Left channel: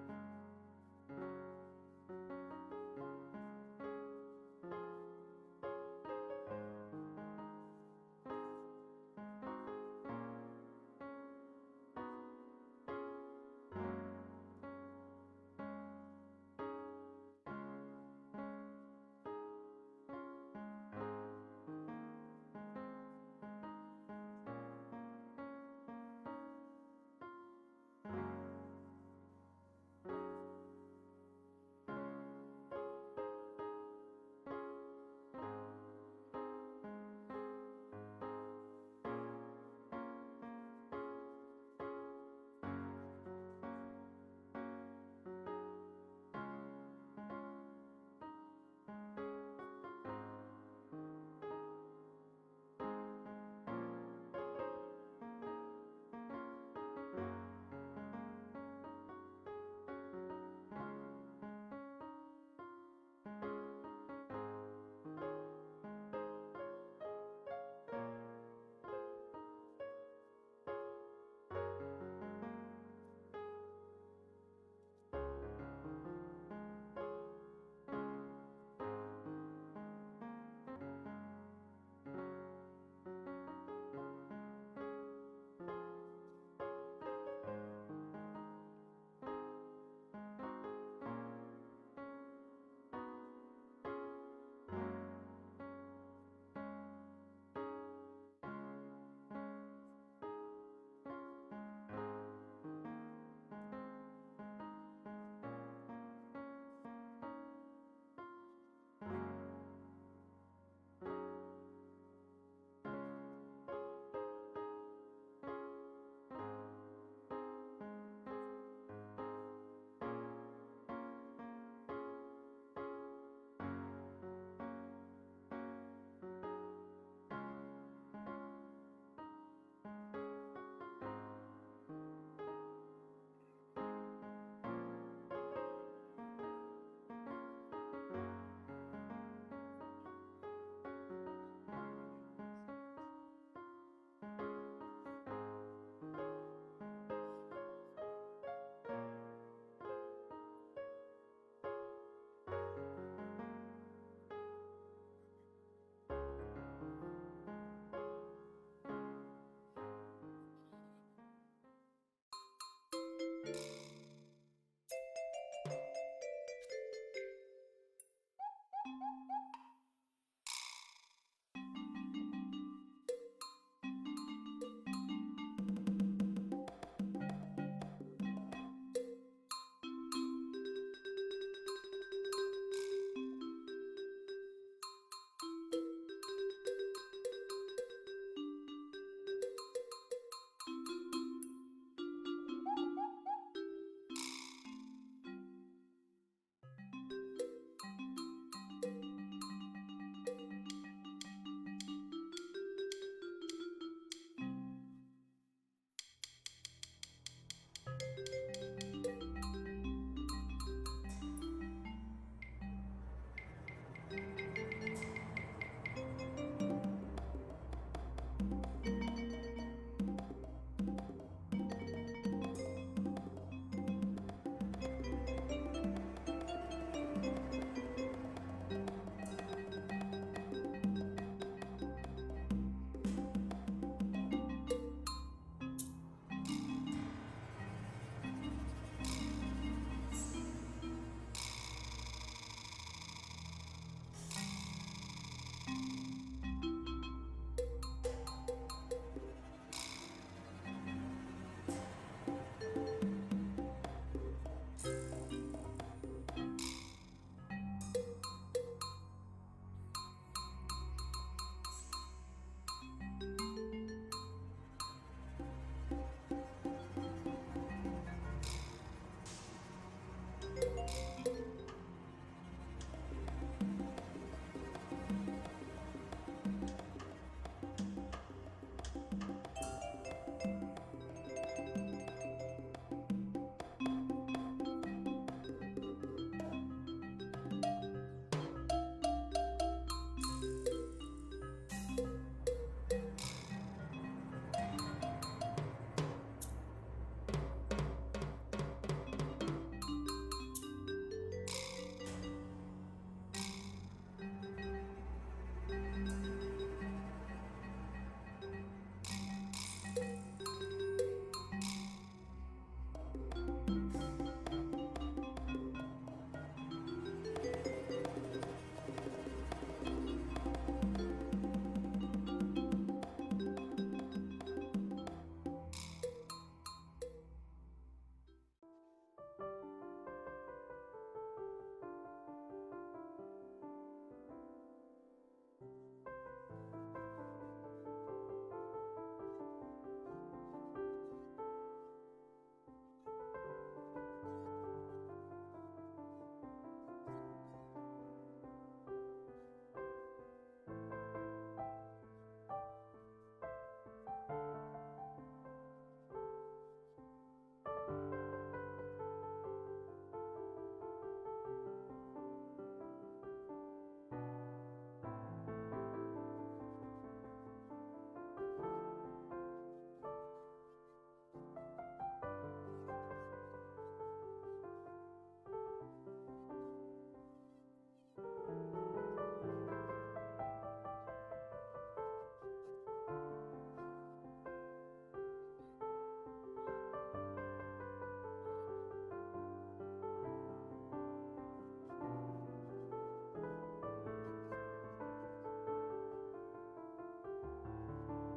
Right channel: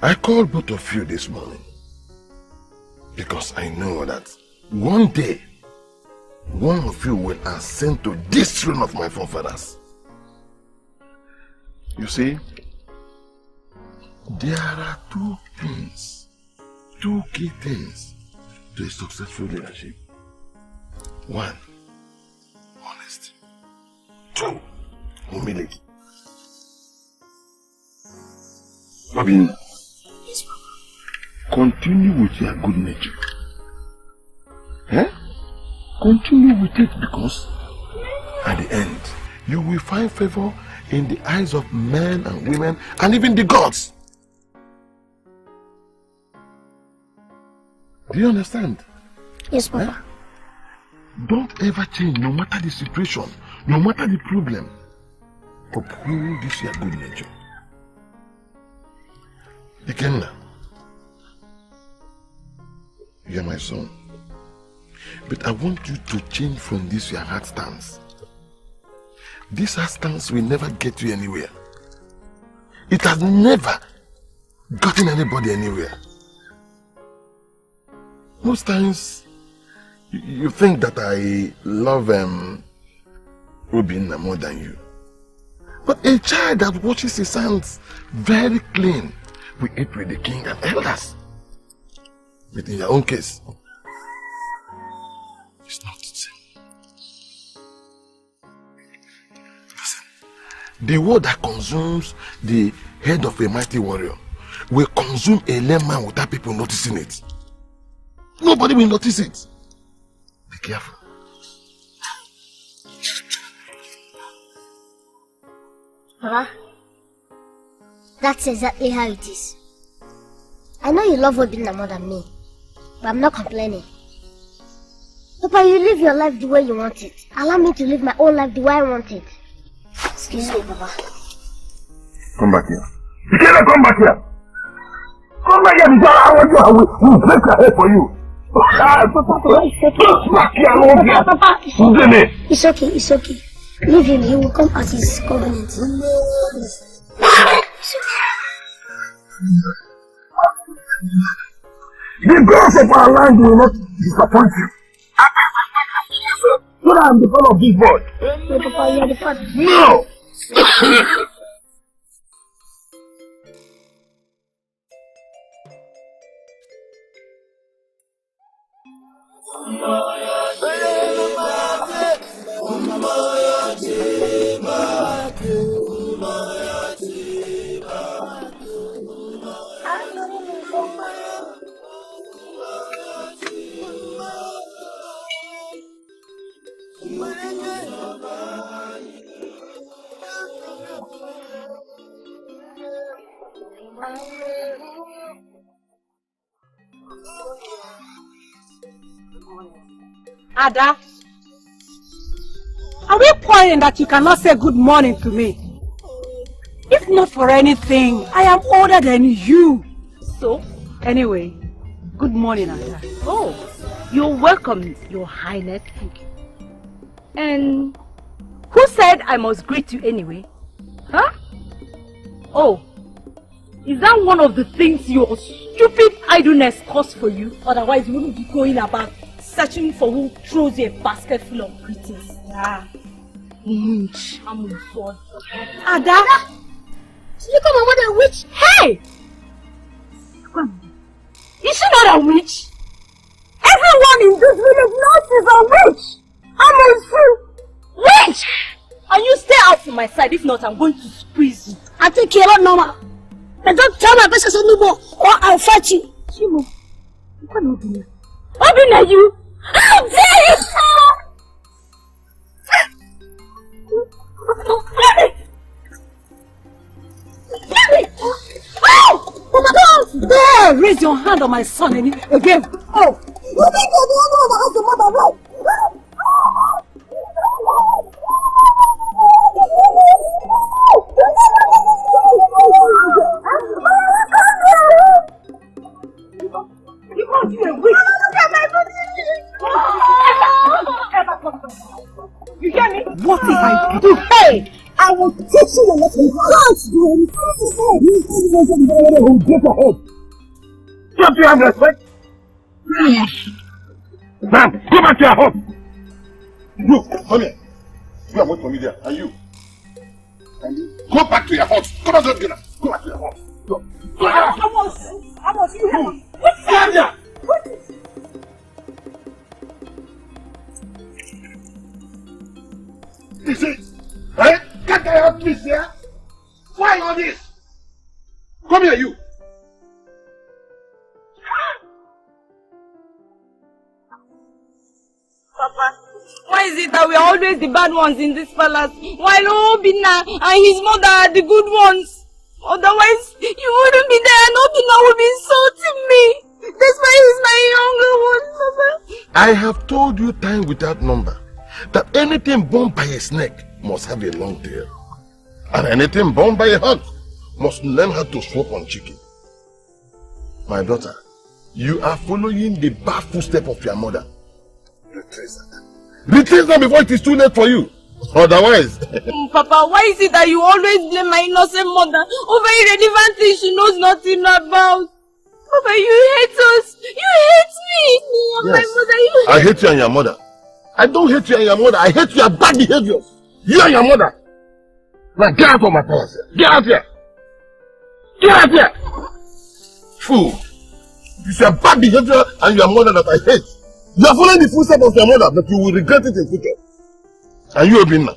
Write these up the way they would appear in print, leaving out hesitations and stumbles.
I called both of you this morning because I know that one day one of you will ascend to this throne of my forefathers. You see, there are two key things to a successful leadership. One, honesty. Two, humility. Robin, continue with your good nature. Continue with it, because at the end, you will find favor in the eyes of men and women and even the gods. Do you understand? Yes, Papa. Don't ever change, no matter the situation, no matter the problem. Uphold this your good nature. Ikenna, you are my son. But I want you to change from this your hard stance. This hard stance will never get you anywhere. It has never gotten anybody anywhere. Most times, you think that I love Obinna more than you. But a child that watches his hands very clean will eat with the king and elders. But in your own case, it's not the same. Listen, the word that consumes the head of a mighty warrior will consume a layman without people noticing it. Nobody will notice it. Be careful. Papa, that's exactly how it is. I know you love Obinna more than me, but I'm not complaining. Papa, you live your life the way you want it. Allow me to live my own life the way I want it. Excuse me, Papa. Come back here. Ikenna, come back here. Come back here because I want you. I will break your head for you. Papa, it's okay. Back here, I won't get. Papa, it's okay, it's okay. Leave him, he will come as his covenant. It's okay. The gods of our land will not disappoint you. So that I'm the son of this boy. No, Papa, you are the father. No! Ada, are we quarreling that you cannot say good morning to me? If not for anything, I am older than you. So, anyway, good morning, Ada. Oh, you're welcome, Your Highness. And who said I must greet you anyway? Huh? Oh, is that one of the things your stupid idleness costs for you? Otherwise, you wouldn't be going about searching for who throws you a basket full of greetings. Ah, witch. I'm a sword. Ada! You come on, a witch! Hey! Is she not a witch? Everyone in this village knows she's a witch! I'm a fool! Witch! And you stay out from my side, if not, I'm going to squeeze you. I think you're not normal. But don't tell my business anymore, or I'll fight you. Chimo, you cannot do it. Obinna, you! How dare you! Oh! Oh my God! There! Raise your hand on my son again. Oh! You think you're the only one that has the mother right? You can't be a witch! You hear me? What if I do? Hey! I will teach you a lesson. You can't do anything. You can't get ahead. Don't you have respect? Man, go back to your home. You, come here. You are waiting for me there. And you? Go back to your house. Come on, don't get up. Go back to your house. Go. Amos, you have Stand there. You see? Eh? Get the hell, please, yeah? Why all this? Come here, you. Papa, why is it that we are always the bad ones in this palace, while Obinna and his mother are the good ones? Otherwise, you wouldn't be there and Obinna would be insulting me. That's why he's my younger one, Papa. I have told you time without number that anything born by a snake must have a long tail. And anything born by a hawk must learn how to swap on chicken. My daughter, you are following the bad footsteps of your mother. Retrace that. Retrace that before it is too late for you. Otherwise... Papa, why is it that you always blame my innocent mother over irrelevant things she knows nothing about? Papa, you hate us. You hate me. Yes. My mother, you hate I hate you and your mother. I don't hate you and your mother. I hate your bad behavior. You and your mother. Now get out of my palace. Get out here. Get out here. Fool. It's your bad behavior and your mother that I hate. You are following the footsteps of your mother, but you will regret it in future. And you, Obinna,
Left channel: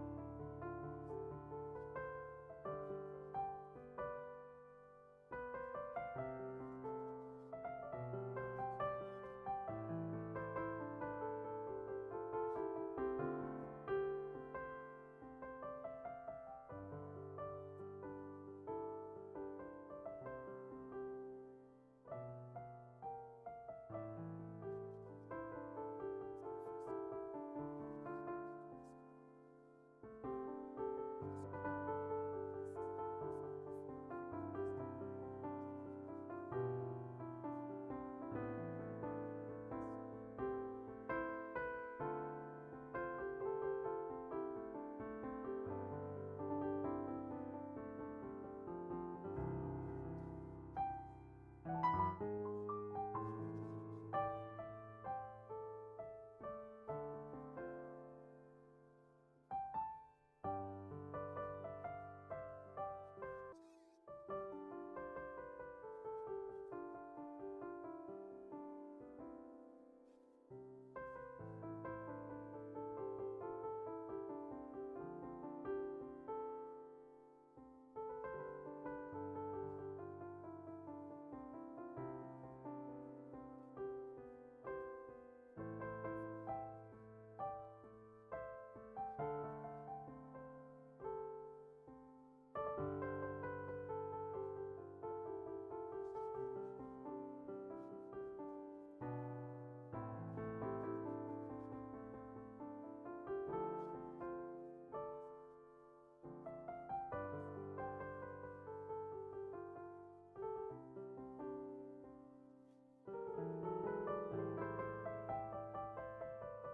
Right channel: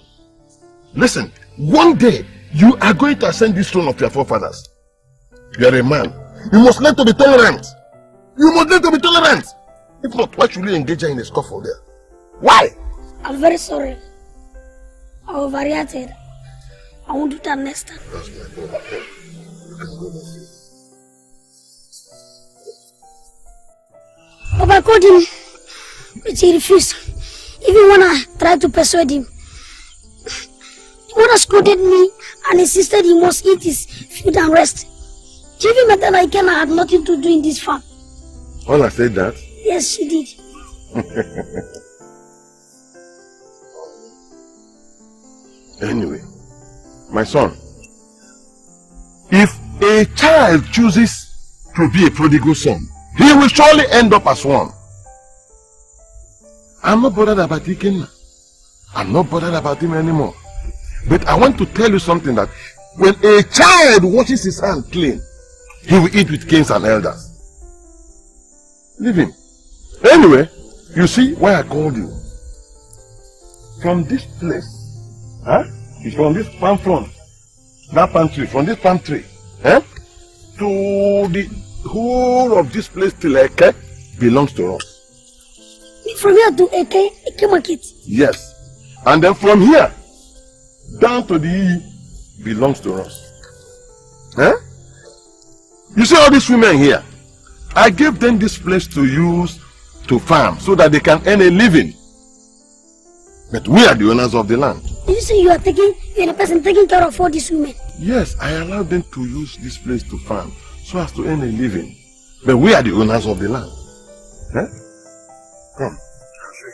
listen, one day you are going to ascend this throne of your forefathers. You are a man. You must learn to be tolerant. You must learn to be tolerant. If not, why should you engage her in a scuffle there? Why? I'm very sorry. I overreacted. I won't do that next time. That's my fault. You can go now. Papa, I called him, but he refused. Even when I tried to persuade him, he would have scolded me and insisted he must eat his food and rest. She even met that Ikenna had nothing to do in this farm. All I said that? Yes, she did. Anyway, my son, if a child chooses to be a prodigal son, he will surely end up as one. I'm not bothered about Ikenna. I'm not bothered about him anymore. But I want to tell you something, that when a child washes his hand clean, he will eat with kings and elders. Leave him. Anyway, you see why I called you. From this place, it's from this palm front, that palm tree, from this palm tree, to the whole of this place till Eke belongs to us. From here to Eke market? Yes. And then from here, down to the E belongs to us. You see all these women here? I gave them this place to use to farm so that they can earn a living. But we are the owners of the land. You say you're the person taking care of all these women? Yes, I allowed them to use this place to farm so as to earn a living. But we are the owners of the land. Come. I'll show you.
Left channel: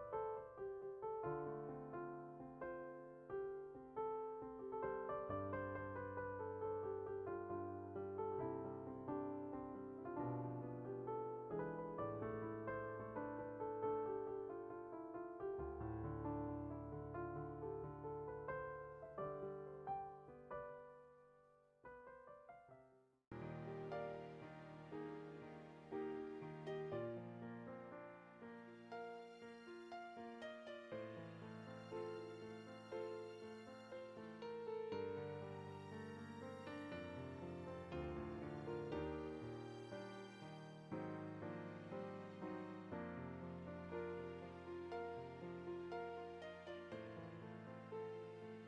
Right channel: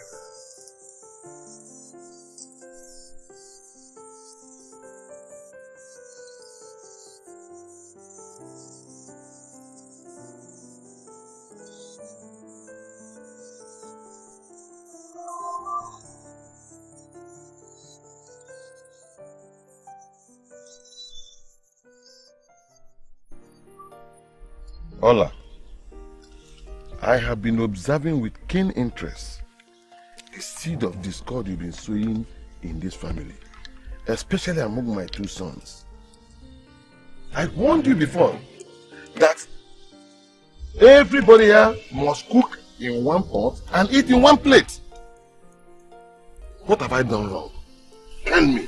Ola, I have been observing with keen interest the seed of discord you've been sowing in this family, especially among my two sons. I warned you before that everybody here must cook in one pot and eat in one plate. What have I done wrong? Tell me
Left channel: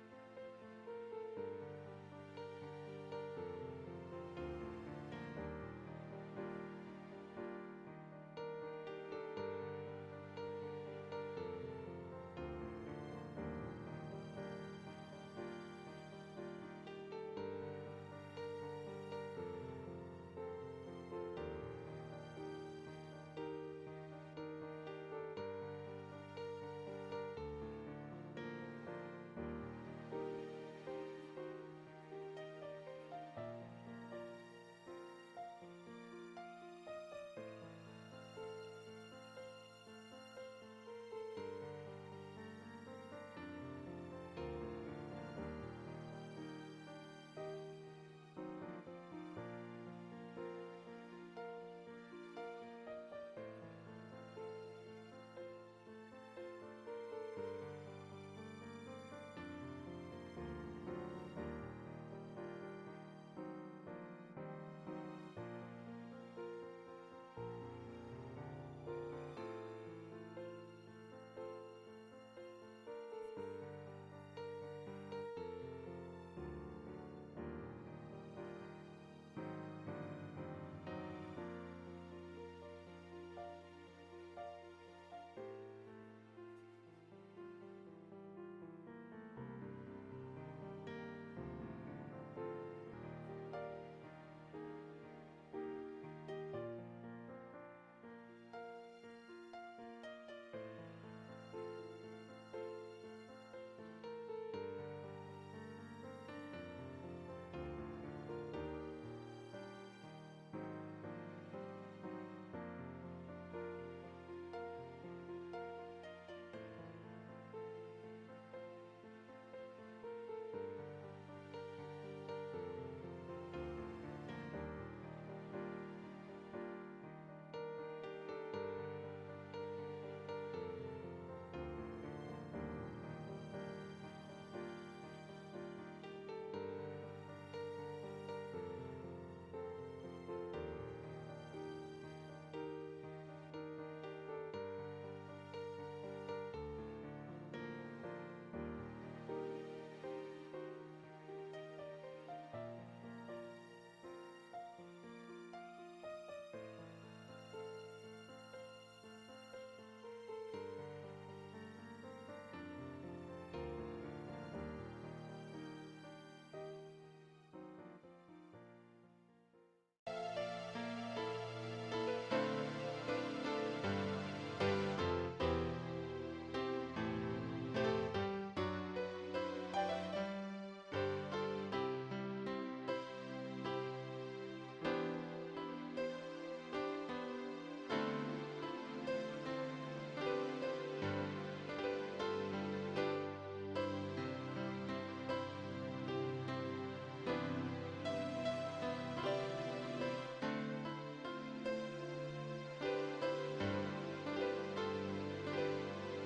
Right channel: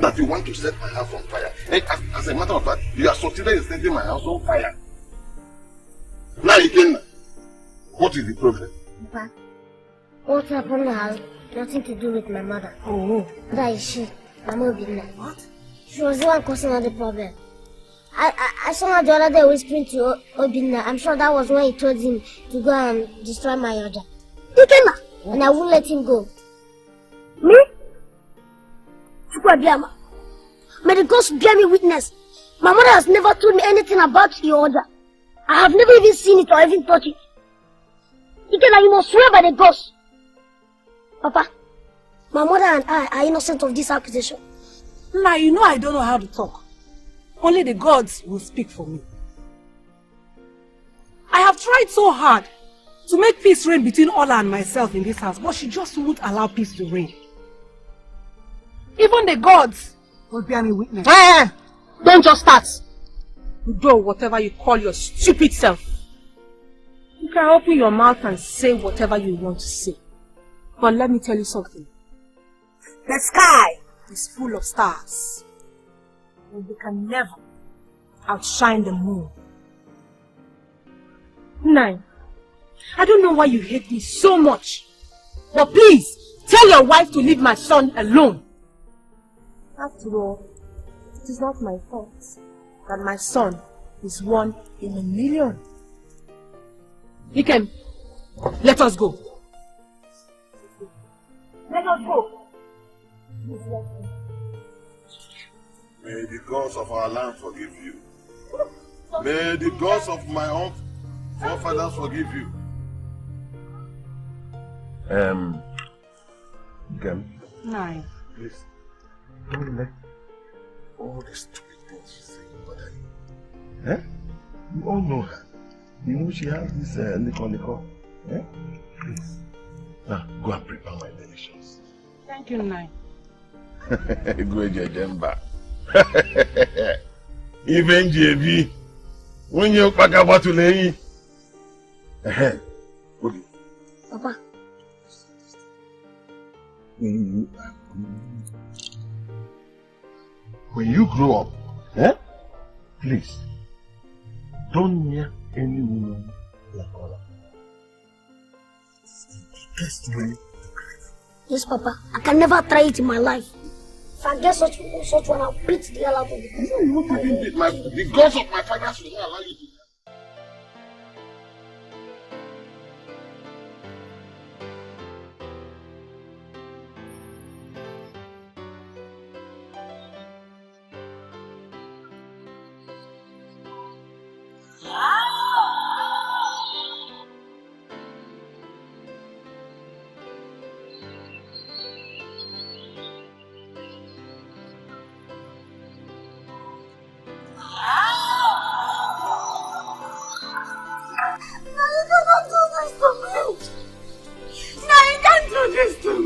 that you want to set my house on fire. As a matter of fact, you are succeeded in setting my house on fire. Now, Ikenna, what is the problem? Papa, what happened has nothing to do with my mother. Oh. That is she, Mama Obinna. What? She was the one causing all the problem. I saw her the other day whispering to Obinna. I'm sure that was when he told him to go and destroy my order. Ikenna! And I won't let him go. Me? Chukwabiama. May the gods bear me witness. My mother has never told me anything about your order. I have never even seen it or even touched it. Ikenna, you must swear by the gods. Papa, my mother and I are innocent of this accusation. Now you know I don't know how to talk. Only the gods will speak for me. I have tried so hard to make peace reign between Ola and myself in this house, but she just won't allow peace to reign. Even the gods will bear me witness. Hey, don't just start. You do whatever you call your stupid self. You can open your mouth and say whatever you want to say. But let me tell you something. The sky is full of stars, and they can never outshine the moon. 9. I don't know why you hate me so much. But please, tell your wife to leave my son alone. After all, it is not my fault that my son is 1 in a million. Ikem, let us go. Let us go. May the gods of our land forgive you. May the gods of my own forefathers forgive you. Ikem, 9. please, don't let all the stupid things she says bother you. Eh? You all know her. You know she has this liquor. Eh? Please. Now, go and prepare my delicious. Thank you, 9. Go Jemba. Even JB, when you pack a bottle, Papa. When you grow up, eh? Please, don't near any woman like Ola. It's the biggest way to cry. Yes, Papa. I can never try it in my life. If I get such one, I'll beat the hell out of it. The gods of my fathers will not allow you to.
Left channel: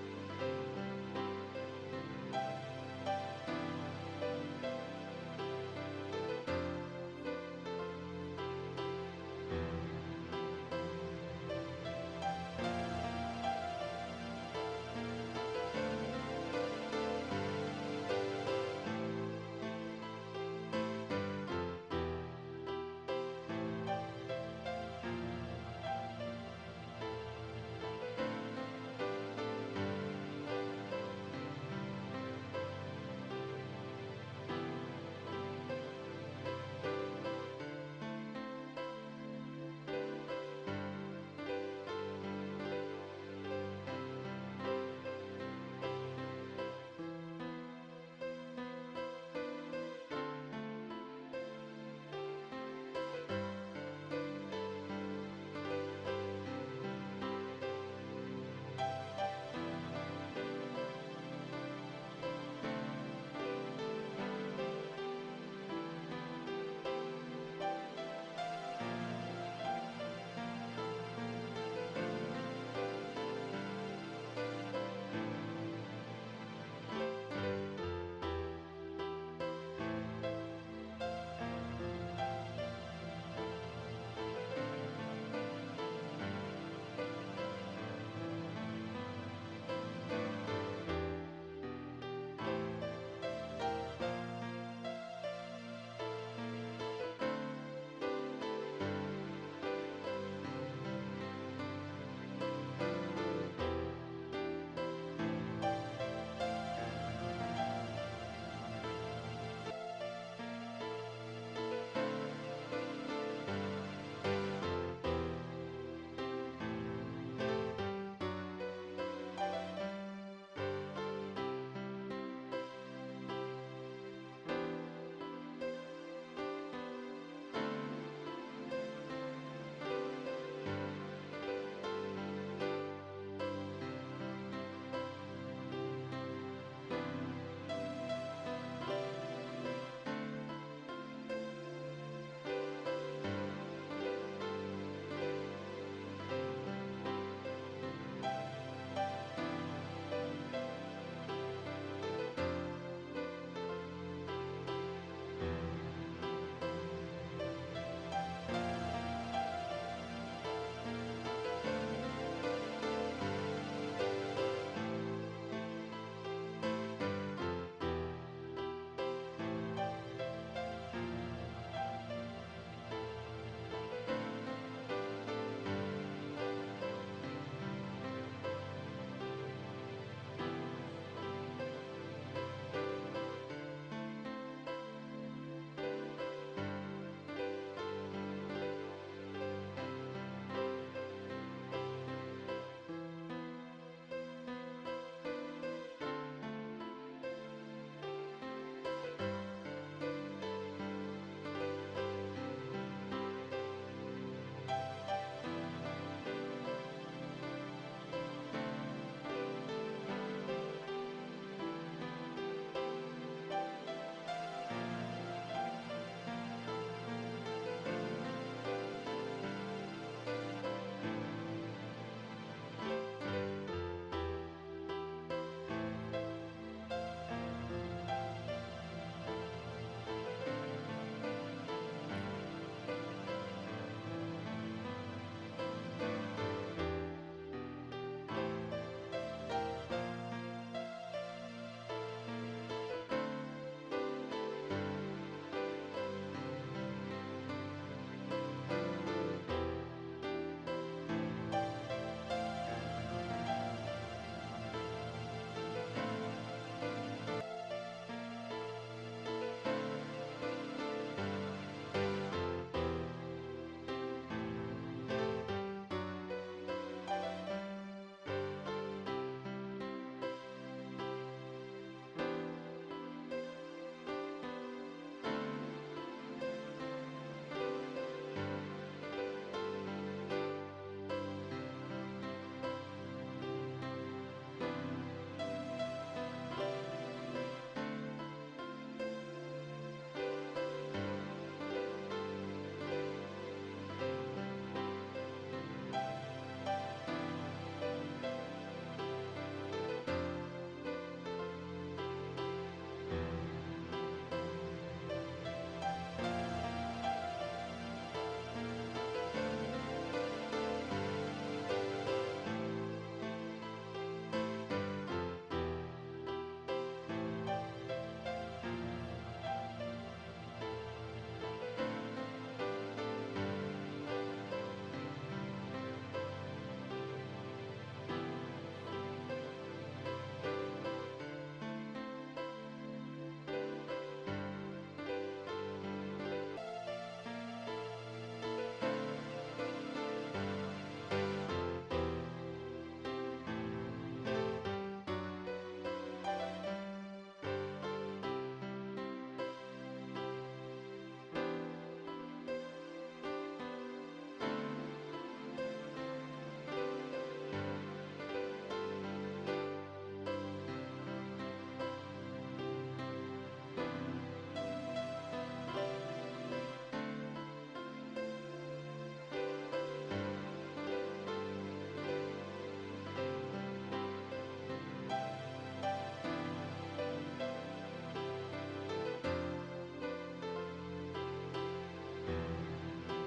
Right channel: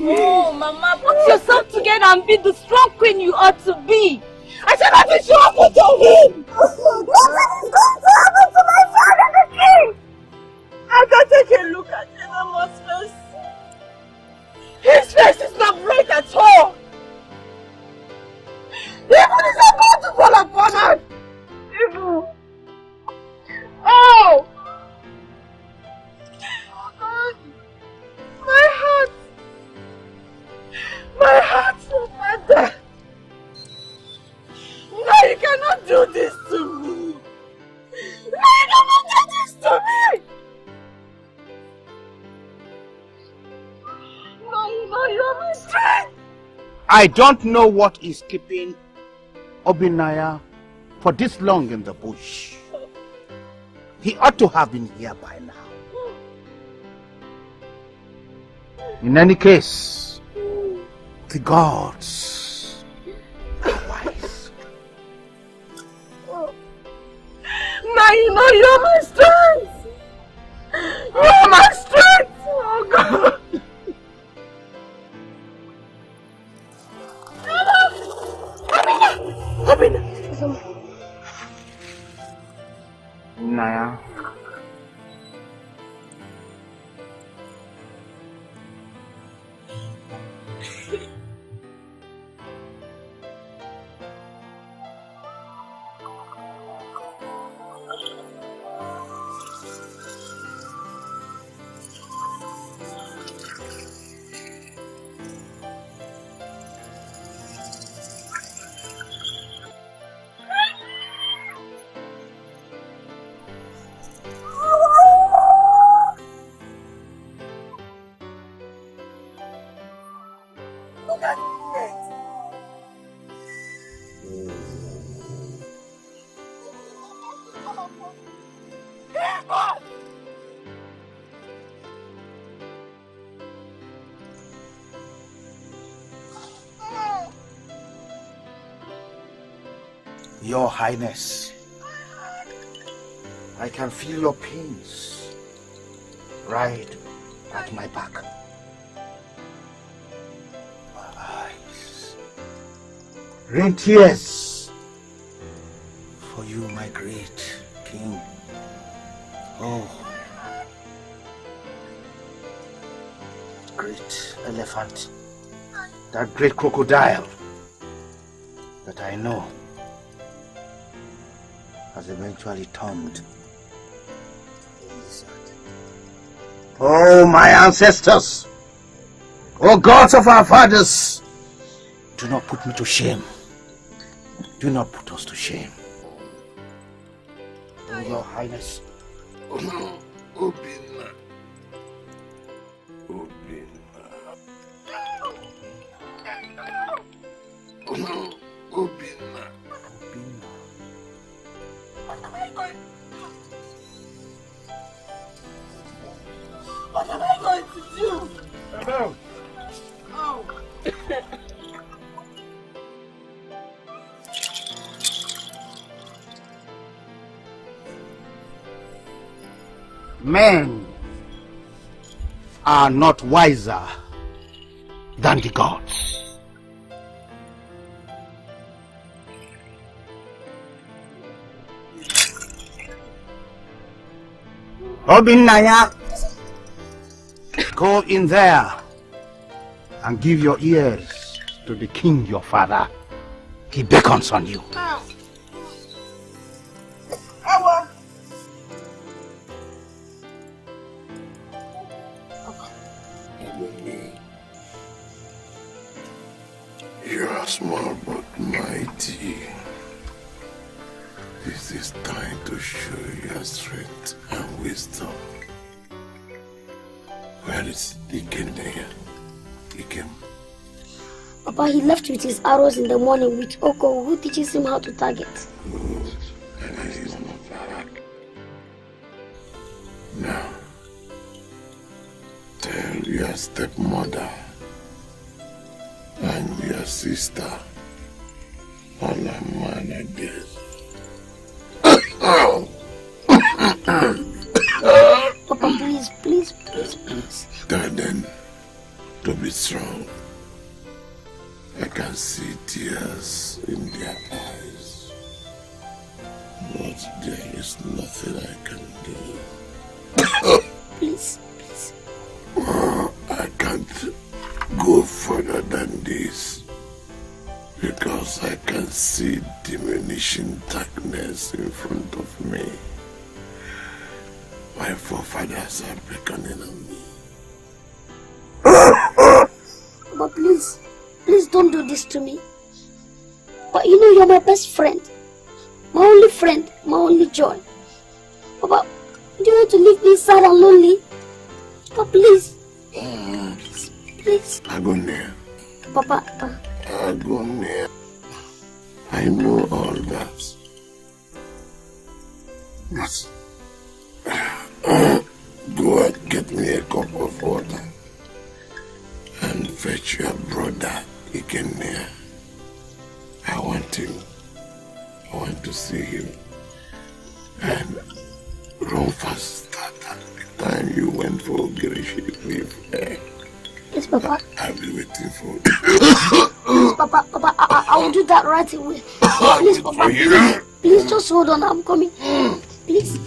Oh, Mama, put yourself together and be the strong queen you ought to be. I said nothing should happen to him. Nothing is going to happen to my father, the king! I can take a look at Mama's face. His face is not bright at all. Even is about to fall upon us. Even. Oh! My heart. My heart, Mother. No, you cannot do this to me. No, you cannot do this to me. No, you're my strength. I don't know what is keeping Obinaya for this long in the bush. He ought to have been here by now. In any case, the gods are wise. Now you know you're my strength. You're my strength. Oh God. Obina. Naya. Your Highness, I can feel your pains right at my back. My eyes rain tears for you, my great king. Oh, great elephant, that great crocodile that I know has eventually turned. Oh, my ancestors! Oh, gods of our fathers! Do not put me to shame. Do not put us to shame. Oh, Your Highness. What am I going to do? Hello. Men are not wiser than the gods. Obinaya, go in there and give your ears to the king your father. He beckons on you. You are small but mighty. This is time to show your strength and wisdom. Where is Ikenna? Papa, he left with his arrows in the morning with Oko, who teaches him how to target. Now, tell your stepmother and your sister on a man again. Papa, please. Tell them to be strong. I can see tears in their eyes. But there is nothing I can do. Please. I can't go further than this because I can see diminishing darkness in front of me. My forefathers are beckoning on me. But please don't do this to me. But you know you're my best friend. My only friend, my only joy. Papa, do you want to leave me sad and lonely? Papa, please. Please. Agonia. Papa. Agonia. I know all that. But go and get me a cup of water and fetch your brother Ikenna. I want him. I want to see him. And run fast at the time you went for Girishi with her. Yes, Papa. I'll be waiting for you. Please, Papa, I will do that right away. Please, Papa, please just hold on, I'm coming. Please.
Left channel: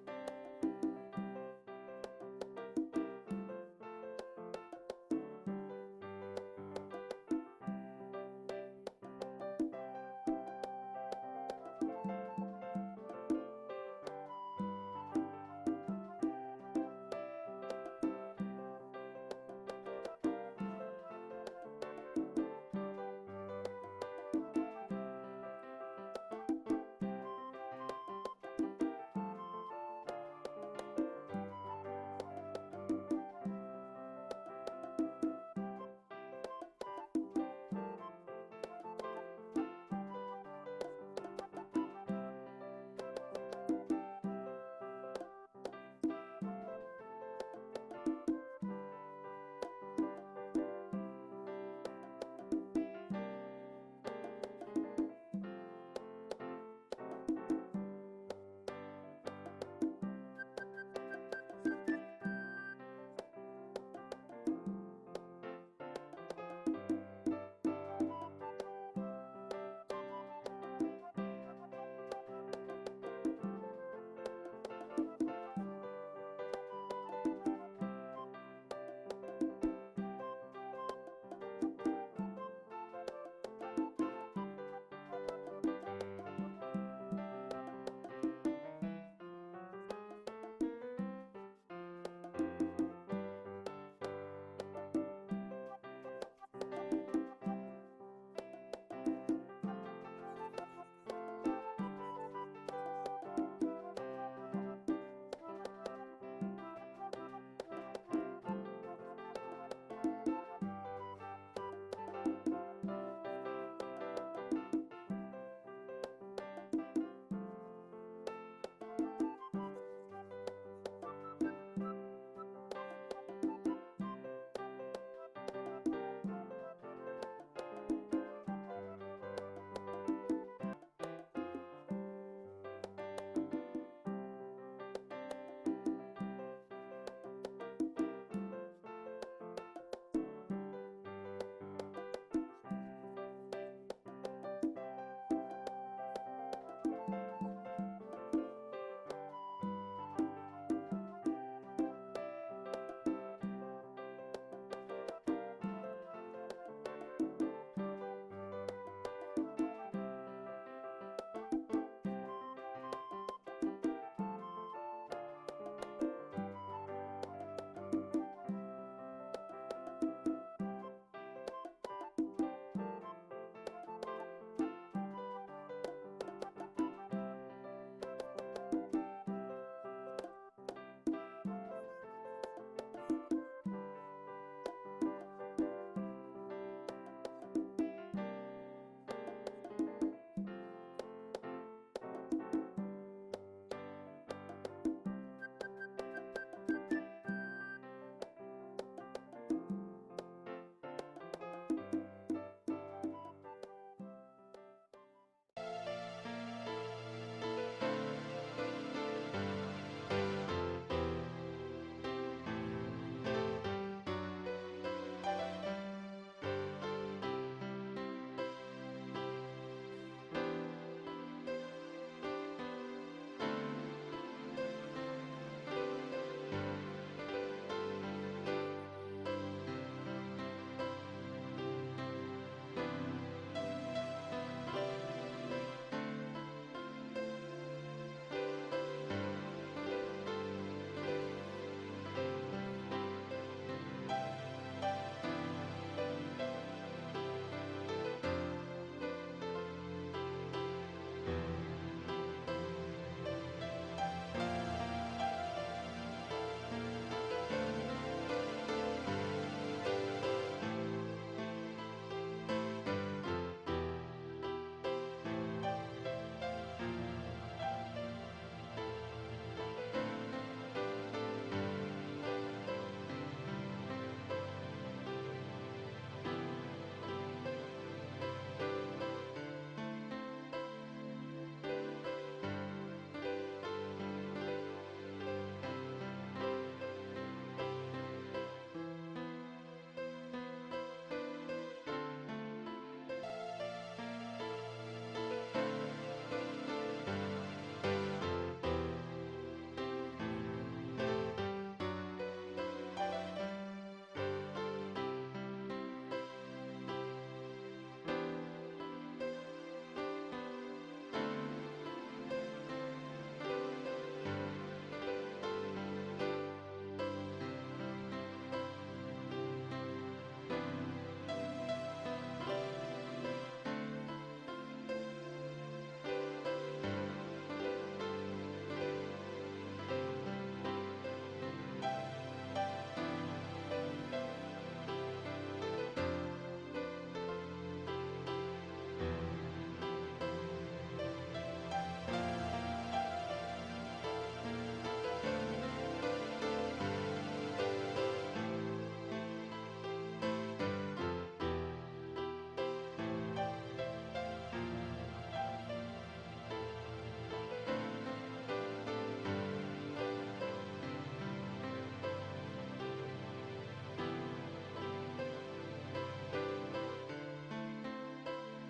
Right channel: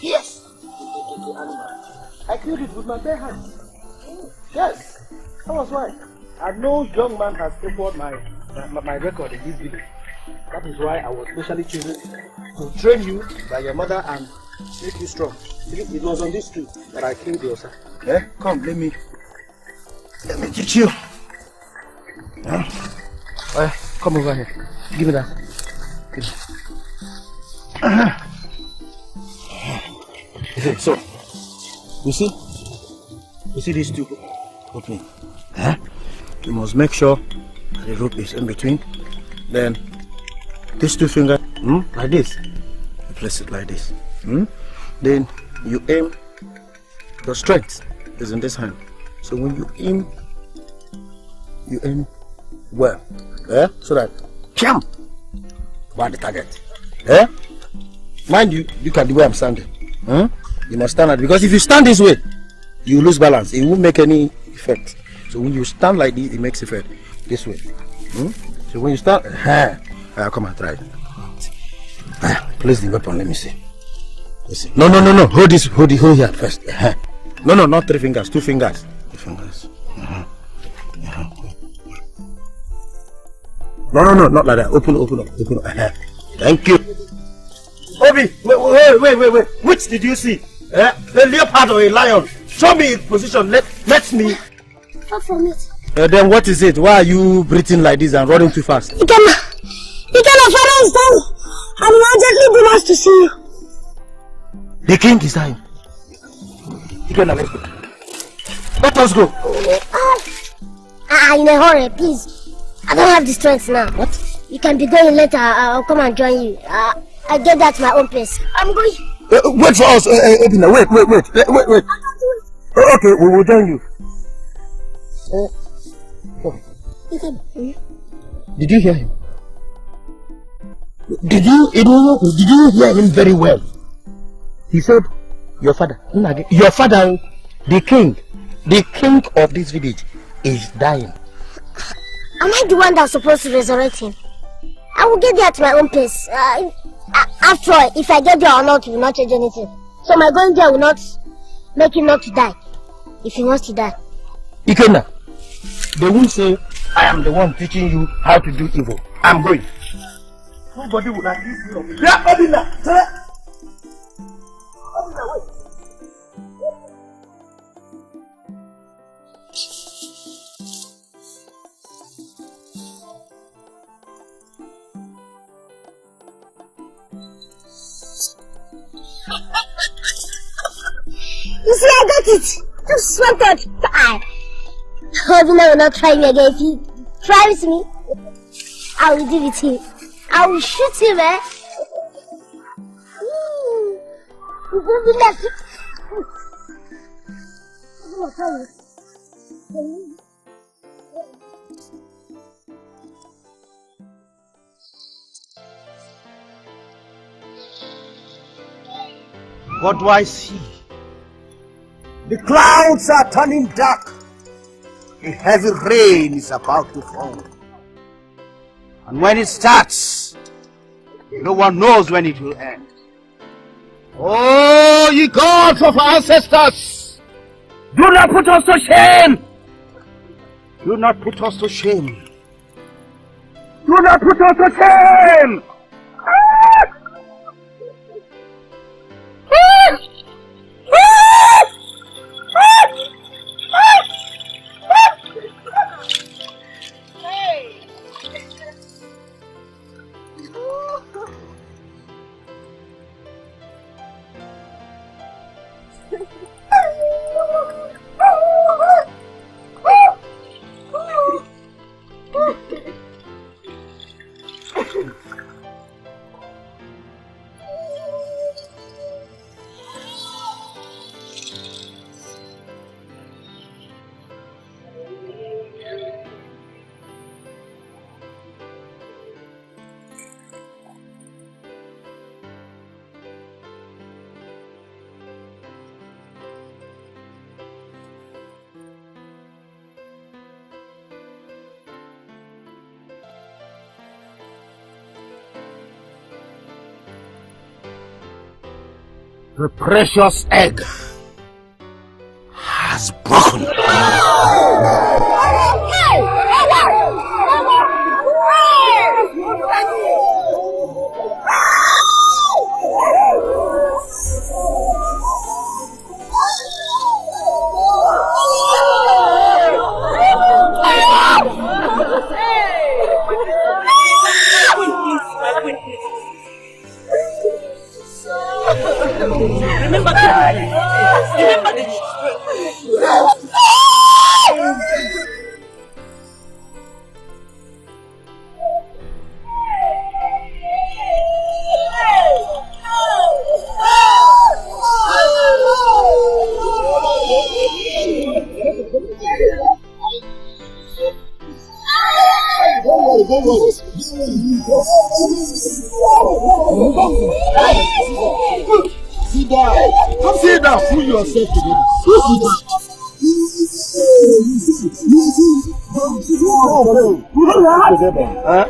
Yes! I killed it with my bare hands. Yes, that was right. And no young man has equaled my record in this village. That is why I was specially chosen to train you by your mother and make you strong. It was on this tree that I killed your son. Yeah? Come, let me teach you. Yeah? Come over here. Give me that. So, you see these two opening? Huh? You must make sure that the rope is in between. Then, these two fingers, like this. You place it like this. Then, you aim. Your strength is in this hand. So when you aim well. Yeah? So that, jump by the target. Yeah? Mind you, look at the way I'm standing. You must stand like, because if you stand this way, you lose balance. It won't make any effect. So when you stand like this, it makes effect. This way. So when you stand, come and try it. Place the weapon, let me see. No. Hold here first. No, not 3 fingers, 2 fingers. 2 fingers. No, not like that. Open up. Thank you. Obi, wait. Which did you see? A leopard or a lion? Show me its position. Let me. Not from it. Then what is it? Why are you breathing like this and running too fast? Ikenna, Father is down. I'm urgently demands to see you. The king is dying. Ikenna, let's go. Let us go. In a hurry, please. I don't have the strength now. What? You can be going later. I'll come and join you. I get that at my own pace. I'm going. Wait for us, Edina. Wait. Okay, we will join you. Did you hear him? Did you hear him very well? He said, your father, the king of this village is dying. Am I the one that's supposed to resurrect him? I will get there at my own pace. After all, if I get there or not, it will not change anything. So my going there will not make him not to die. If he wants to die. Ikenna, they won't say, I am the one teaching you how to do evil. I'm going. Nobody will like this. Yeah, Obina! Obina, wait. You see, I got it. Just wanted to die. Obina will not try me again. If he tries me, I will deal with him. I will shoot him, eh? What do I see? The clouds are turning dark. A heavy rain is about to fall. And when it starts, no one knows when it will end. Oh, ye gods of our ancestors! Do not put us to shame! Do not put us to shame! Do not put us to shame! The precious egg has broken. Sit down. Sit down. Fool yourself today. Huh?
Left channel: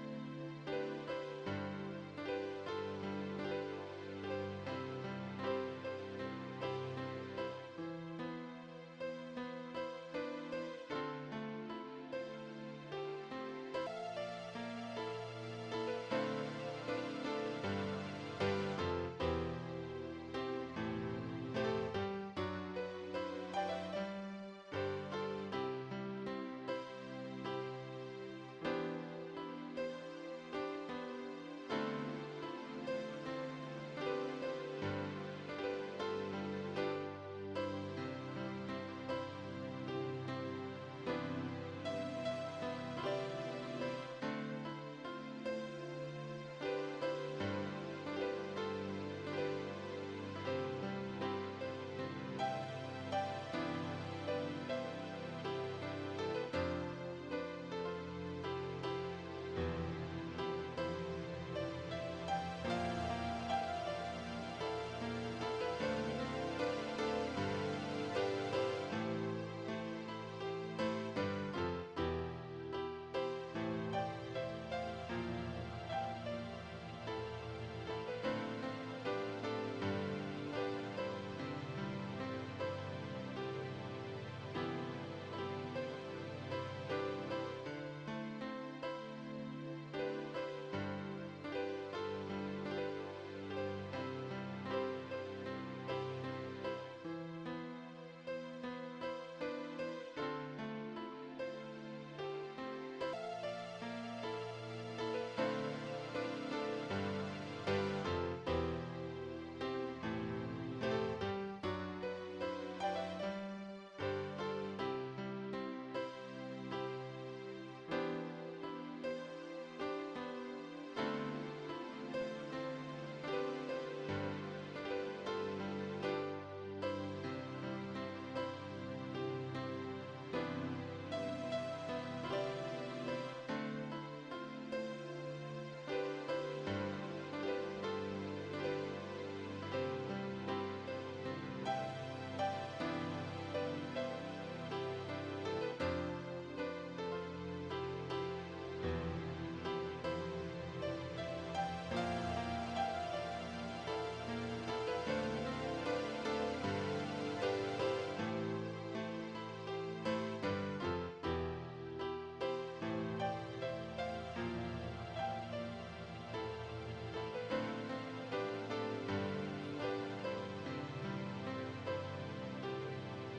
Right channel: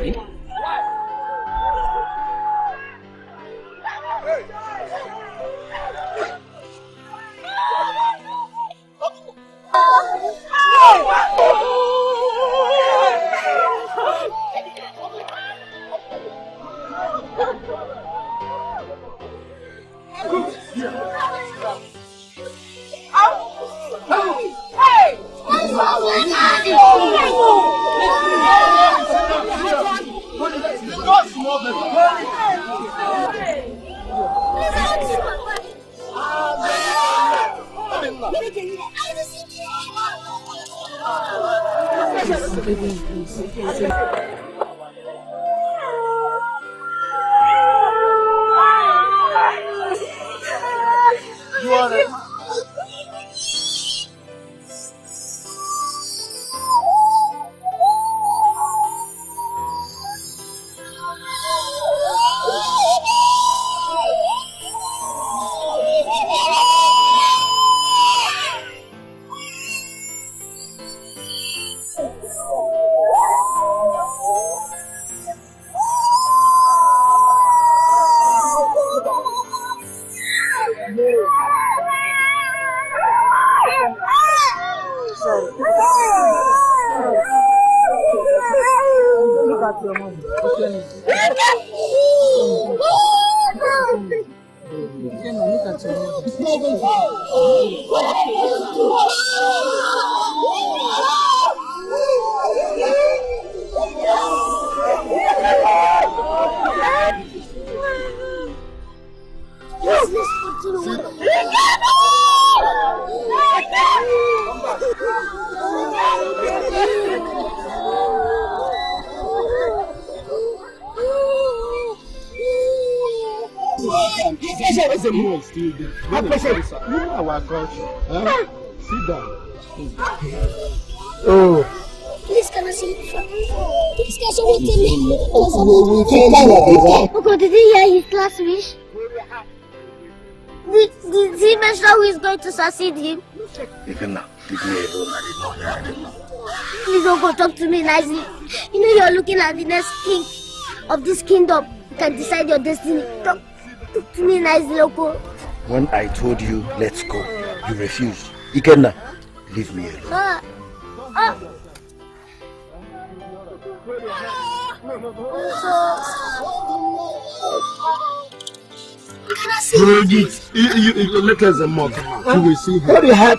Oh. Please, can I see you? Please, can you wait me? Loco, did he hear his last wish? Did he mention who is going to succeed him? Ikenna, leave me alone. Please don't go talk to me nicely. You know you're looking at the next king of this kingdom. You can decide your destiny. Talk to me nicely, Loco. When I told you, let's go, you refused. Ikenna, leave me alone. Hold it. You let us a mock. You will see him. What do you have?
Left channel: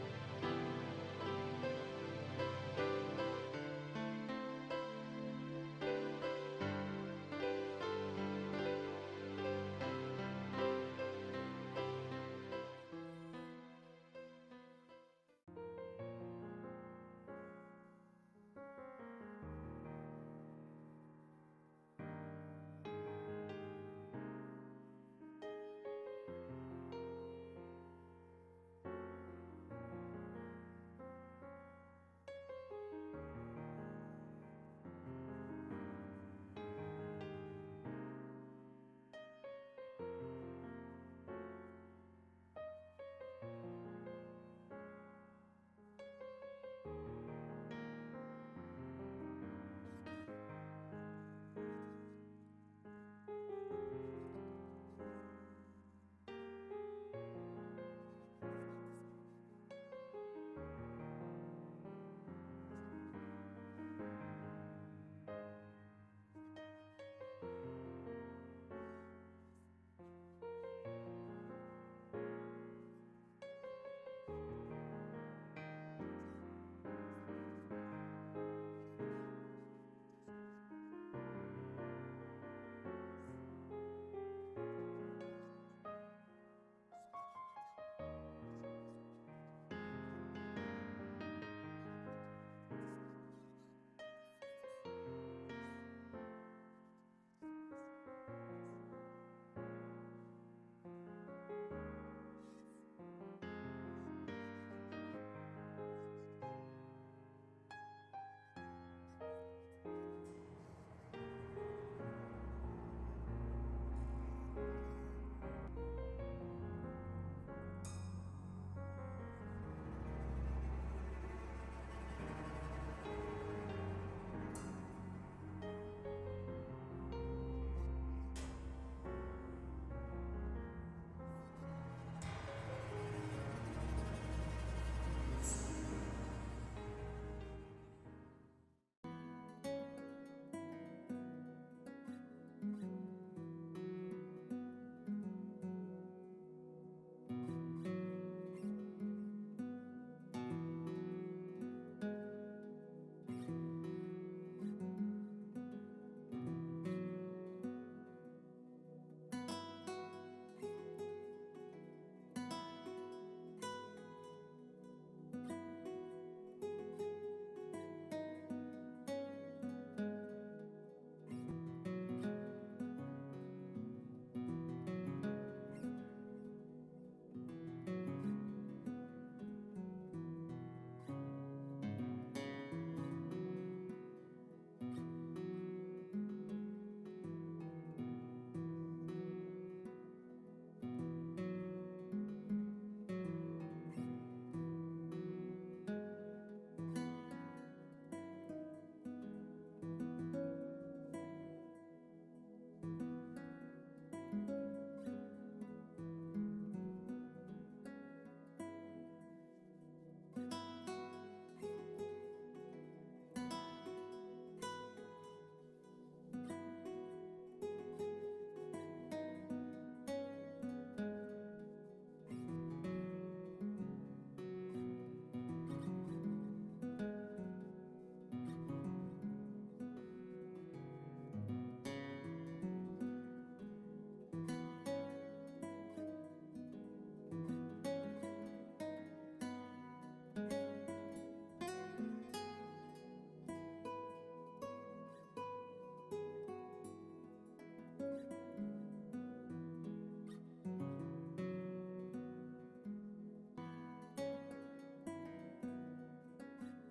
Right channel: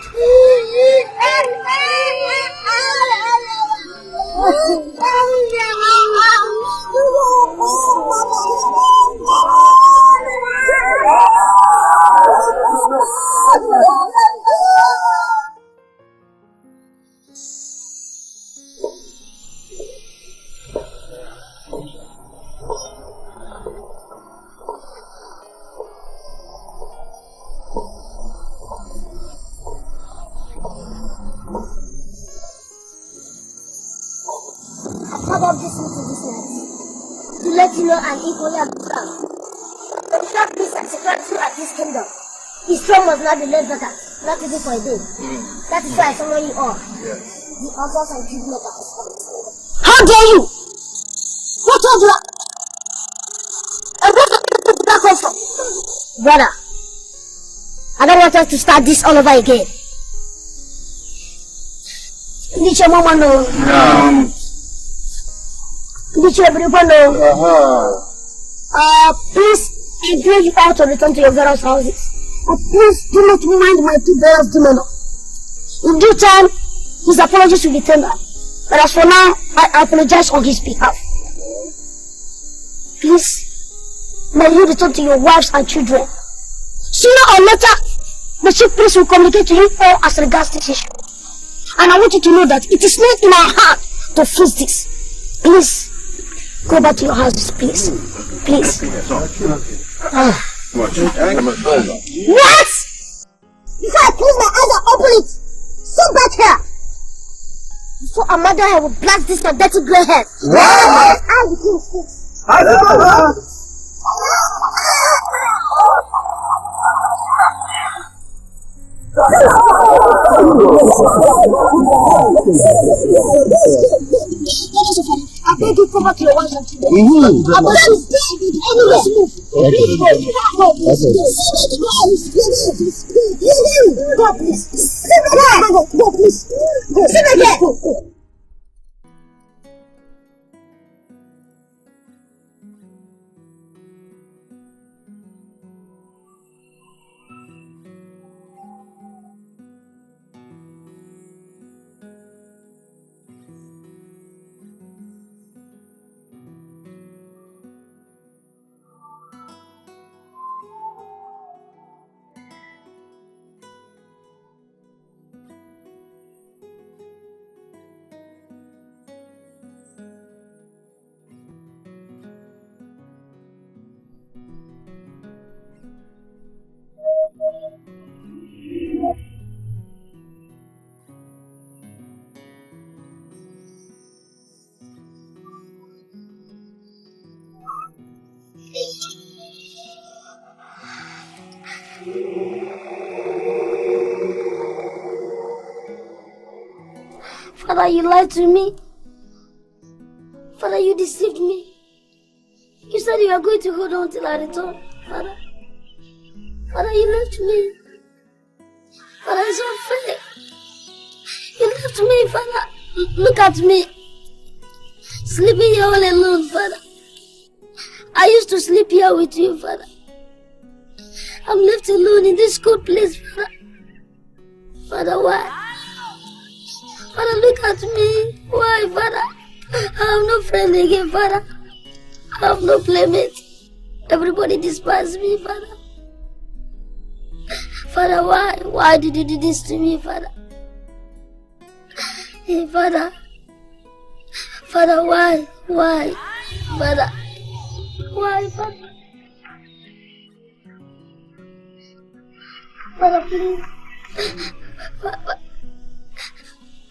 To let you know I'm equally as strong. To shop peace and security at this kingdom. His throne must not be left vacant, not even for a day. That is why I summon you all. The uncles and kingmakers. How dare you! Who told you that? And where did that come from? Brother, I don't want us to start this all over again. Did your mama know? No. Did you everyone know? Please, I pray you all to return to your various houses. Please do not mind my two brothers' demeanor. In due time, his apologies will be tendered. But as for now, I apologize on his behalf. Please, may you return to your wives and children. Sooner or later, the chief priest will communicate to you all as regards this issue. And I want you to know that it is not in our heart to fix this. Please. Go back to your houses, please. Please. What? If I close my eyes and open it, sit back here. before our mother I will blast this my dirty grey hair. What? I will kill this. I beg you, come back to your wife and children. I beg you, anyways, move. Go, please. Go, please. Go. Sit again. Father, you lied to me. Father, you deceived me. You said you are going to hold on till I return. Father, you left me. Father, it's unfair. You left me, Father. Look at me. Sleeping here all alone, Father. I used to sleep here with you, Father. I'm left alone in this cold place, Father. Father, why? Father, look at me. Why, Father? I have no friend again, Father. I have no playmate. Everybody despises me, Father. Father, why? Why did you do this to me, Father? Hey, Father. Father, why? Why? Father. Why, Father? Father, please.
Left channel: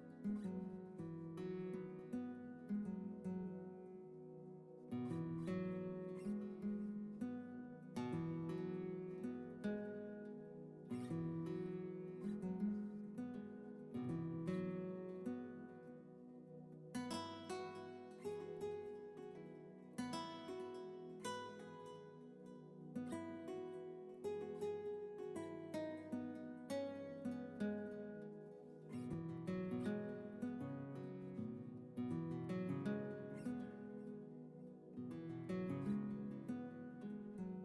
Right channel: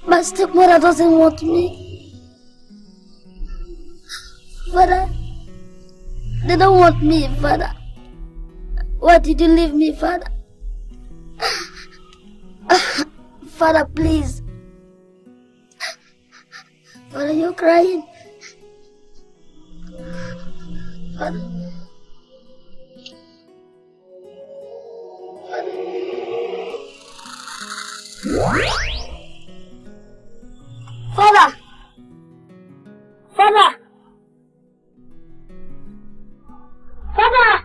My stepmother doesn't want me. Father, they don't want me, Father. Why did you leave me, Father? Father, please. Father, you're crying. Father. Father! Father! Father!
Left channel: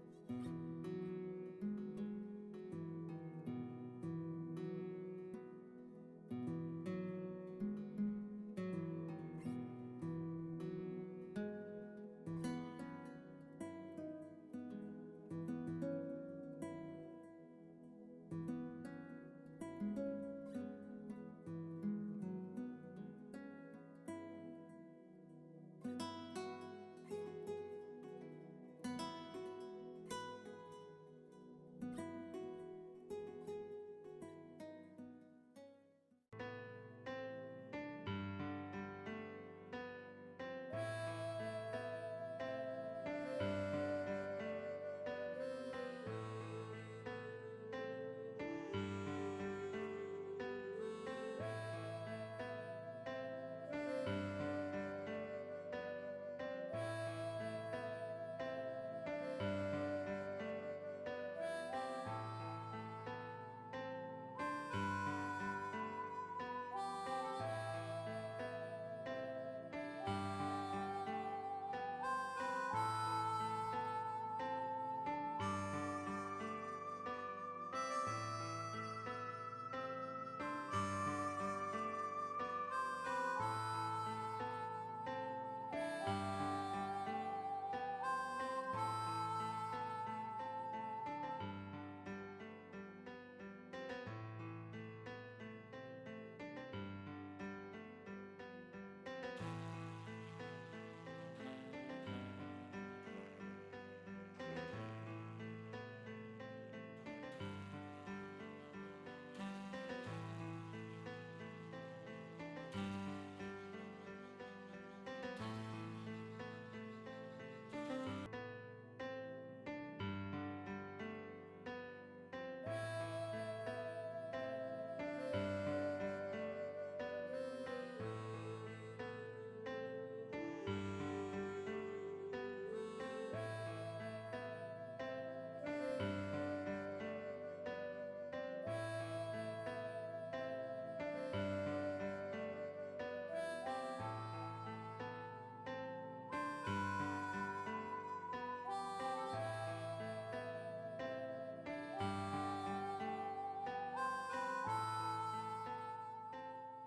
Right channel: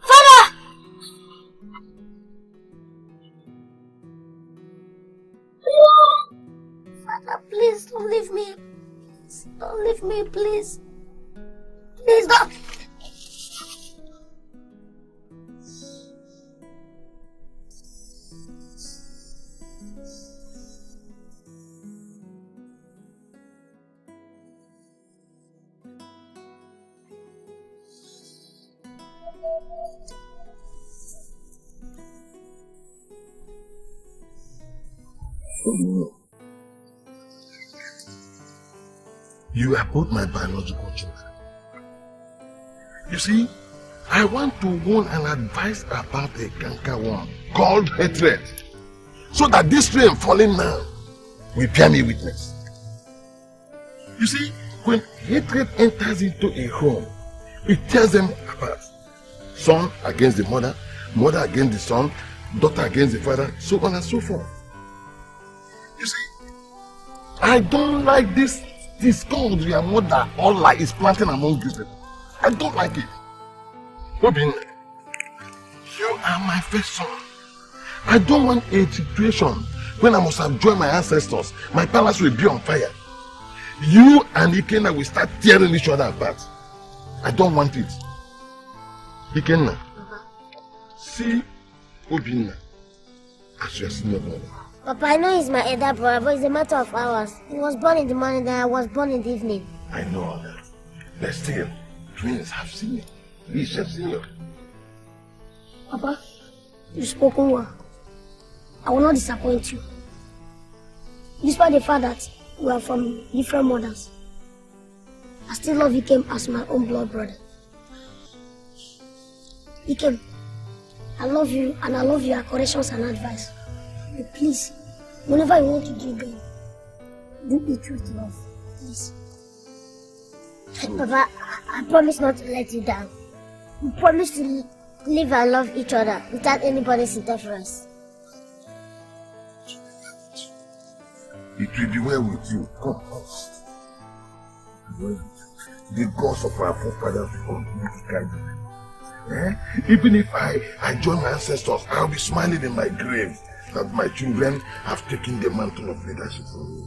Father! Father, please don't leave me. Don't leave me, please. Please don't. You are both my biological children. You see, I want to warn and advise about a canker worm called hatred, so that this rain falling now will bear me witness. You see, when hatred enters into a home, it tears them apart. Son against the mother, mother against the son, daughter against the father, so on and so forth. You see, I don't like this discord your mother Allah is planting among these people. I don't like it. Obin, you are my first son. I don't want a situation when I must have joined my ancestors. My palace will be on fire. You and Ikenna will start tearing each other apart. I don't want it. Ikenna, see Obinna as your senior brother. Papa, I know he's my elder brother, but it's a matter of hours. He was born in the morning, then I was born in the evening. I know all that. But still, twins have seen it. We shall see you. Papa, you spoken well. I will not disappoint you. Despite the fact that we are from different mothers, I still love Ikem as my own blood brother. Ikem, I love you and I love your corrections and advice. But please, whenever you want to do good, do it with love, please. Papa, I promise not to let you down. We promise to live and love each other without anybody's interference. It will be well with you. Come. The gods of our forefathers will continue to guide you. Even if I join my ancestors, I'll be smiling in my grave that my children have taken the mantle of leadership from me.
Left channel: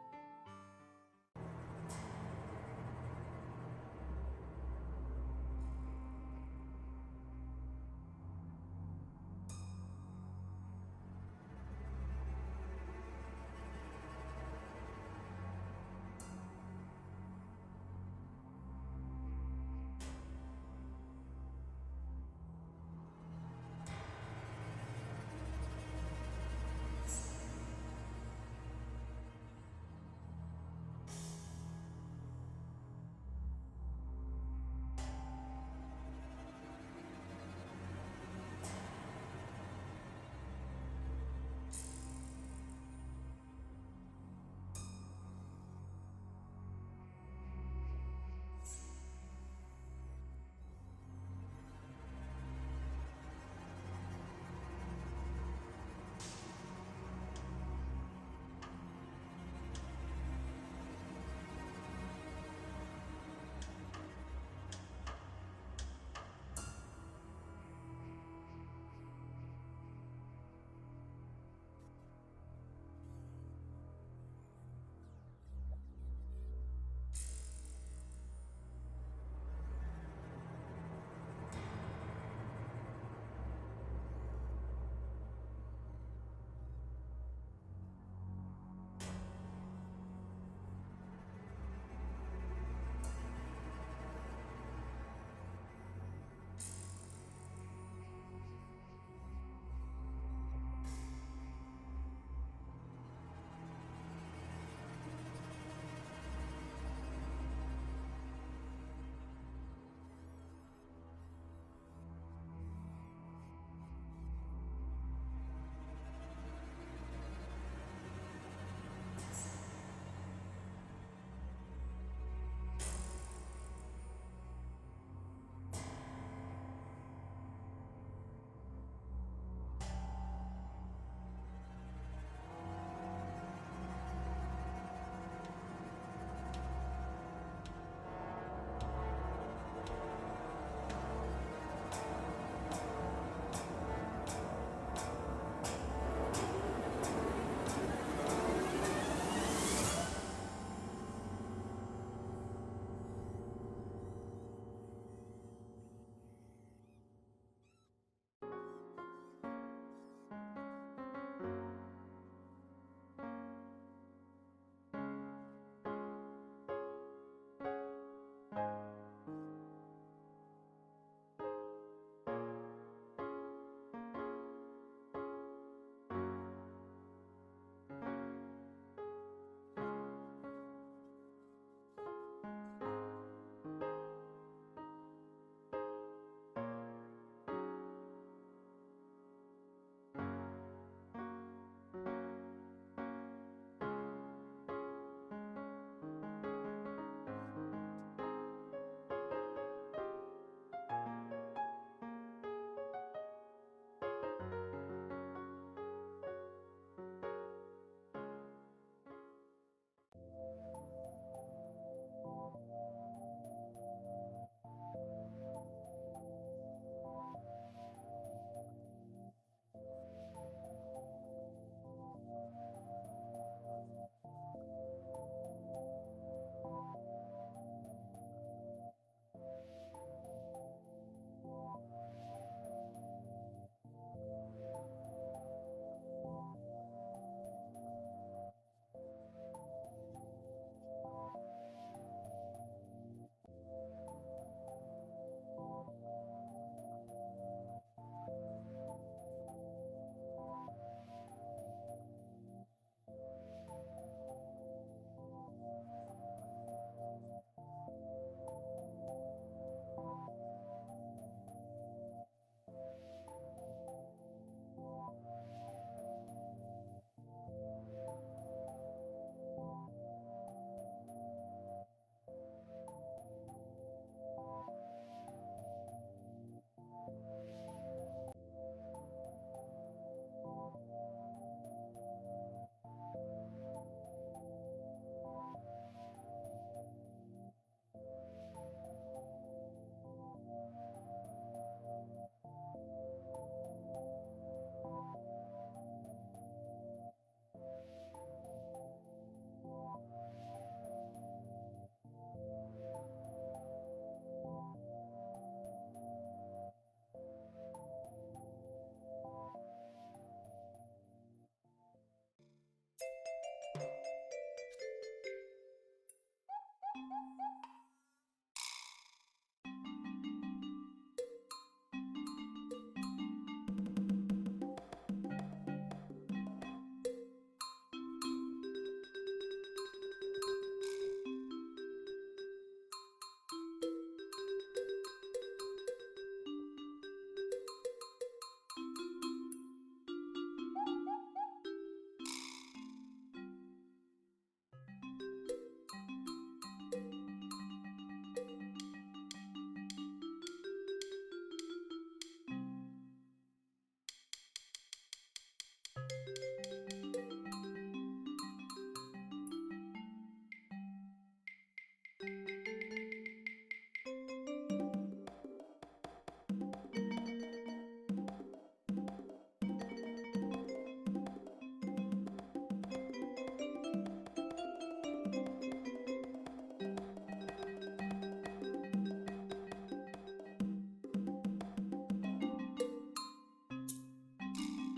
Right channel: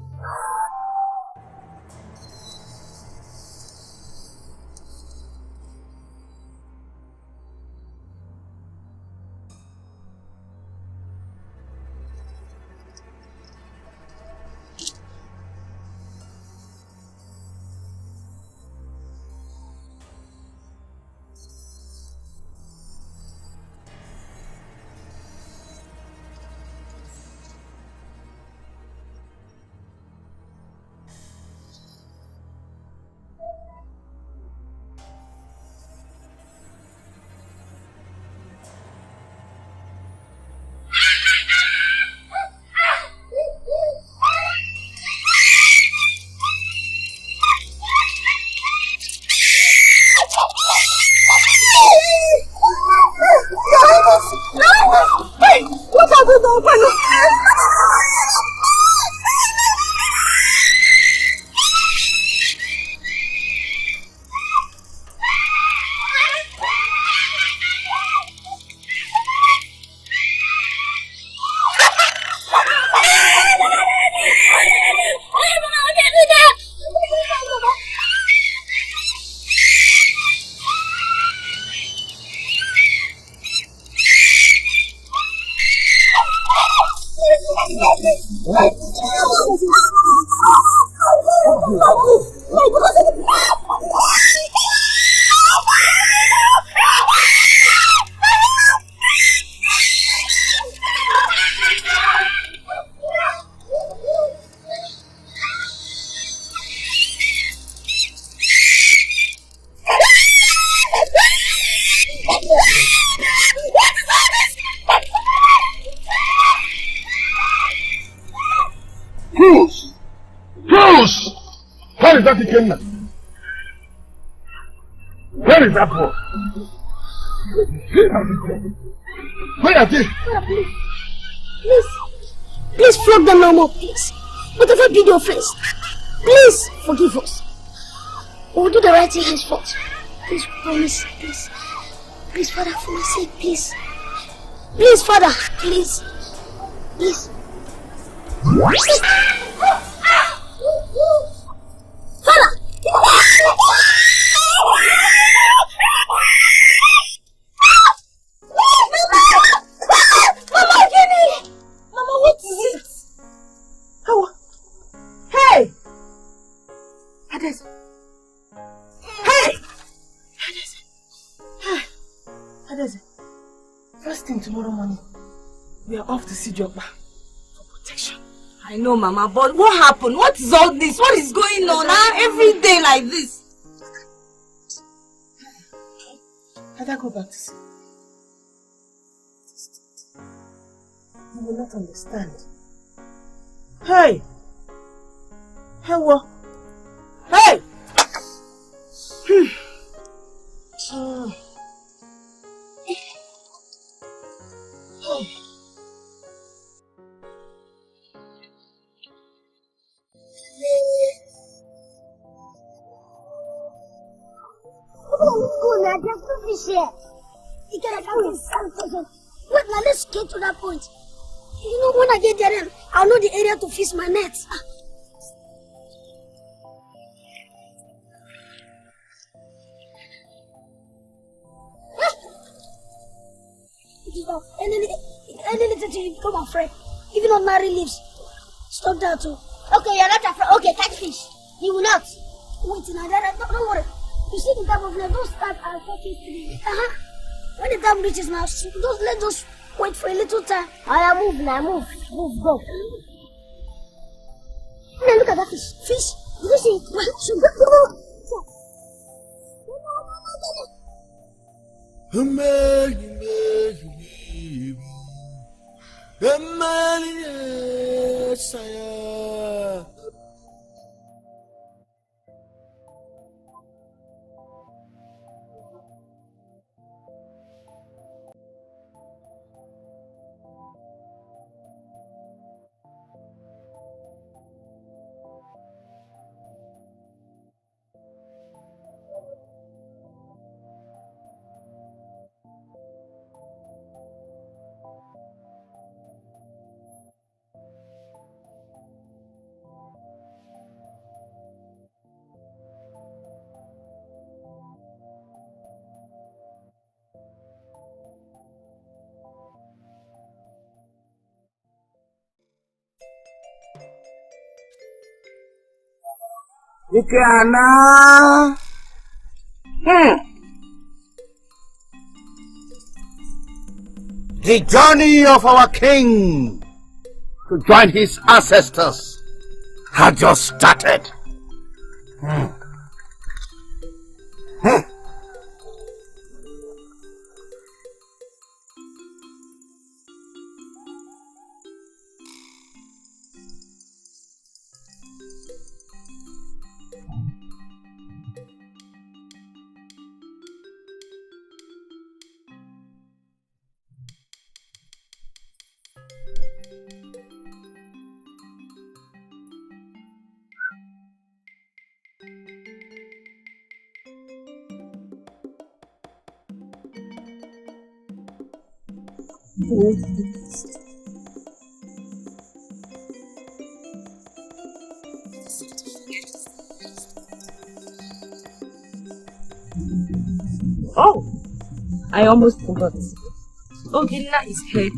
Where is that Ikenna? Where is that boy? Where are they? Please flog them no more, please. Whatever be the offense, please forgive us. We will do the right thing henceforth. Please promise, please. Please, Father, for my sake, please. Please, Father, please. Please. Father! Mama, Kenny! Mama, what is it? Oh. Hey! Adese. Hey! Adese. Hey! Adese. First thing tomorrow morning, we are off to see Joppa for protection. I know, Mama, but what happened? What is all this? What is going on every day like this? Let her go back to sleep. You will not understand. Hey! Hey, what? Hey! Wait, now let's get to that point. You know, when I get there, I'll know the area to fish my nets. And then it's you become afraid. Even on marry leaves. Stop that too. Okay, you're not afraid. Okay, catch fish. You will not. Wait, now, don't worry. You see the type of net, those type are 450. When the time reaches now, let those wait for a little time. I move now, move. Move, go. Now look at that fish. Fish? Did you see it? Ikenna. The journey of our king to join his ancestors had just started. Oh, I almost forgot. Ikenna is hurt.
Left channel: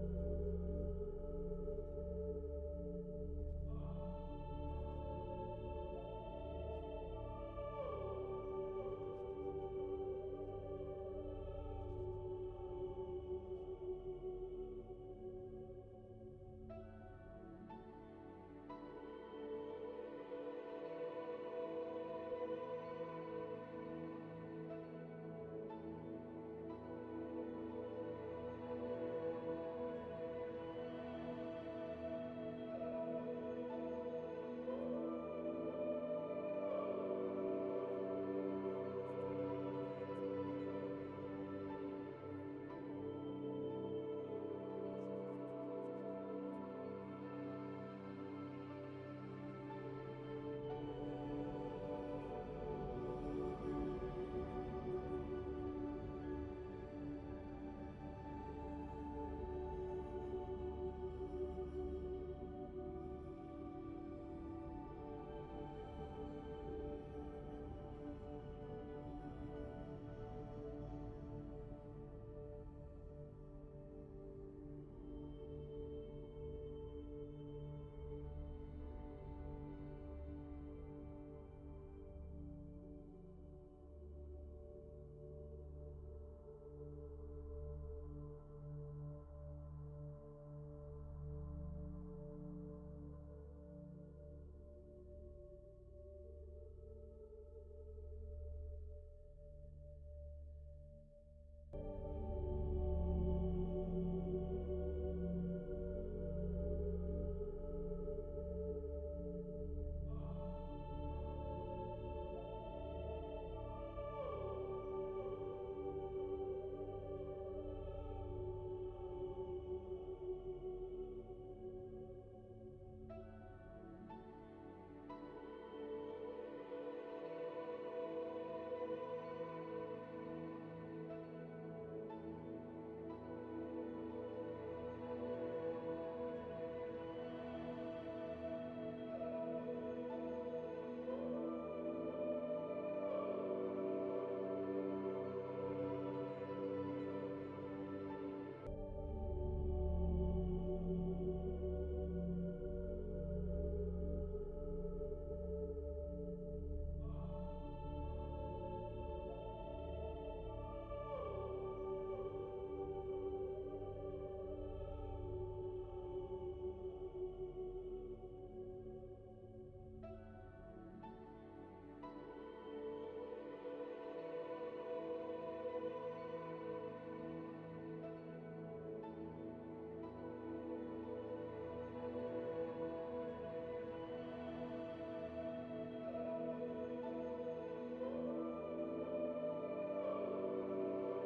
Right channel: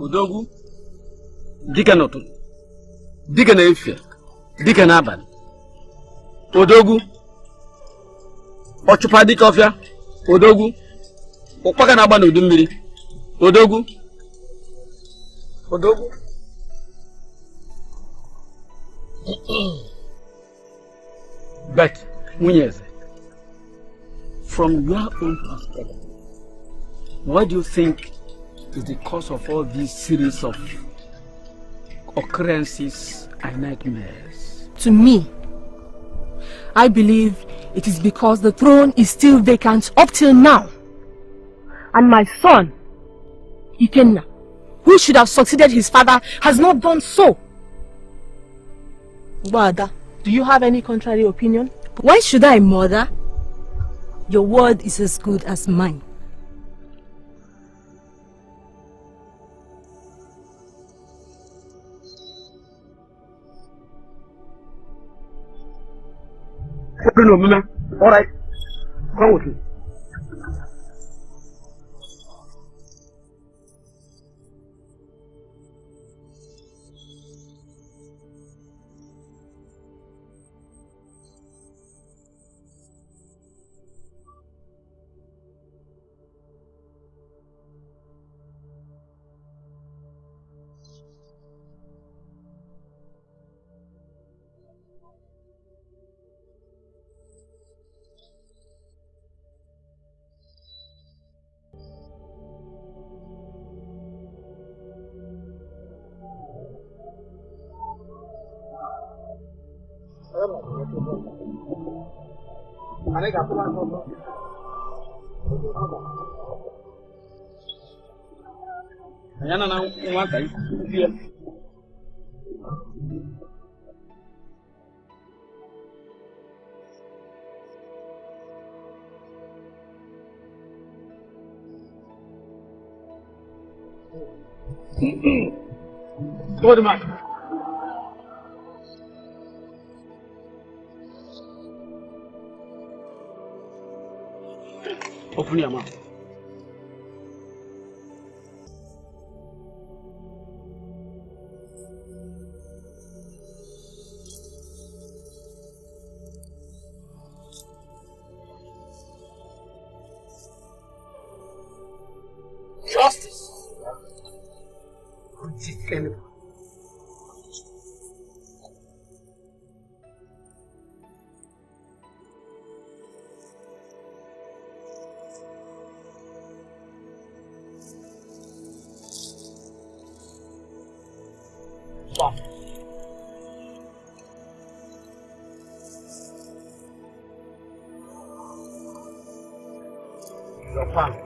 Udogu, dike n'ụtụtụ, dike n'efifie, dike n'abalị. Odogwu, ọchụpa dike ọfịa. Odogwu, ụkpaka na-agba n'udu mmiri. Odogwu. But, nwunye eze, from your own perspective, what do you think is the cause of all these series of occurrences and nightmares? To me, I believe it is because the throne is still vacant up till now. And my son, Ikenna, who should have succeeded his father, has not done so. Wada, do you have any contrary opinion? Why should I, mother? Your word is as good as mine. All right, come with me. Go to Mark. Open your mouth. Justice. Ikenna. Your father,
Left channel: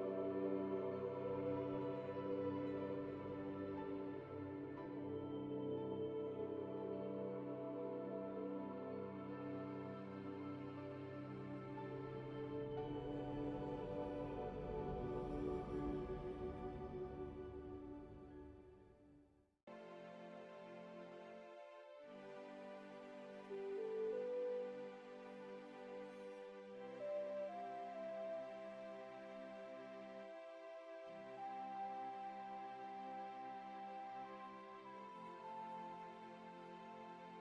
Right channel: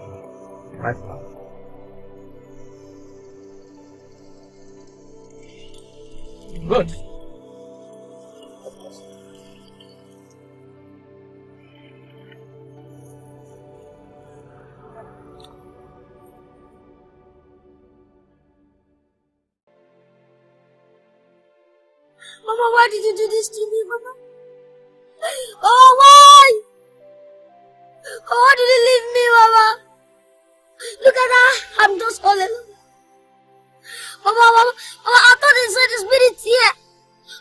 my father. Good. Mama, why did you do this to me, Mama? Oh, why? Oh, why did you leave me, Mama? Look at that. I'm just all alone. Mama, I thought they said the spirit here.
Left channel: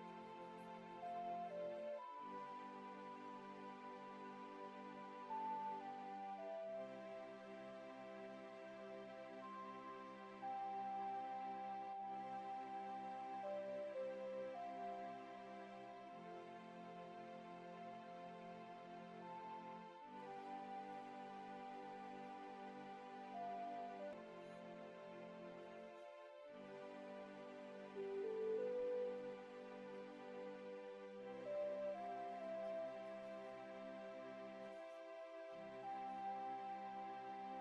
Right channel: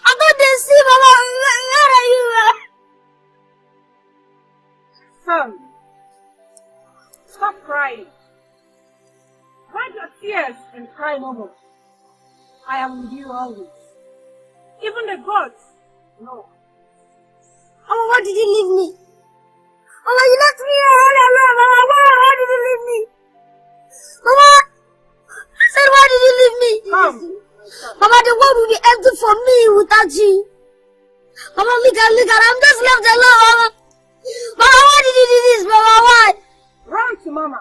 I thought they see, Mama. Where are you? Son, stop crying. Hide your tears and cry no more. I am with you always. Even the gods know. Mama, why did you leave me? Mama, you left me all alone. Mama, why did you leave me? Mama, I said, why did you leave me? Come. Mama, the world will be empty for me without you. Mama, look at, I'm just left alone, Mama. Mama, why did you do this, Mama? Why? Run to Mama.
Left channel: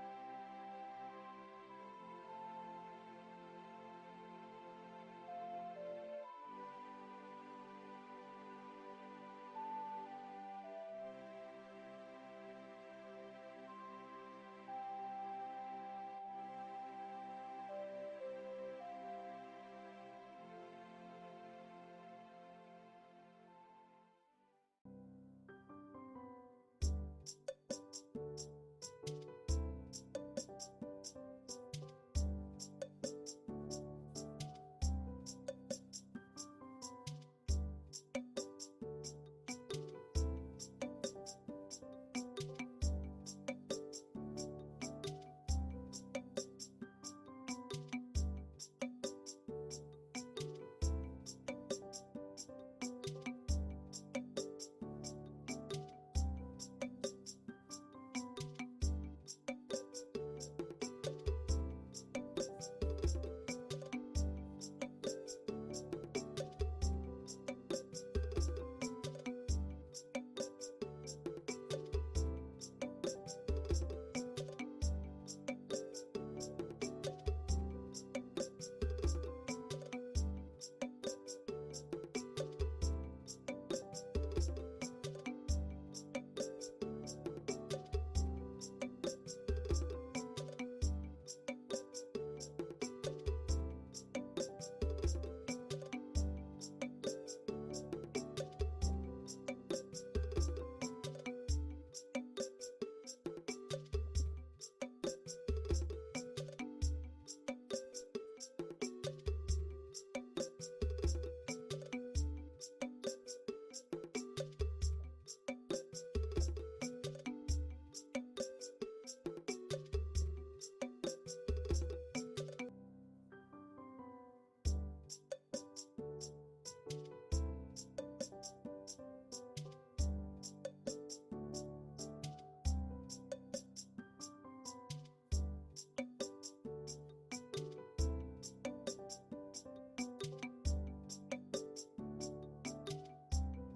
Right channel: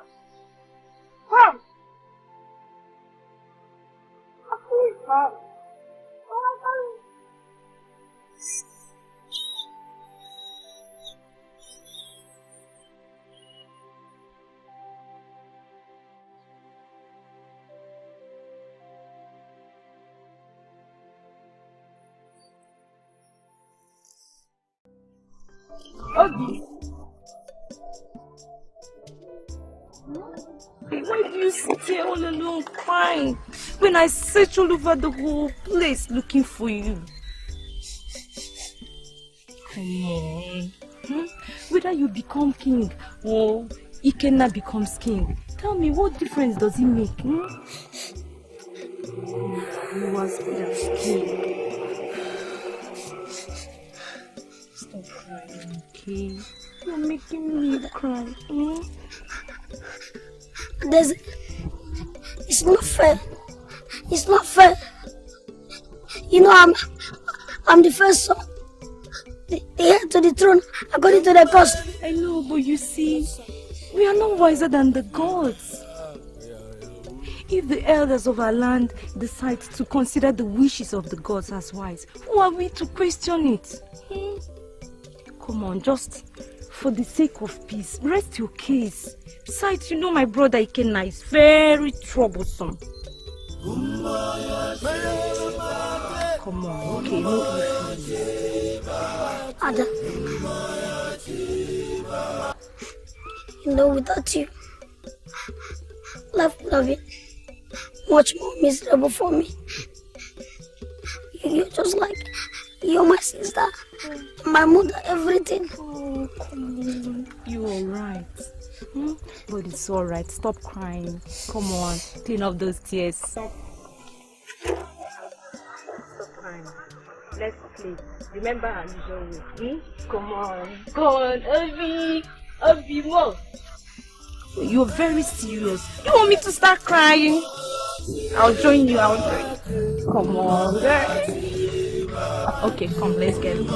Come. Please, come. Obi. Why do you stay all alone crying when I search all over the whole place looking for you? Come on. Whether you become king or Ikenna becomes king, tell me, what difference does it make? You was king. Stop crying, okay? You're making me cry. It's not fair. It's not fair. You know, I'm the first son. The heir to the throne, according to the custom. I know, but you see, we are not wiser than the gods. If the elders of our land decide to consider the wishes of the gods as wise, who are we to question it? Come on, just for the sake of peace, rest your case. Besides, you know my brother Ikenna is very troublesome. Come on, okay, no issues. Ada, you know, without you, life would have been much more miserable for me. You're just like, you're my sister, my mother, everything. Oh, come on. You're alright. But it's alright. Stop crying. Come on. Clean up those tears. Stop crying. Let's play. Remember our usual way. Come on. Come on, Obi, more. You're very serious. You want me to start crying? I'll join you. Come on, girl. Okay, come, let's get it.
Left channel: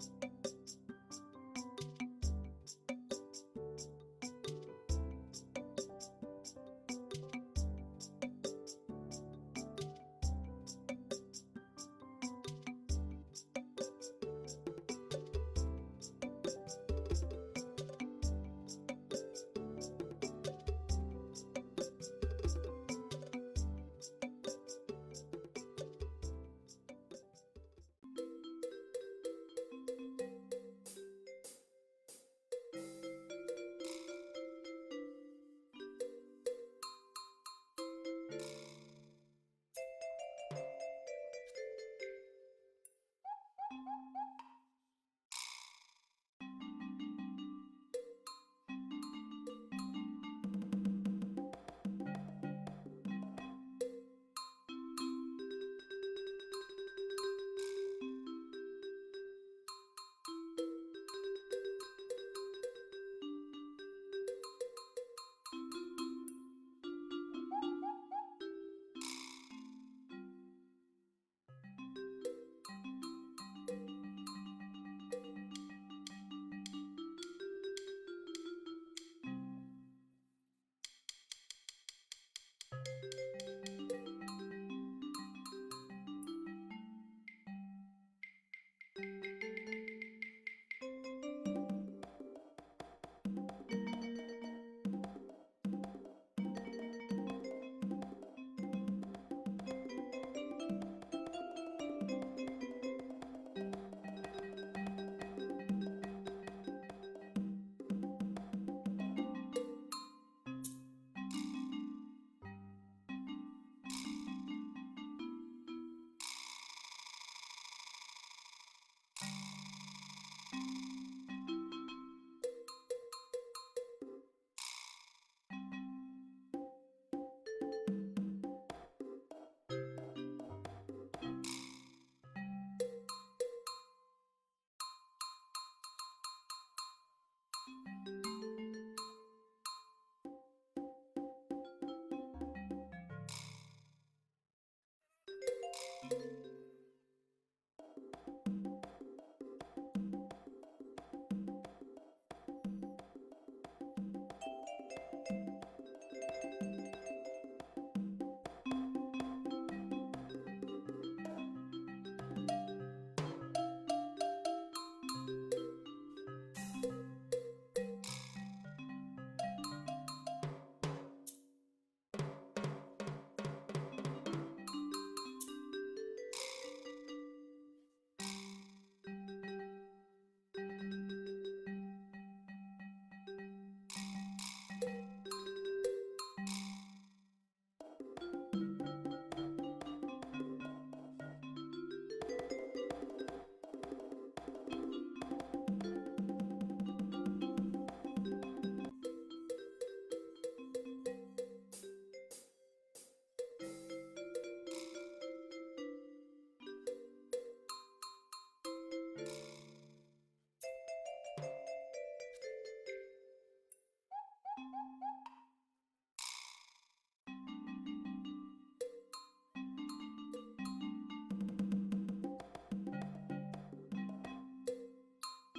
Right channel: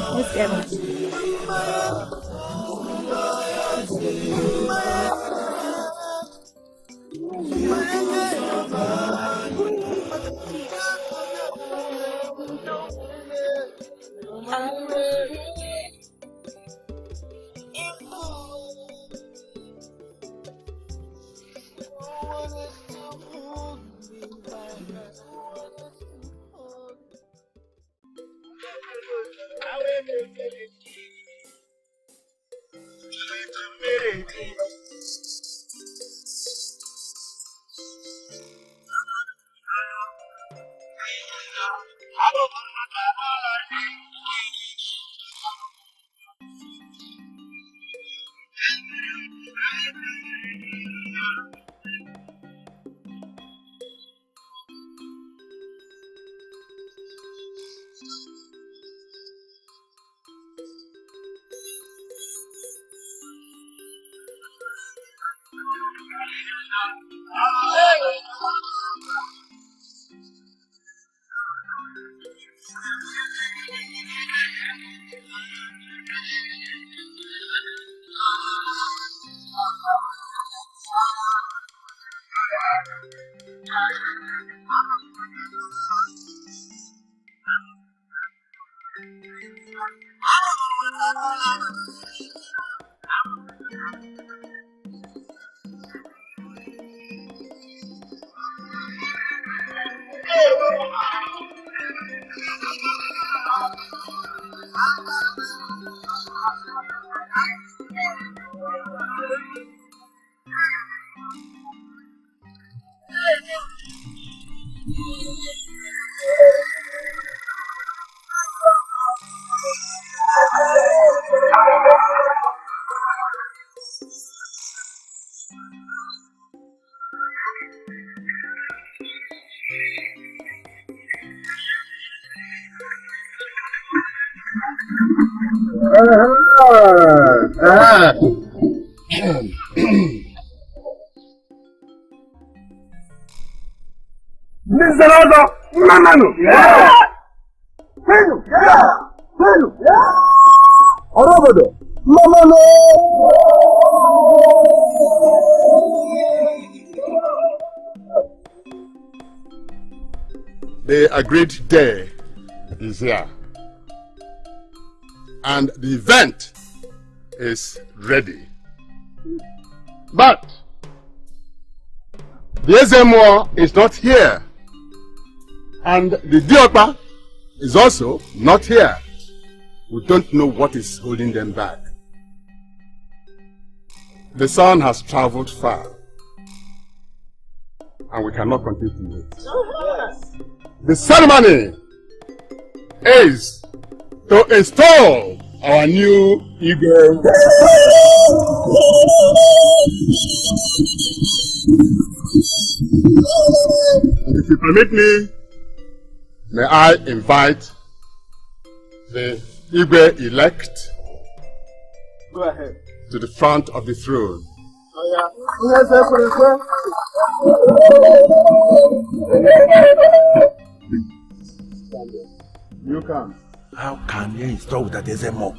The agreed day is here, and the event is ready. But the Ezemo is not here, and the Diopa is also not here. We don't know what is holding them back. The sun has traveled far, and we cannot continue to wait. The ceremony is to install our new Igwe. If you permit me, may I invite the Igwe elect Go ahead. to the front of the throne. You can. How can you install that there's a mob?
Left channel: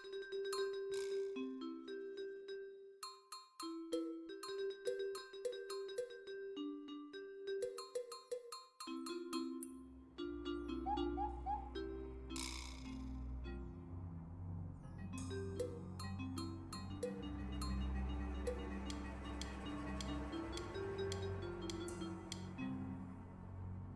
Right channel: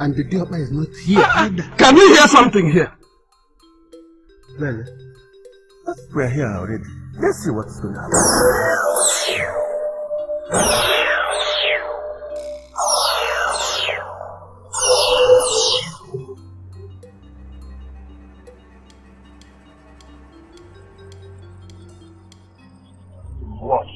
And the Diopa is not here either. Can we hear something here? Well, We're here already. Let's see what's going to happen. What?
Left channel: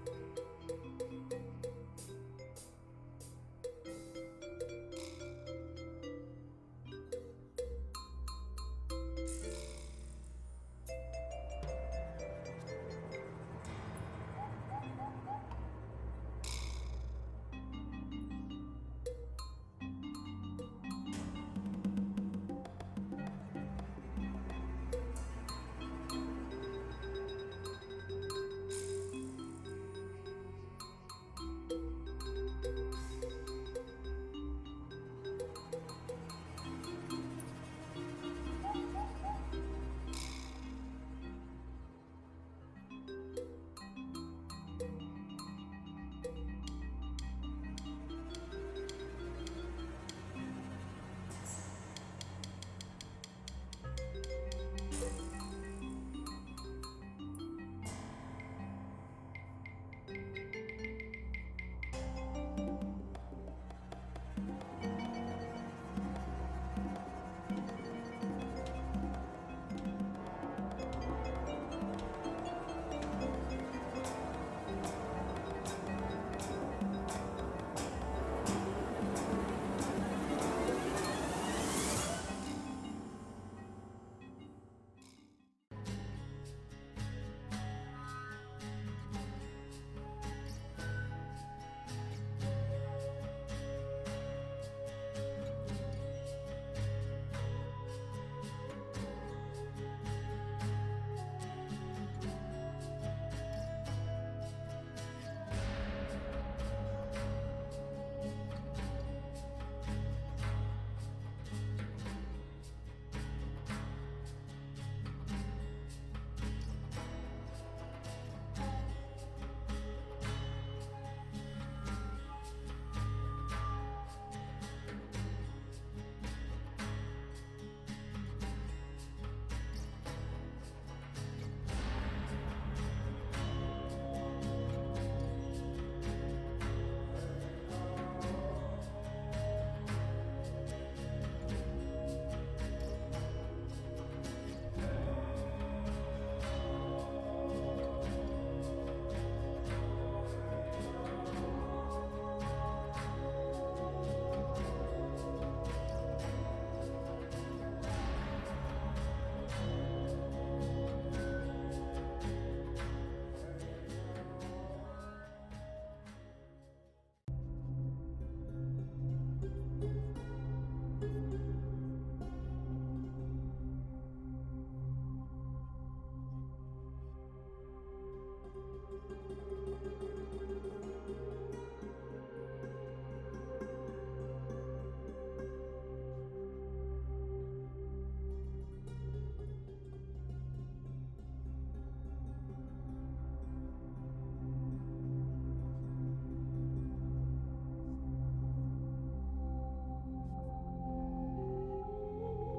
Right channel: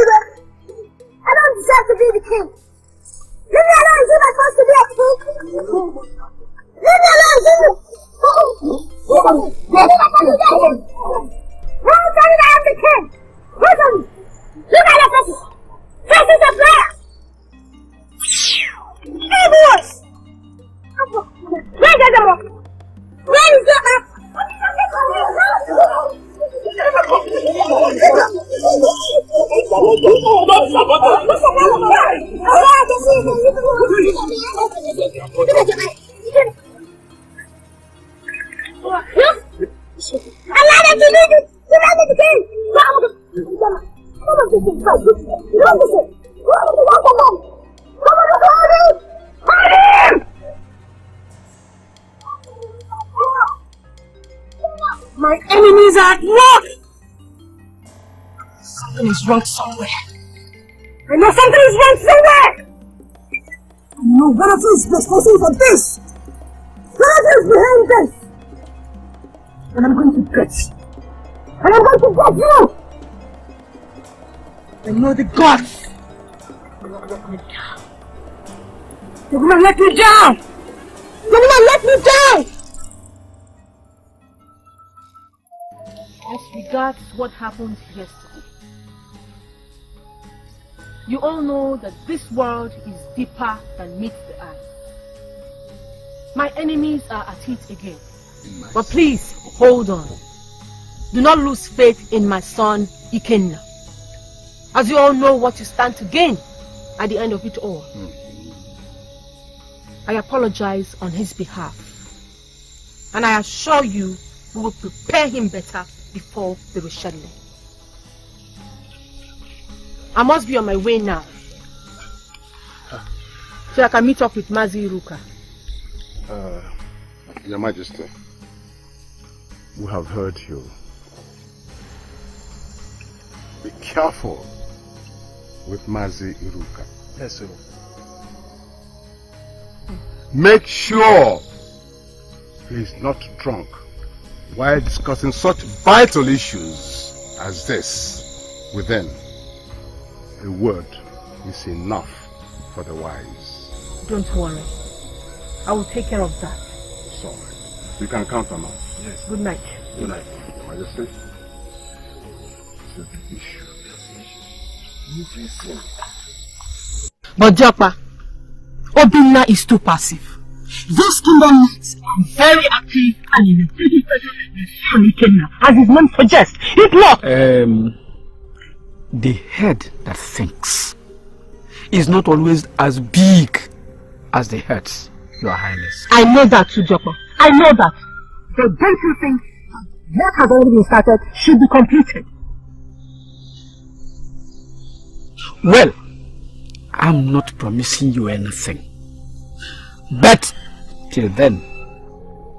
I don't deserve to be the king. Leave me alone, is it my supposed to be a king? Leave me alone, Zulu! Who is telling I am the king? Who's on me? Look at your faces! Faces of players! Hey, boys! Where's the door? Where is the map? Allow them to lead you! You know the king! My enemies are at work! Something is wrong somewhere. I know something is wrong somewhere! No, one of you is responsible for this! One of you is behind this! And I'm going to get you! And I'm going to get you! I know the gods! They're gonna let me down! They're gonna let me down! As regards what happened yesterday, you all know that this world is deeper than meets the eye. My enemies are at it again. But please, hold on. Do not lose faith in my son, Ikenna. As you all know what you stand to gain at the end of it all. I apologize on his behalf. And I assure you, we will prepare him better before the rescheduling. I must be on my way now, so I can meet up with Mazi Iruka. Your Majesty, we have heard you. Be careful with Mazi Iruka. yes, sir. Make sure he's not drunk while discussing such vital issues as this within. A word is enough for the wise. Don't worry. I will take care of that. So, you can count on us. Yes. Good night. Good night, Your Majesty. But Japa, Obinna is too passive. Those kingdom knights are very active and in a pretty on Ikenna, as his name suggests. If not, The head that thinks is not always as big as the heads, Your Highness. I know that too, Joko. I know that. But don't you think what has already been started should be completed? Well, I'm not promising you anything. But till then,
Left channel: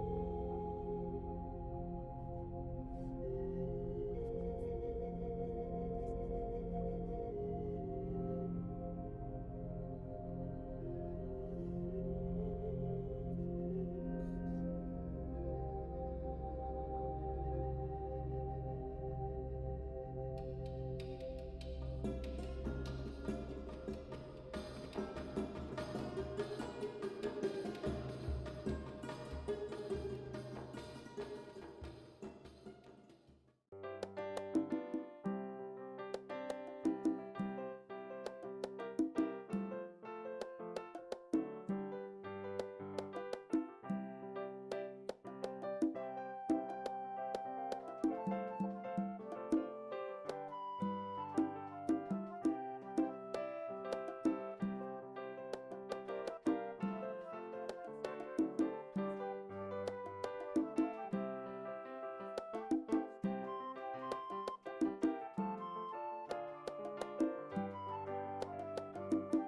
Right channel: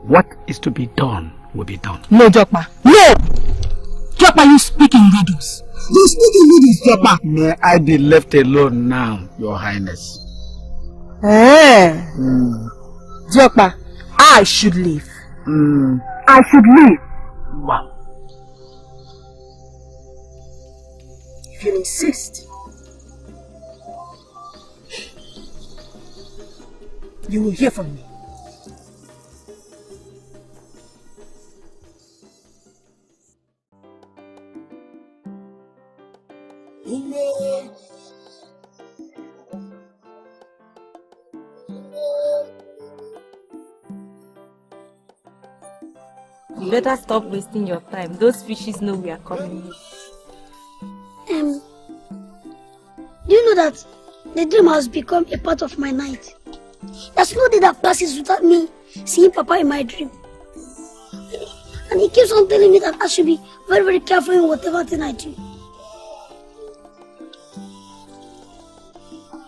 what is to be done will be done. No, Jokma. No! Jokma, you speak in riddles. You speak in riddles, Jokma. May I be left alone now, Your Highness? Jokma, I should leave. I should leave. Wow. If you insist, you will hear from me. You better stop wasting your time. Those fishes know we are coming. Do you know that the dream has become a part of my night? There's no day that passes without me seeing Papa in my dream. And he keeps on telling me that I should be very, very careful in whatever thing I do.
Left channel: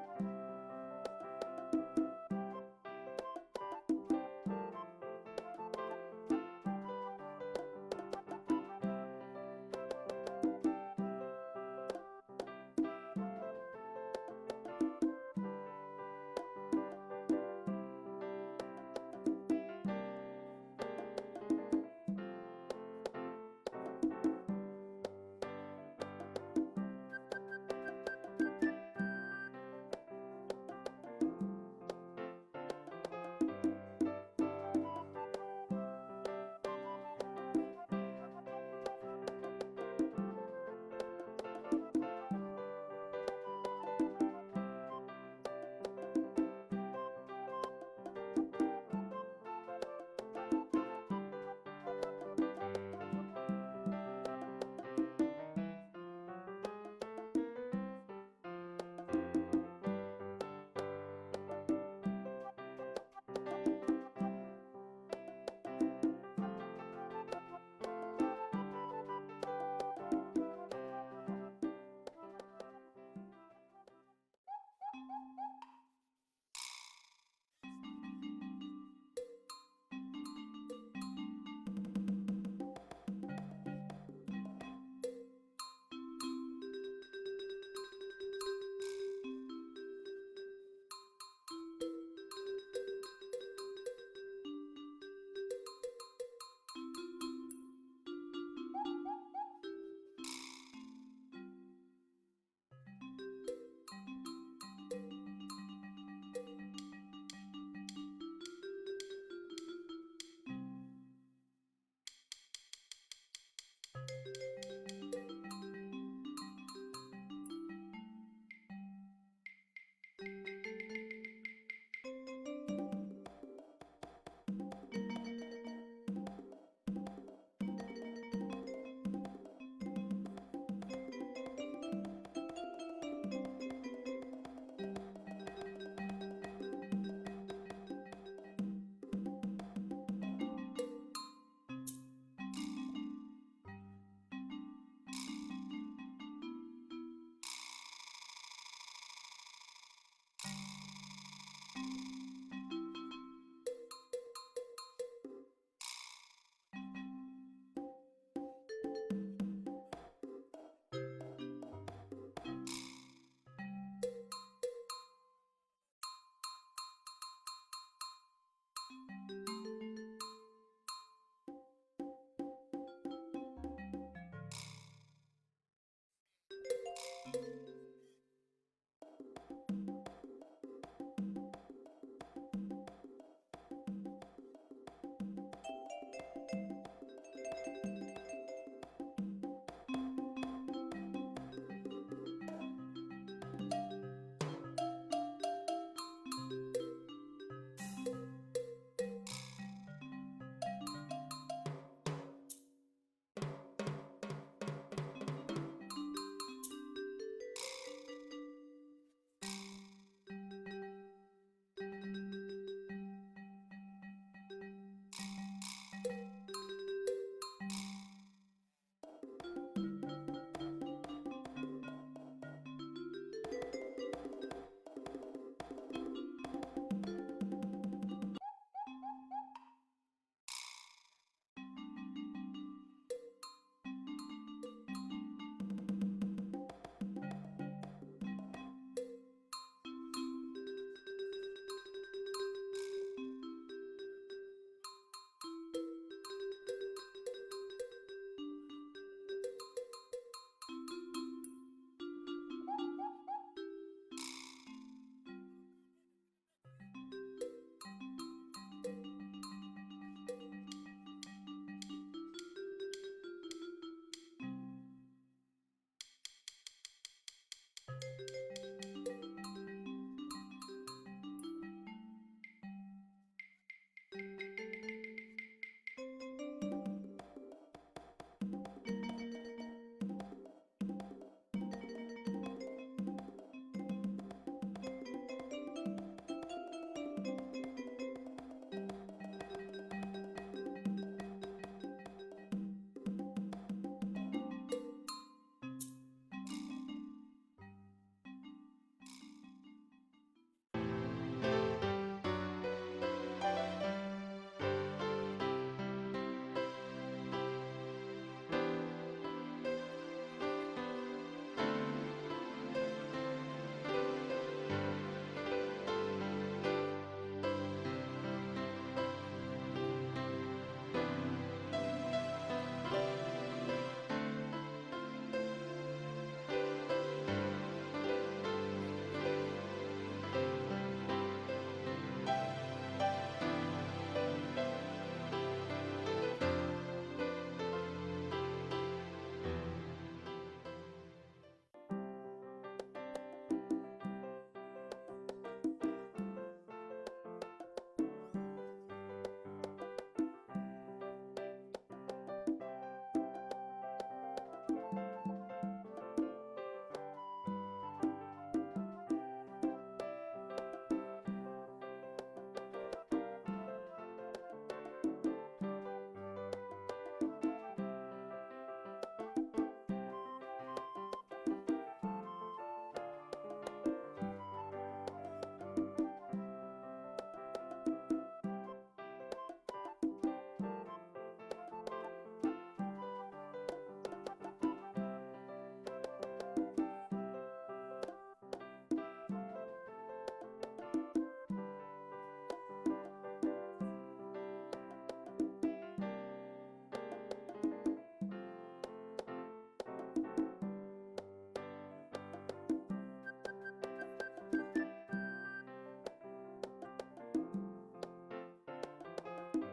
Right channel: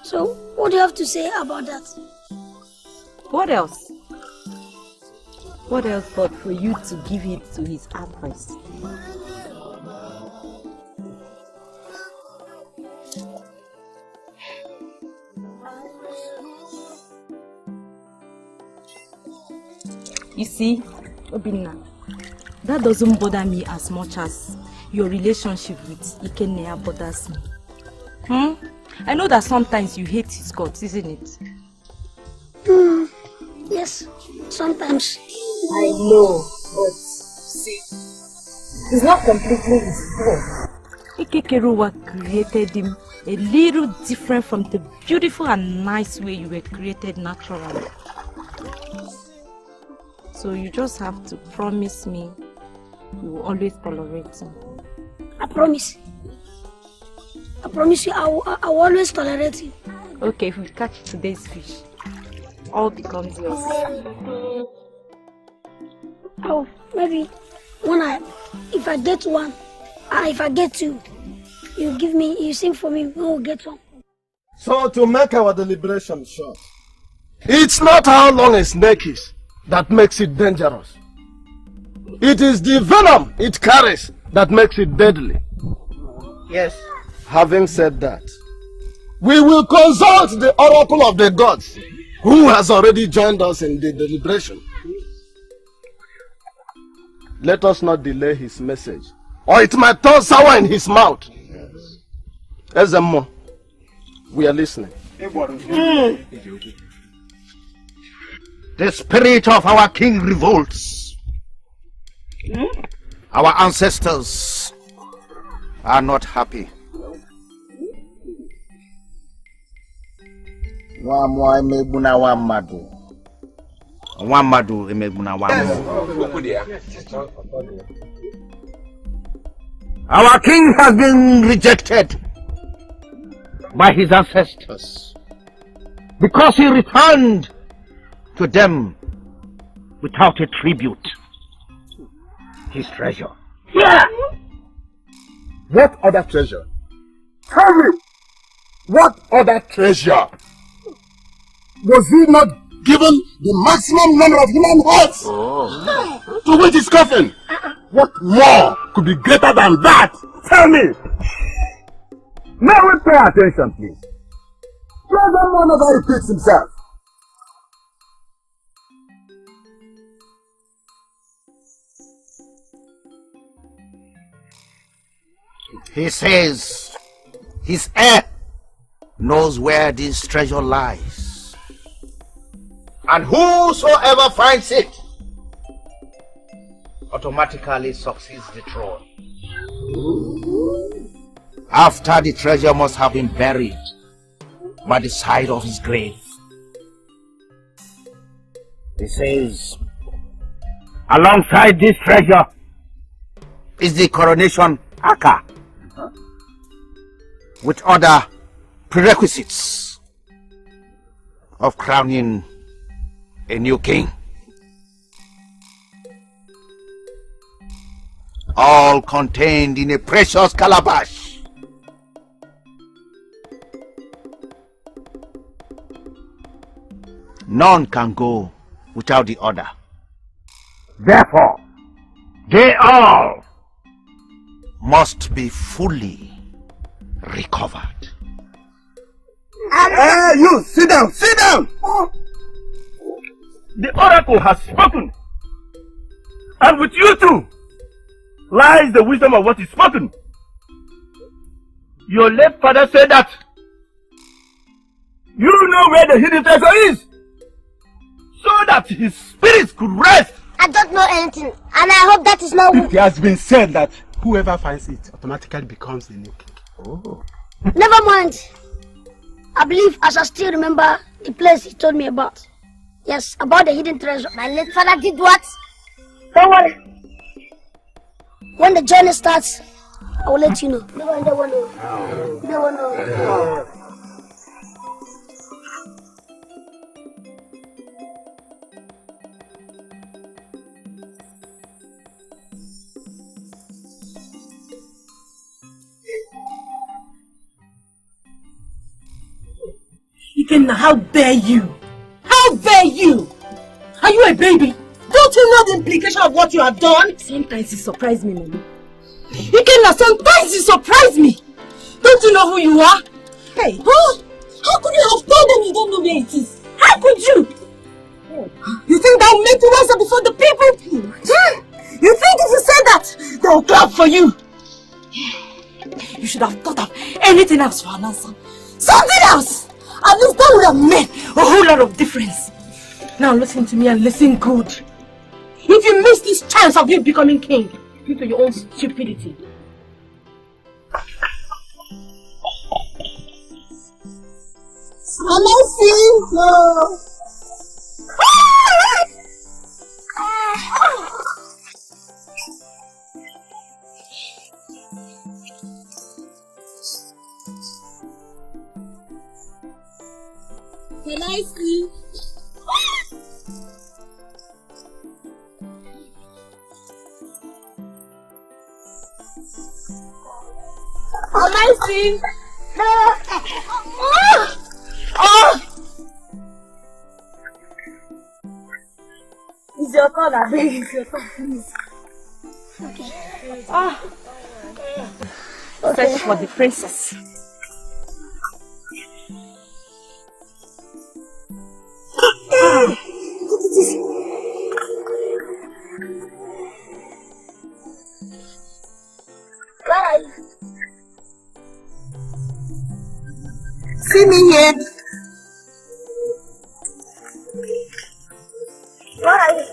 So, what do you have to say about that? What else? What else but for you to give it to his advice? You see, Obinna, that doesn't bother me as much as your relationship with Ikenna bothers me. I know that sometimes you hate his gods, isn't it? Yes, sometimes. I know, but see, it's not completely his fault. Ikekeruwa created him a little different from the beautiful and nice way you were created naturally. So you just have to promise me you will always tolerate him. I promise. I promise you I will always tolerate you. Okay, if we catch today's fish, all becomes yours. Oh, maybe if I get one, if I get two, you sing for me, we'll get one. So to make our deliberation short, it's not how long a snake is that makes it dangerous. It is the venom it carries that makes it deadly. Yes. Having said that, we will consult the Oracle of the Gods, who has already joined us in the deliberation. Let us not delay his message, or it might turn sour in his mouth. Ezemo, we are listening. The spirit of our king revolts. Our ancestors are not happy. Our king has been rejected by his ancestors because he returned to them without a tribute. His treasure. Yeah. What other treasure? Tell me, what other treasure? Was he not given the maximum number of human heads? To which is coffin? What more could be greater than that? Tell me. May we pay attention, please? Brother one never repeats himself. He says his heir knows where this treasure lies. And whosoever finds it automatically succeeds the throne. After the treasure must have been buried by the side of his grave. He says, alongside this treasure is the coronation aka, with other prerequisites of crowning a new king. All contained in a precious calabash. None can go without the other. Therefore, they all must be fully recovered. Hey, you, sit down, sit down! The oracle has spoken. And with you too lies the wisdom of what is spoken. Your late father said that you know where the hidden treasure is, so that his spirit could rest. I don't know anything, and I hope that is not... It has been said that whoever finds it automatically becomes the new king. Oh. Never mind. I believe I shall still remember the place he told me about. Yes, about the hidden treasure. My late father did what? Don't worry. When the journey starts, I will let you know. No one knows. Ikenna, how dare you? How dare you? Are you a baby? Don't you know the implication of what you have done? Sometimes you surprise me, Mama. Ikenna, sometimes you surprise me. Don't you know who you are? Hey, huh? How could you have told them you don't know where it is? How could you? You think that will make you answer before the people? You think if you say that, they'll clap for you? You should have thought of anything else for an answer. Something else! At least that would have made a whole lot of difference. Now listen to me and listen good. If you miss this chance of you becoming king due to your own stupidity, no. Can I see? Can I see? It's your turn, I beg. It's your turn, please. Okay. Search for the princess. See me here. Why?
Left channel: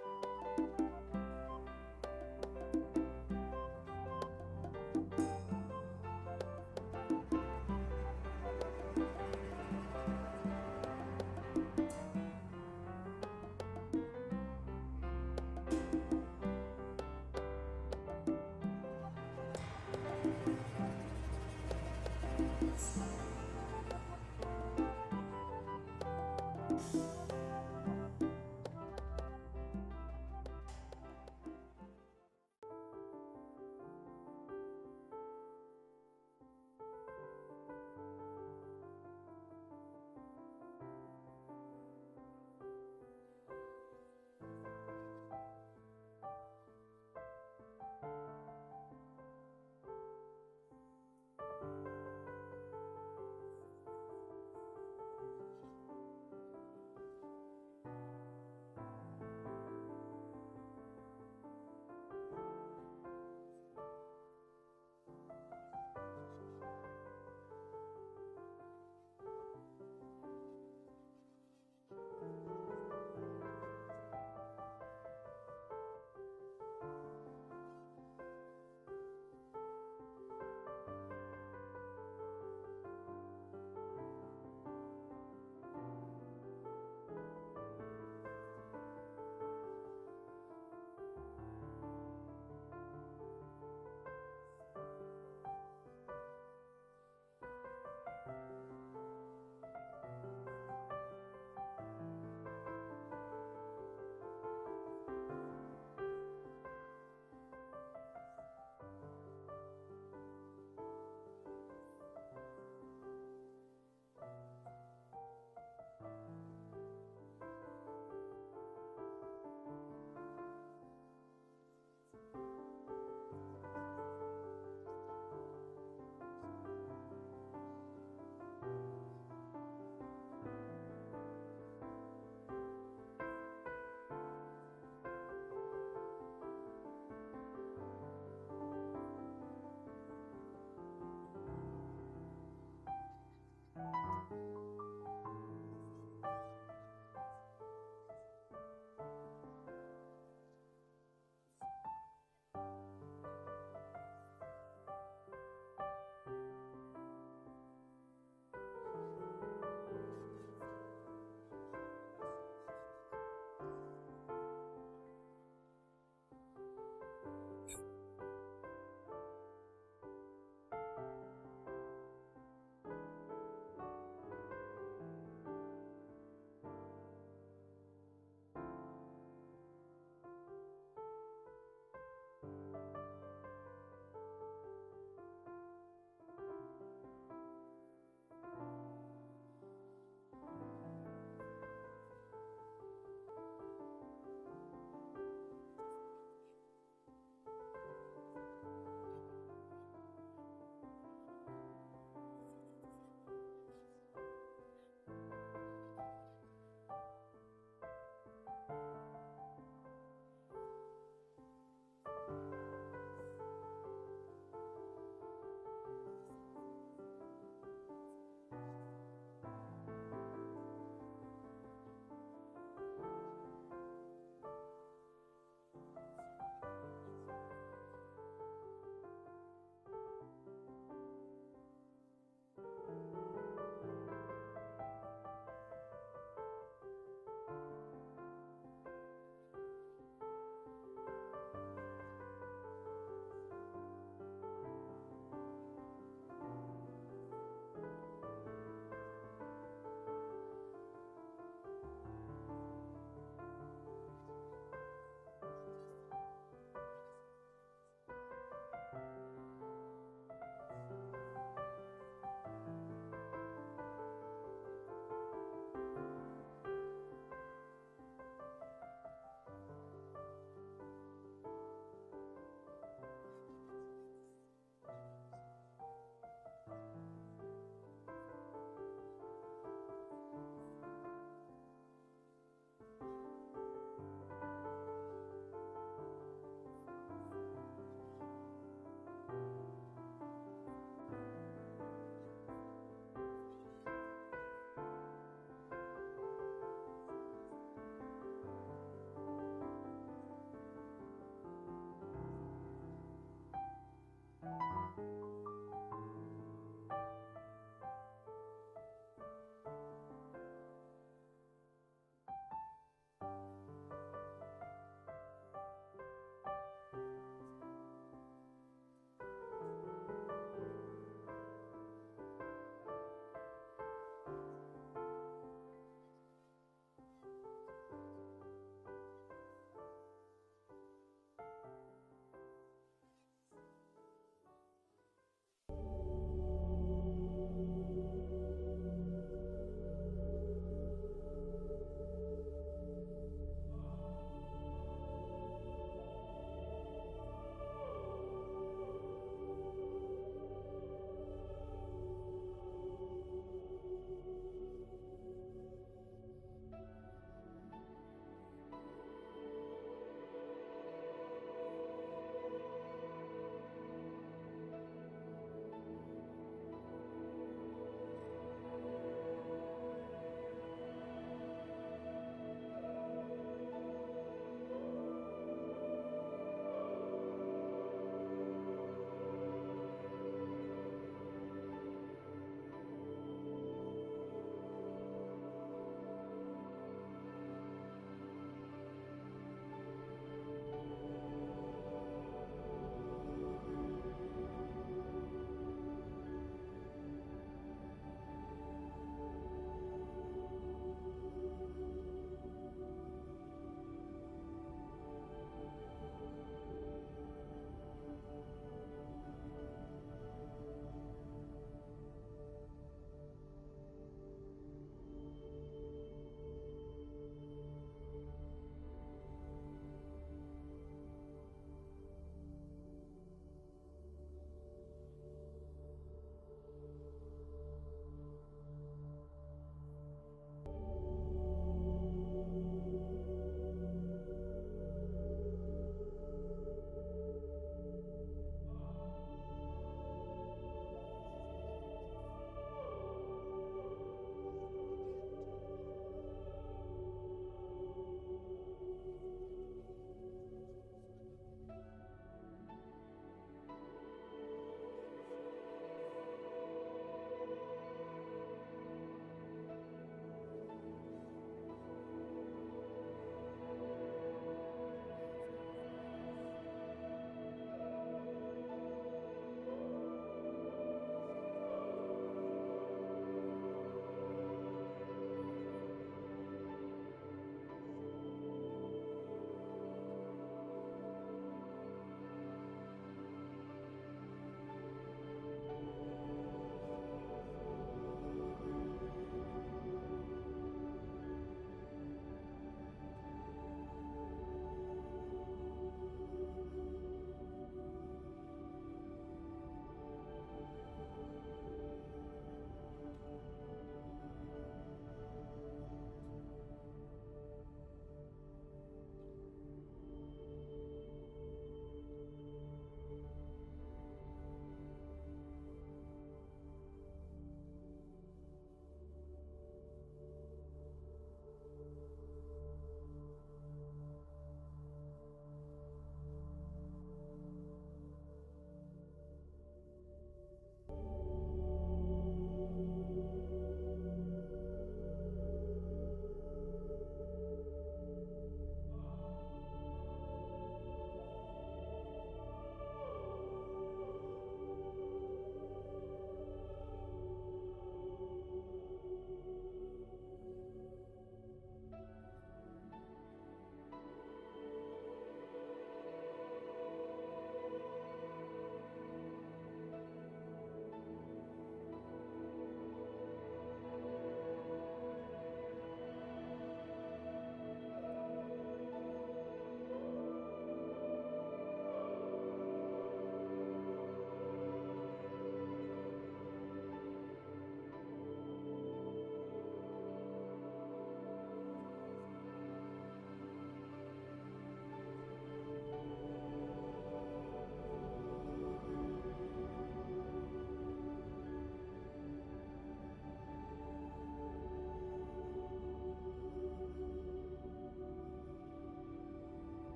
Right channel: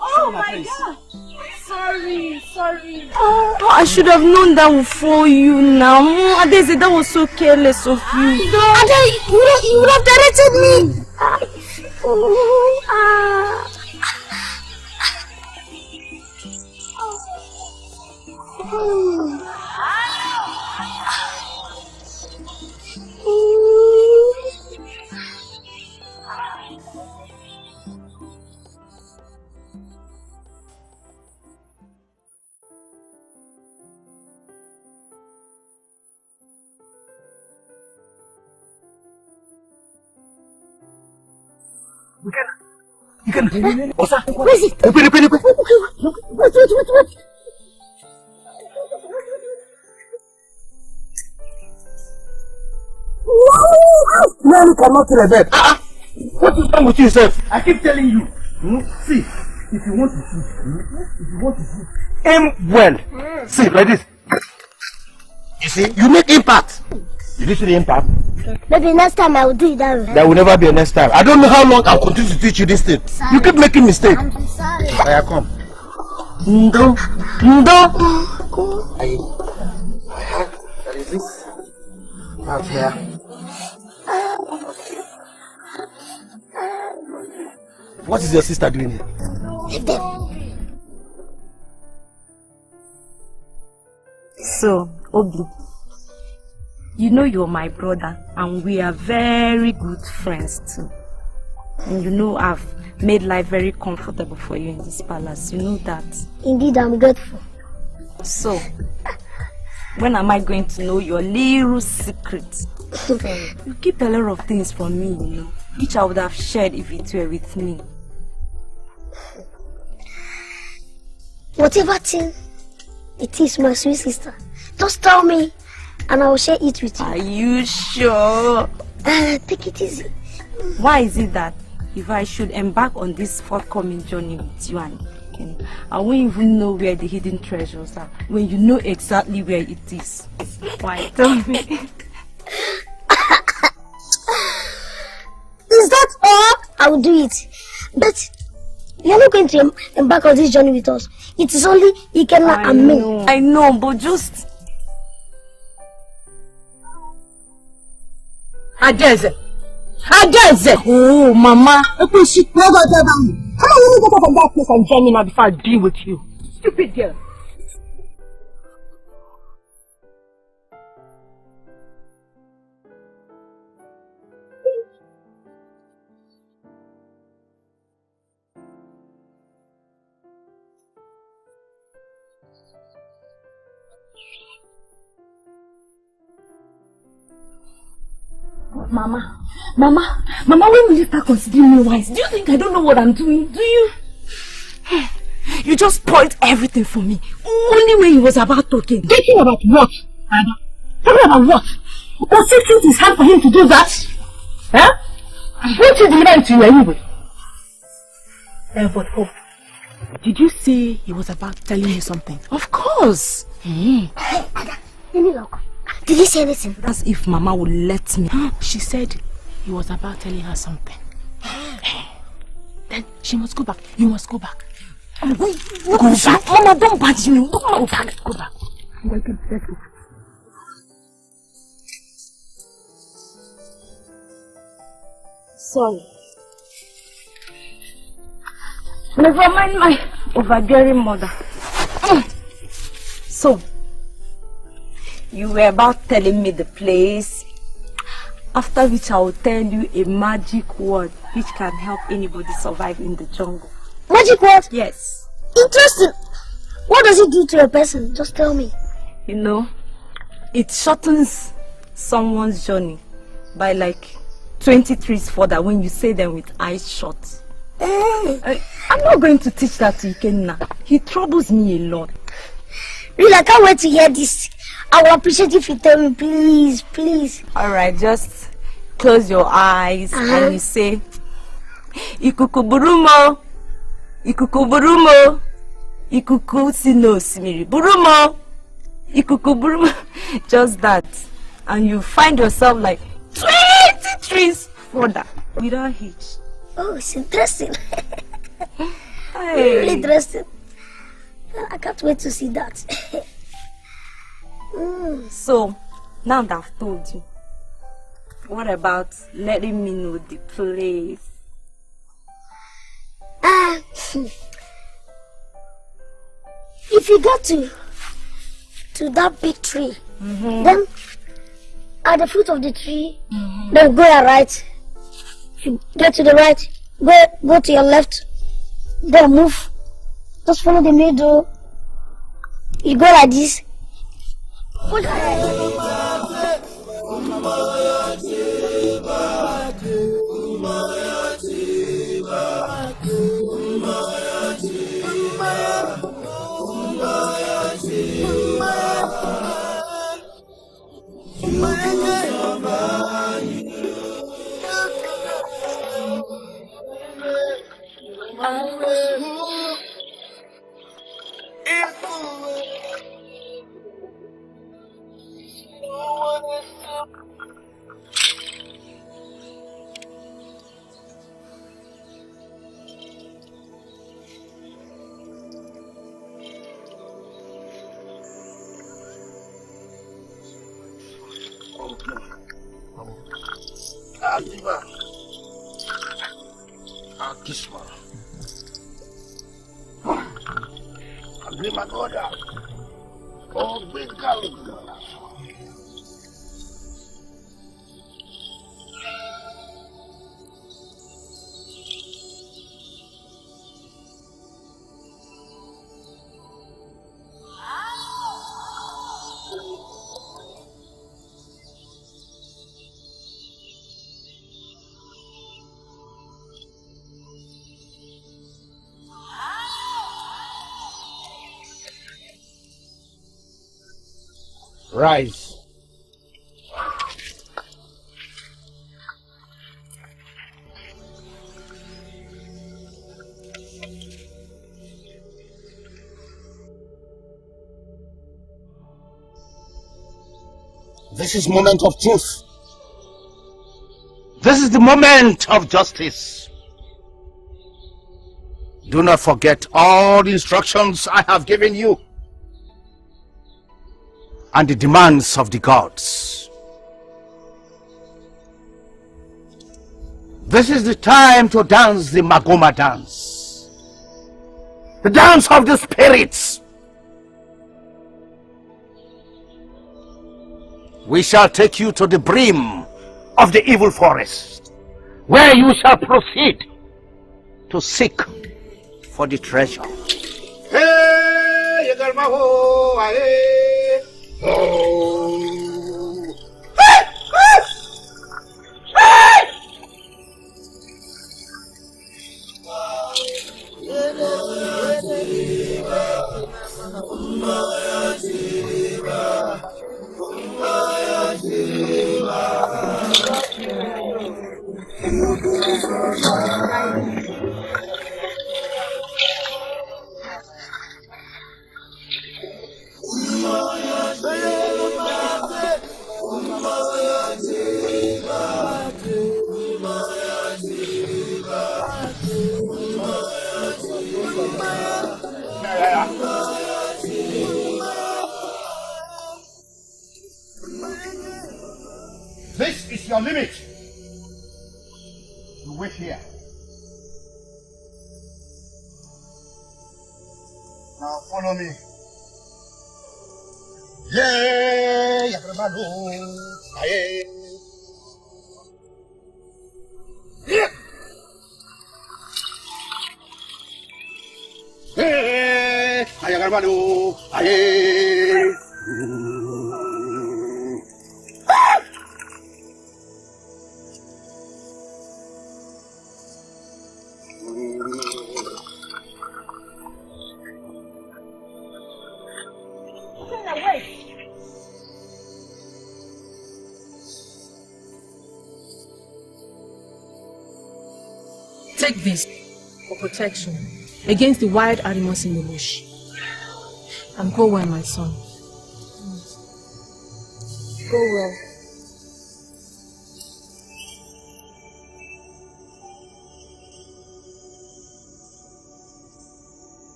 Oh my God! Sorry. Oh, I should have known that would fall you now. Adeze, that was so careless of you. Adeze, you would have directed me. Ikenna. Osa. Where is it? Wait. No, you cannot kill a bird. What is wrong with you, sir? I keep telling you. See, if you want to shoot, aim well. See, like this. You see, you make impact. Did you see the impact? Maybe next time I will do it that way. There will never be a next time. I don't know how long I'll continue to teach you this thing. Sorry. You keep making mistakes. I'm sorry. I come. Ndo. There is this out here. What is your sister doing here? Leave them. So, Obi, you know you're my brother and we are very good friends too. And you know I've made life very comfortable for you in this palace. You know that. Indeed, I'm grateful. So, when am I going to know your little secret? You keep a lot of things from me, you know, which I would have shared if it were with me. Whatever thing it is, my sweet sister, just tell me and I will share it with you. Are you sure? Take it easy. Why is it that if I should embark on this forthcoming journey with you and Ikenna, I won't even know where the hidden treasures are when you know exactly where it is? Why? Tell me. Is that all? I will do it. But you are not going to embark on this journey with us. It is only Ikenna and me. I know, but just... Ikedieze! Ikedieze! Oh, Mama! Come on, you need to go from that place and join me now before I deal with you. Stupid girl. Mama, when will you start considering me wise? Do you think I don't know what I'm doing? Do you? You just spoiled everything for me. Only when he was about talking. Talking about what, Ada? Talking about what? Does it think it's hard for him to do that? Huh? Won't you deliver it to you anyway? But oh, did you say he was about telling you something? Of course. Hey, Ada, let me look. Did he say anything? That's if Mama would let me. She said he was about telling her something. Then she must go back. You must go back. Go back. Mama, don't badge me. Go back. Go back. Let's go. Sorry. Never mind my overbearing mother. So, you were about telling me the place, after which I will tell you a magic word which can help anybody survive in the jungle. Magic word? Yes. Interesting. What does it do to a person? Just tell me. You know, it shortens someone's journey by like 20 trees further when you say them with eyes shut. I'm not going to teach that to Ikenna. He troubles me a lot. Really, I can't wait to hear this. I will appreciate if you tell me, please, please. Alright, just close your eyes and you say, Ikuku burumo, Ikuku burumo, Ikuku sino simiri burumo, Ikuku burumo. Just that. And you find yourself like 20 trees further without hitch. Oh, it's interesting. Hey. Really interesting. I can't wait to see that. So, now that I've told you, what about letting me know the place? If you get to that big tree, then at the foot of the tree, then go right. If you get to the right, go to your left, then move. Just follow the middle. You go like this. dream and order. Oh, big calendar. Rise. This is moment of truth. This is the moment of justice. Do not forget all the instructions I have given you and the demands of the gods. This is the time to dance the Magoma dance, the dance of the spirits. We shall take you to the brim of the evil forest, where you shall proceed to seek for the treasure. Hey, oh. This is your limit. You wait here. Now follow me. Yeah, Aye. Yeah. Hey, Ayagarmanu, aye. Take this for protection against the wild animals in the bush. And go well, my son. Go well.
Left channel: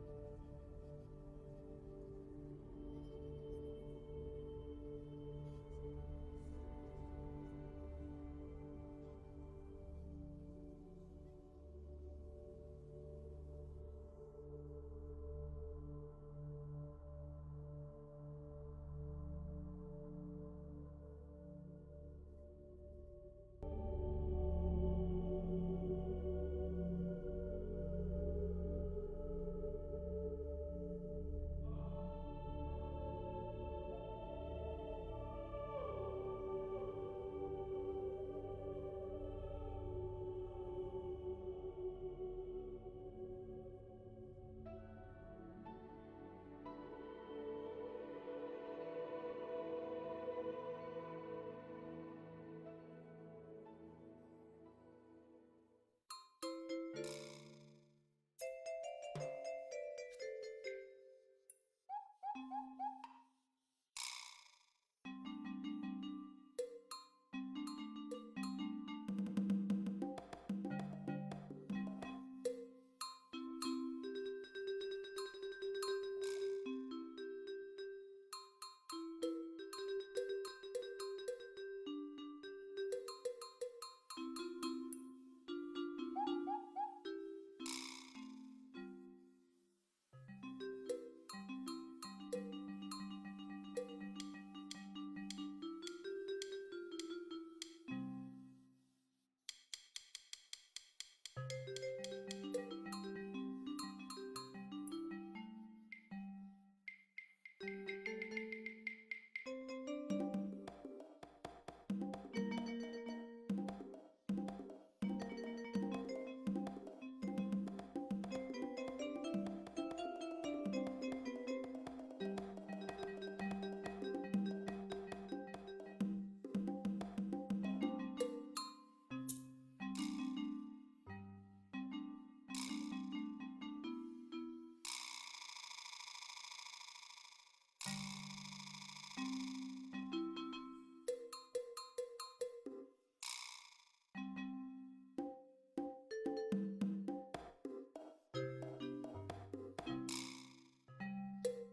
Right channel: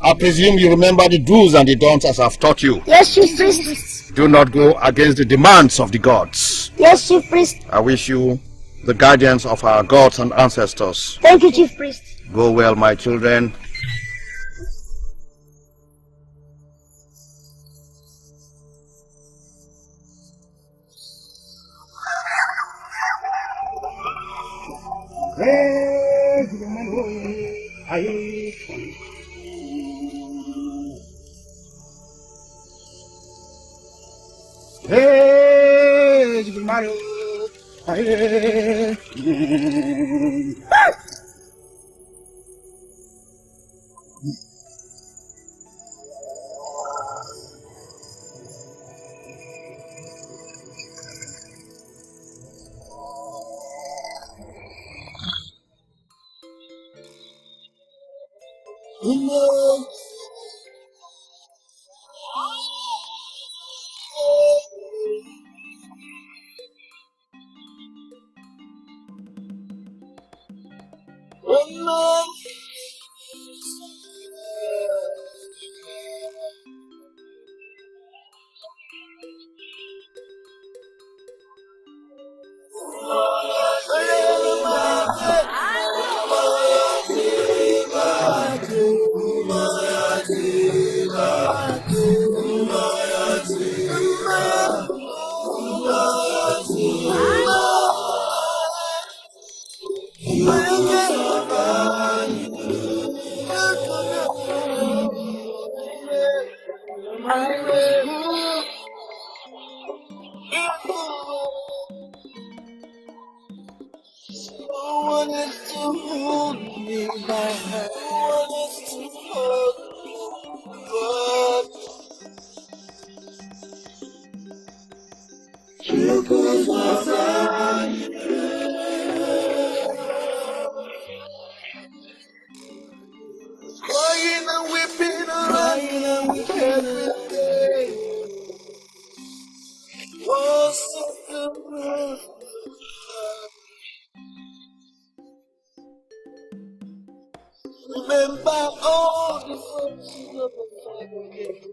I presume you remember the do's and the don'ts as I've taught you. Yes, Chief Priest. Do not go against the demands of the gods. Yes, Chief Priest. I wish you the guidance of our gods and ancestors. Thank you, Chief Priest. Go well, my children. hold me by hand. Wanted to hold me, but you could not find crying and weeping every day. Was the road. Remember all the friends you never find again.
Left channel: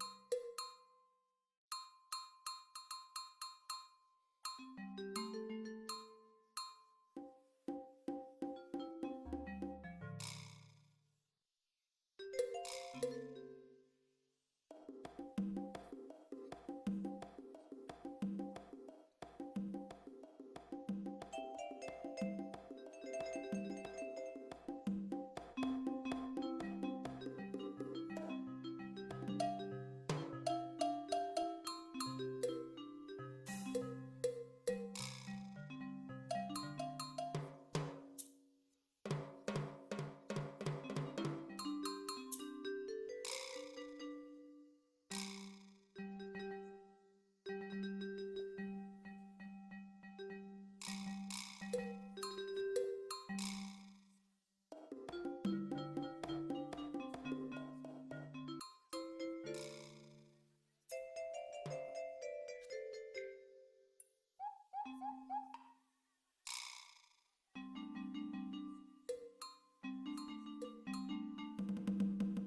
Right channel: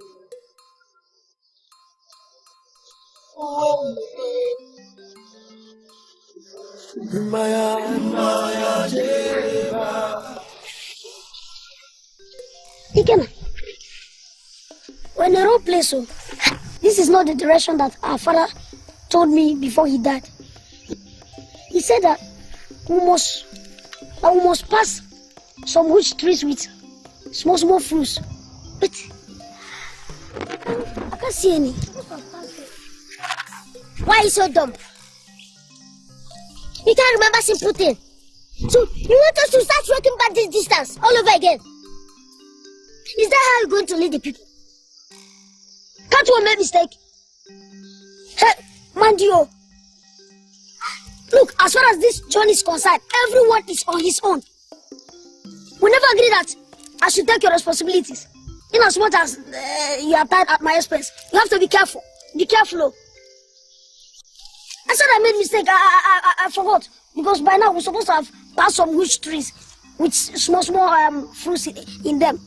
Ikenna, we're in a wrong place, so this is not the direction that our father told me before he died. He said that we must pass some witch trees with small fruits. But I can't see any. Why are you so dumb? You can't remember simple thing. So you want us to start walking back this distance all over again? Is that how you're going to lead the people? Can't you make mistake? Hey, Mandio. Look, as far as this journey is concerned, everyone is on his own. We never agreed that I should take your responsibilities. In as much as you are tired at my expense, you have to be careful. Be careful, oh. I said I made mistake. I forgot. Because by now we're supposed to have passed some witch trees with small fruits in them.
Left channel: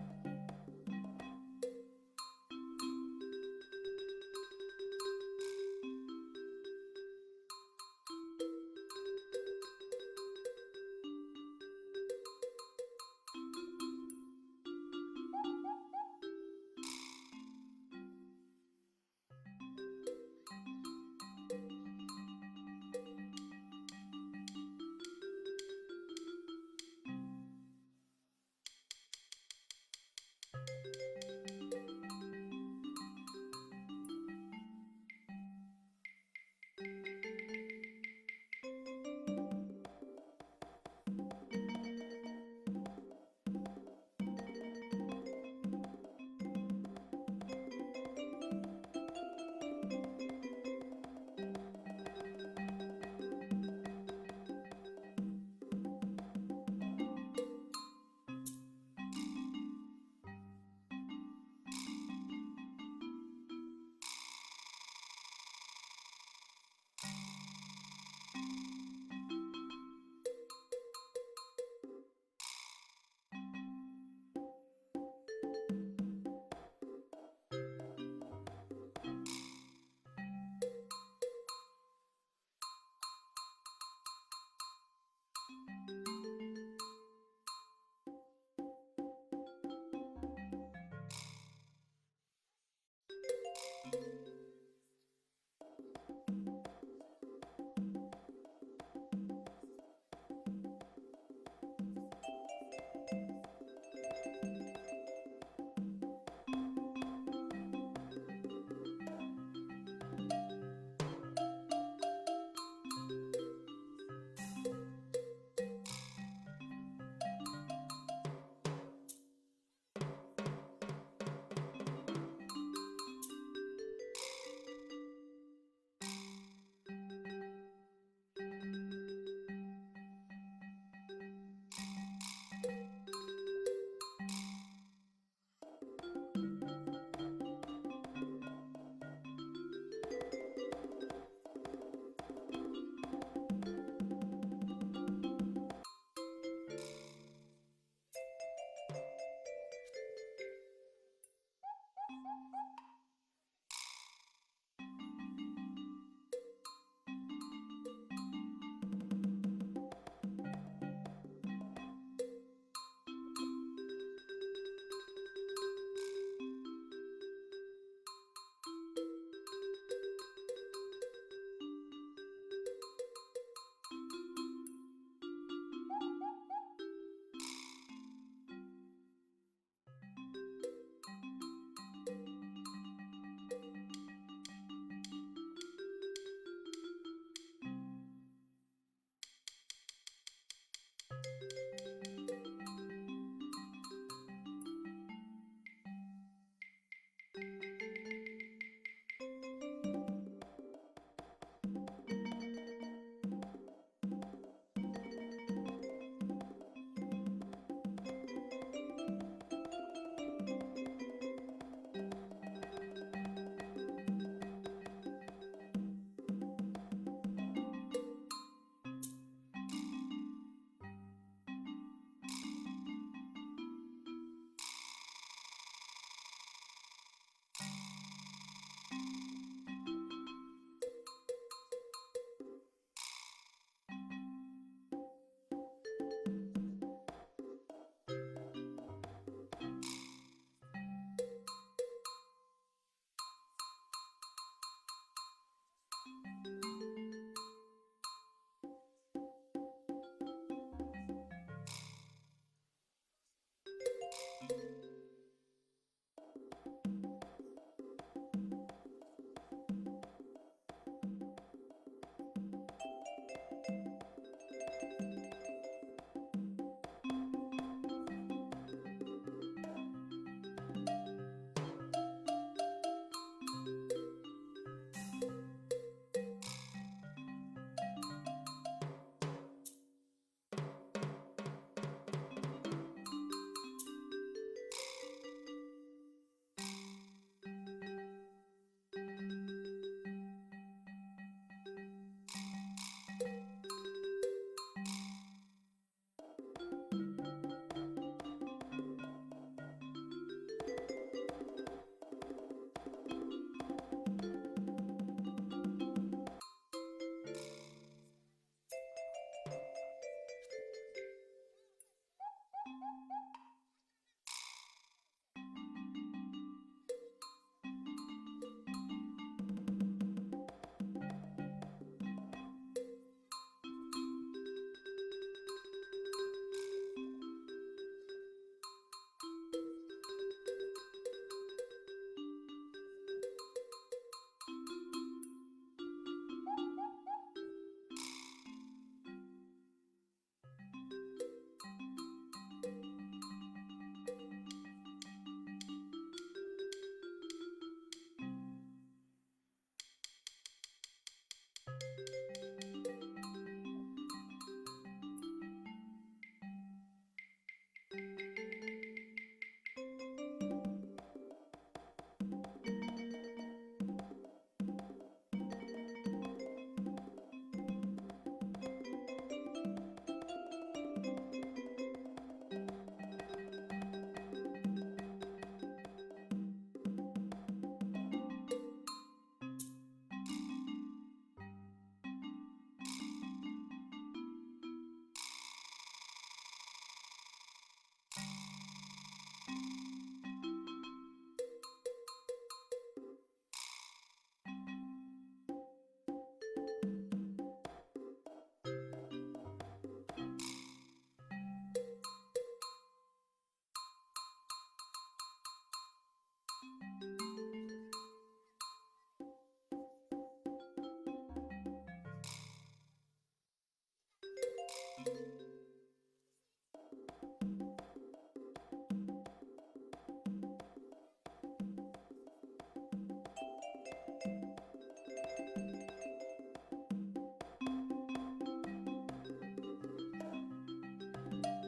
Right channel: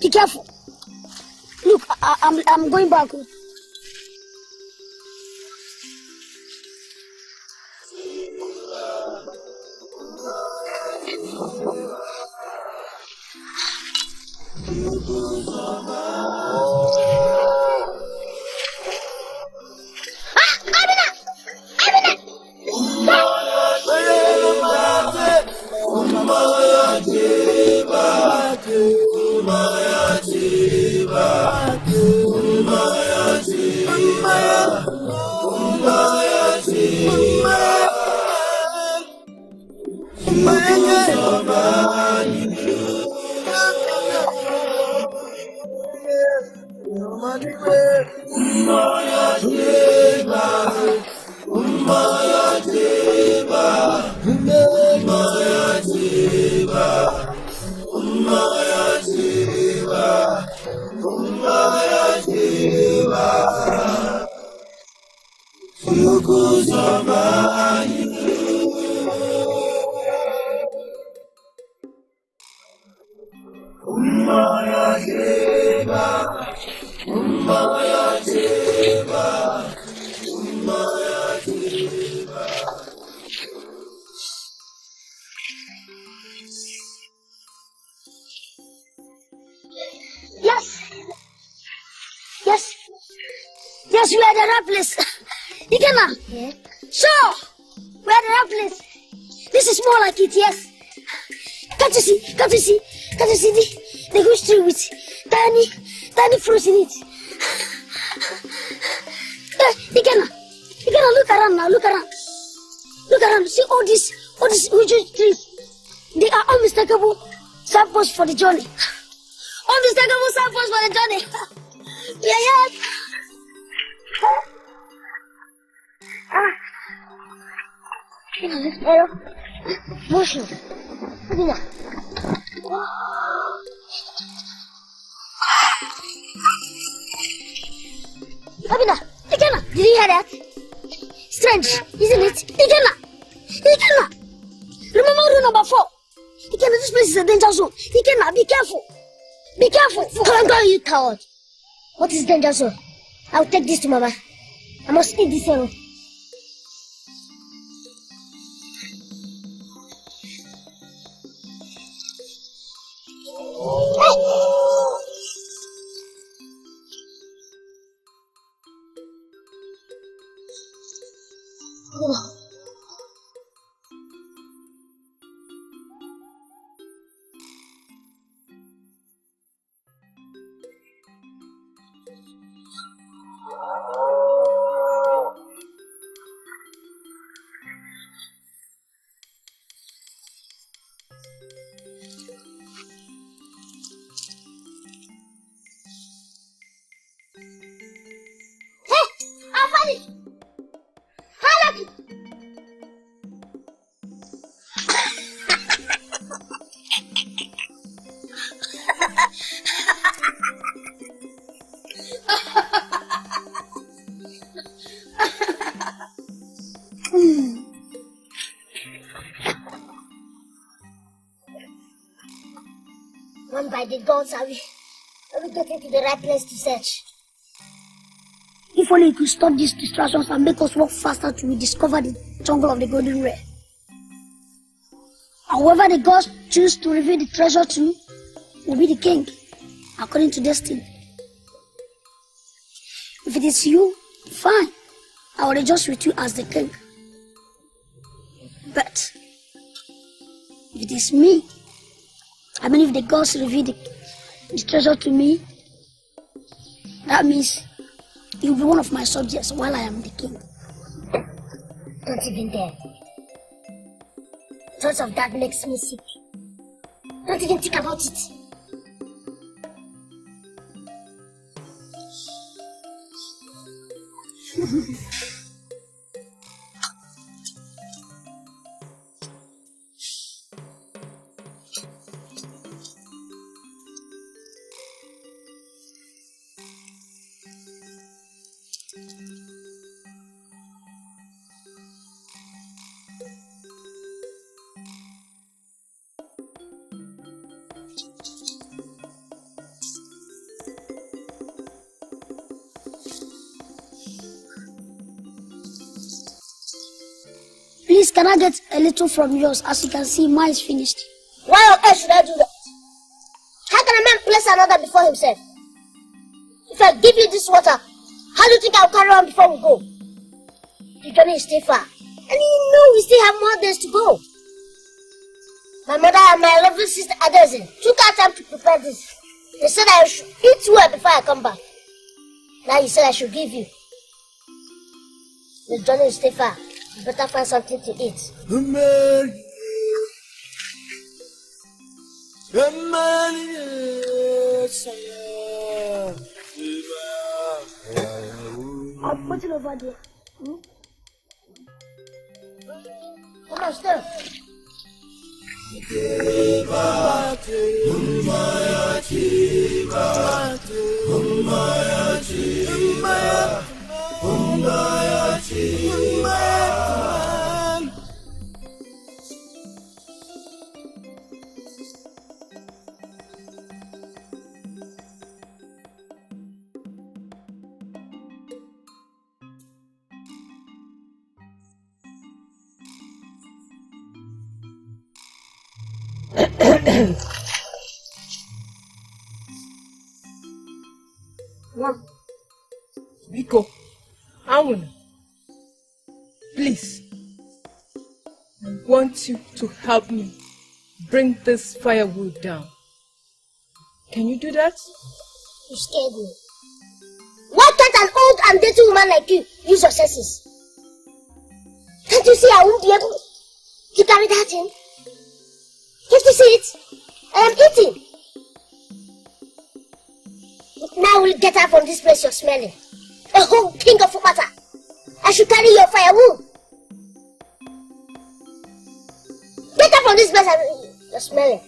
Be careful. Look, I'm going back. Yes, we are at the right place. Ikenna. Yeah? Sure, we are at the right place. This is more like it, yes. Can't you see the witch tree with tiny fruits in it? Ikenna, look around now, look around. See all these witch trees. They are unmistakable signposts for the journey. Unmistakable signposts for the journey. Yeah. Pero, motion. Abina. Abina, Ikenna, did you hear that? Strange, isn't it? Ikenna. Remember rule number 4. Ikenna, this place is a danger zone. Ikenna, be careful. Come on, you coward. What is danger zone? I'll take this to Mama. I must eat this arrow. One by the gods, I will get into the right place to search. If only you could stop these distractions and make us walk faster to discover the jungle of the golden rare. However the gods choose to reveal the treasure to will be the king, according to destiny. If it is you, fine. I will rejoice with you as the king. But if it is me, I mean if the gods reveal the treasure to me, that means you'll be one of my subjects while I am the king. Don't even dare. Thoughts of that makes me sick. Don't even think about it. Please, can I get a little from yours? As you can see, mine is finished. Why on earth should I do that? How can a man place another before himself? If I give you this water, how do you think I'll carry on before we go? The journey is still far. And you know we still have more days to go. My mother and my lovely sister Ikedieze took our time to prepare this. They said I should eat well before I come back. Now you said I should give you. The journey is still far. You better find something to eat. I'll put it over there. Come on, stay. Biko, Awuna, please, I want you to help me bring this firewood down. Can you do that? You scared me. Why can't an old and dirty woman like you use your senses? Can't you see I won't be able to carry that in? Can't you see it? I am eating. Now we'll get out from this place you're smelling. A whole king of matter. I should carry your firewood. Get out from this place you're smelling.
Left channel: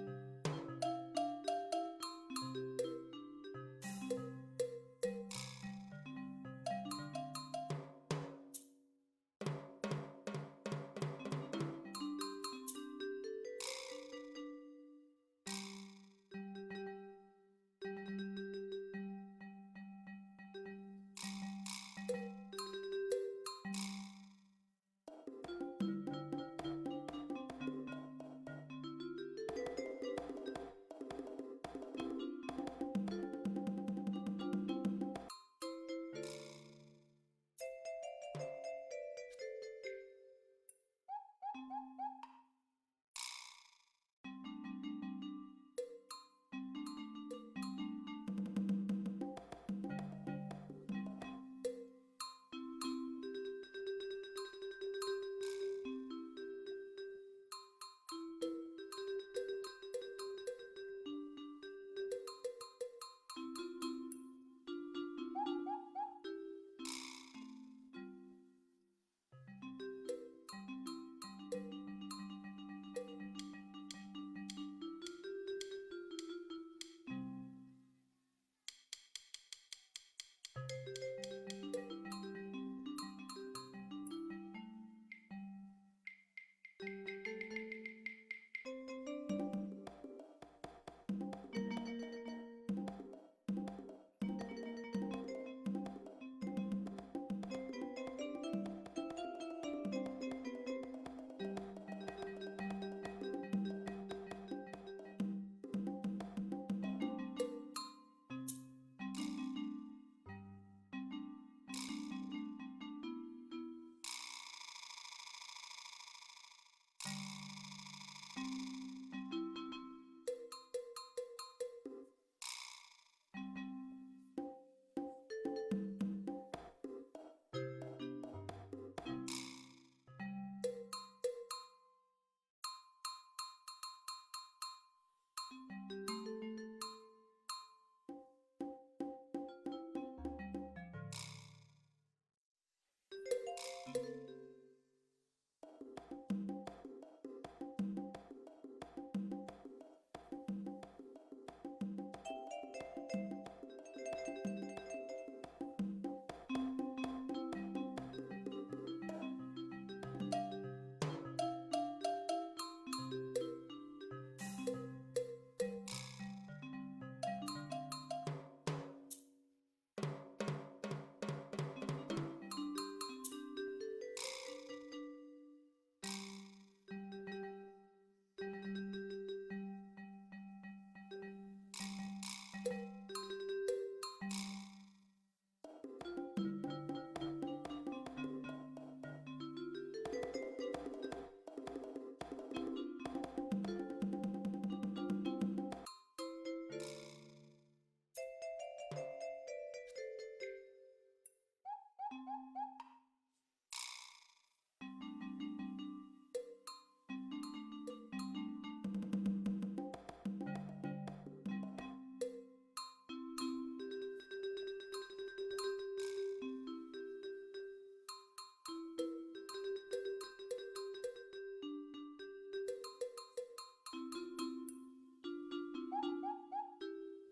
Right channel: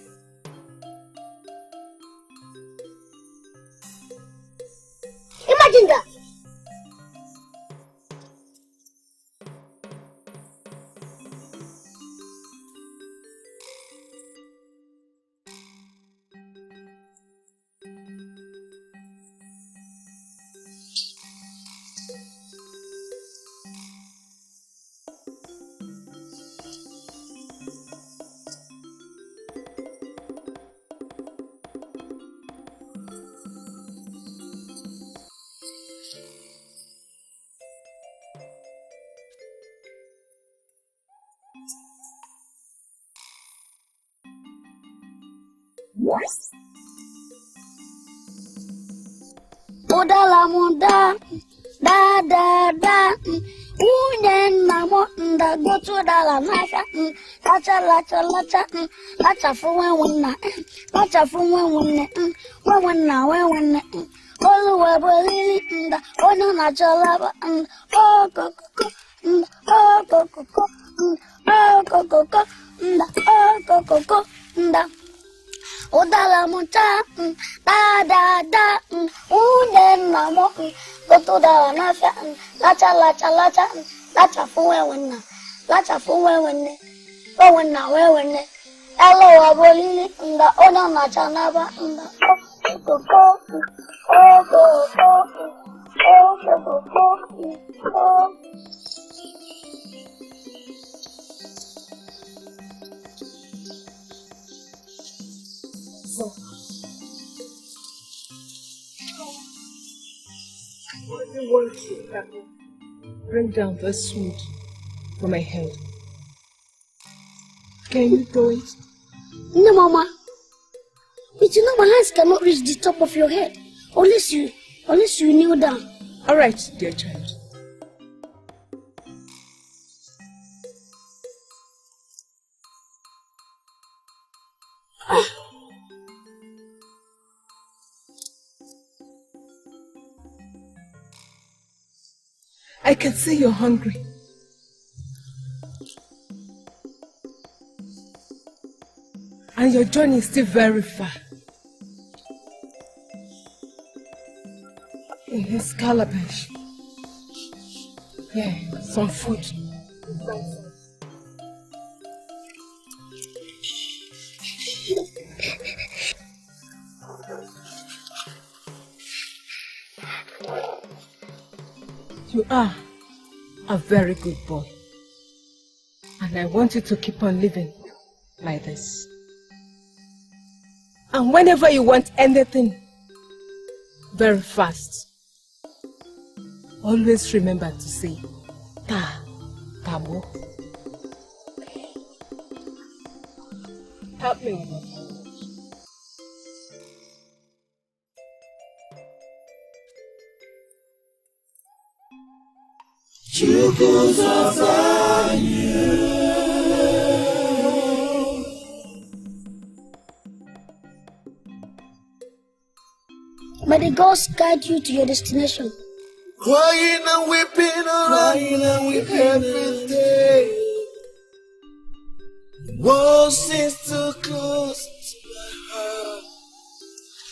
Imagine that. Odala munda, da da da, unen namo nda goto dala nafa, lacha lacha lacha, lacha fu wenna, lacha fu wenna, wenna, olu webeli nda, ona na chalaba, oh koko, oh koko, oh koko, nda, oh koko, nda. Odala monta, da da da, unen namo, goto dala nafa, lacha lacha lacha, lacha fu wenna, lacha fu wenna, wenna, Hello, Abolili, in the honor Nachanaba, in the Bring down this sword for my head. Can you throw it? No, Mama. But you know my hands cannot reach the top of your head unless you kneel down. All right, dear child. I can see you're hungry. And your journey is still very far. In his calabash. Yeah, some food. You are a very good boy. And I want you to keep on living like this. And whenever you want anything very fast, always remember to say, Tabo. Help me with that. May the gods guide you to your destination. Crying and weeping every day. One seems too close to my heart.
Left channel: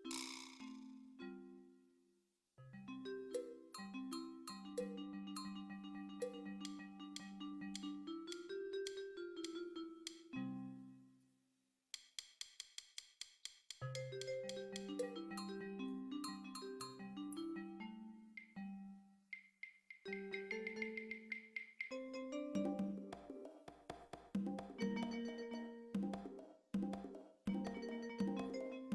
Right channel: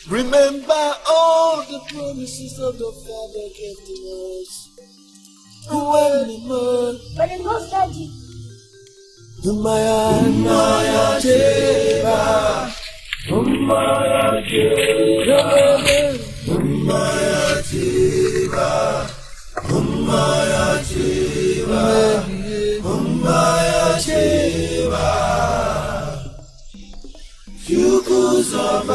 Remember all the promises of the Father gave to us. When the man, May the gods guide you. Umaya Jeba, Umaya Jeba, Umaya Jeba, Umaya Jeba, Umaya Jeba, Yukuzabanyu.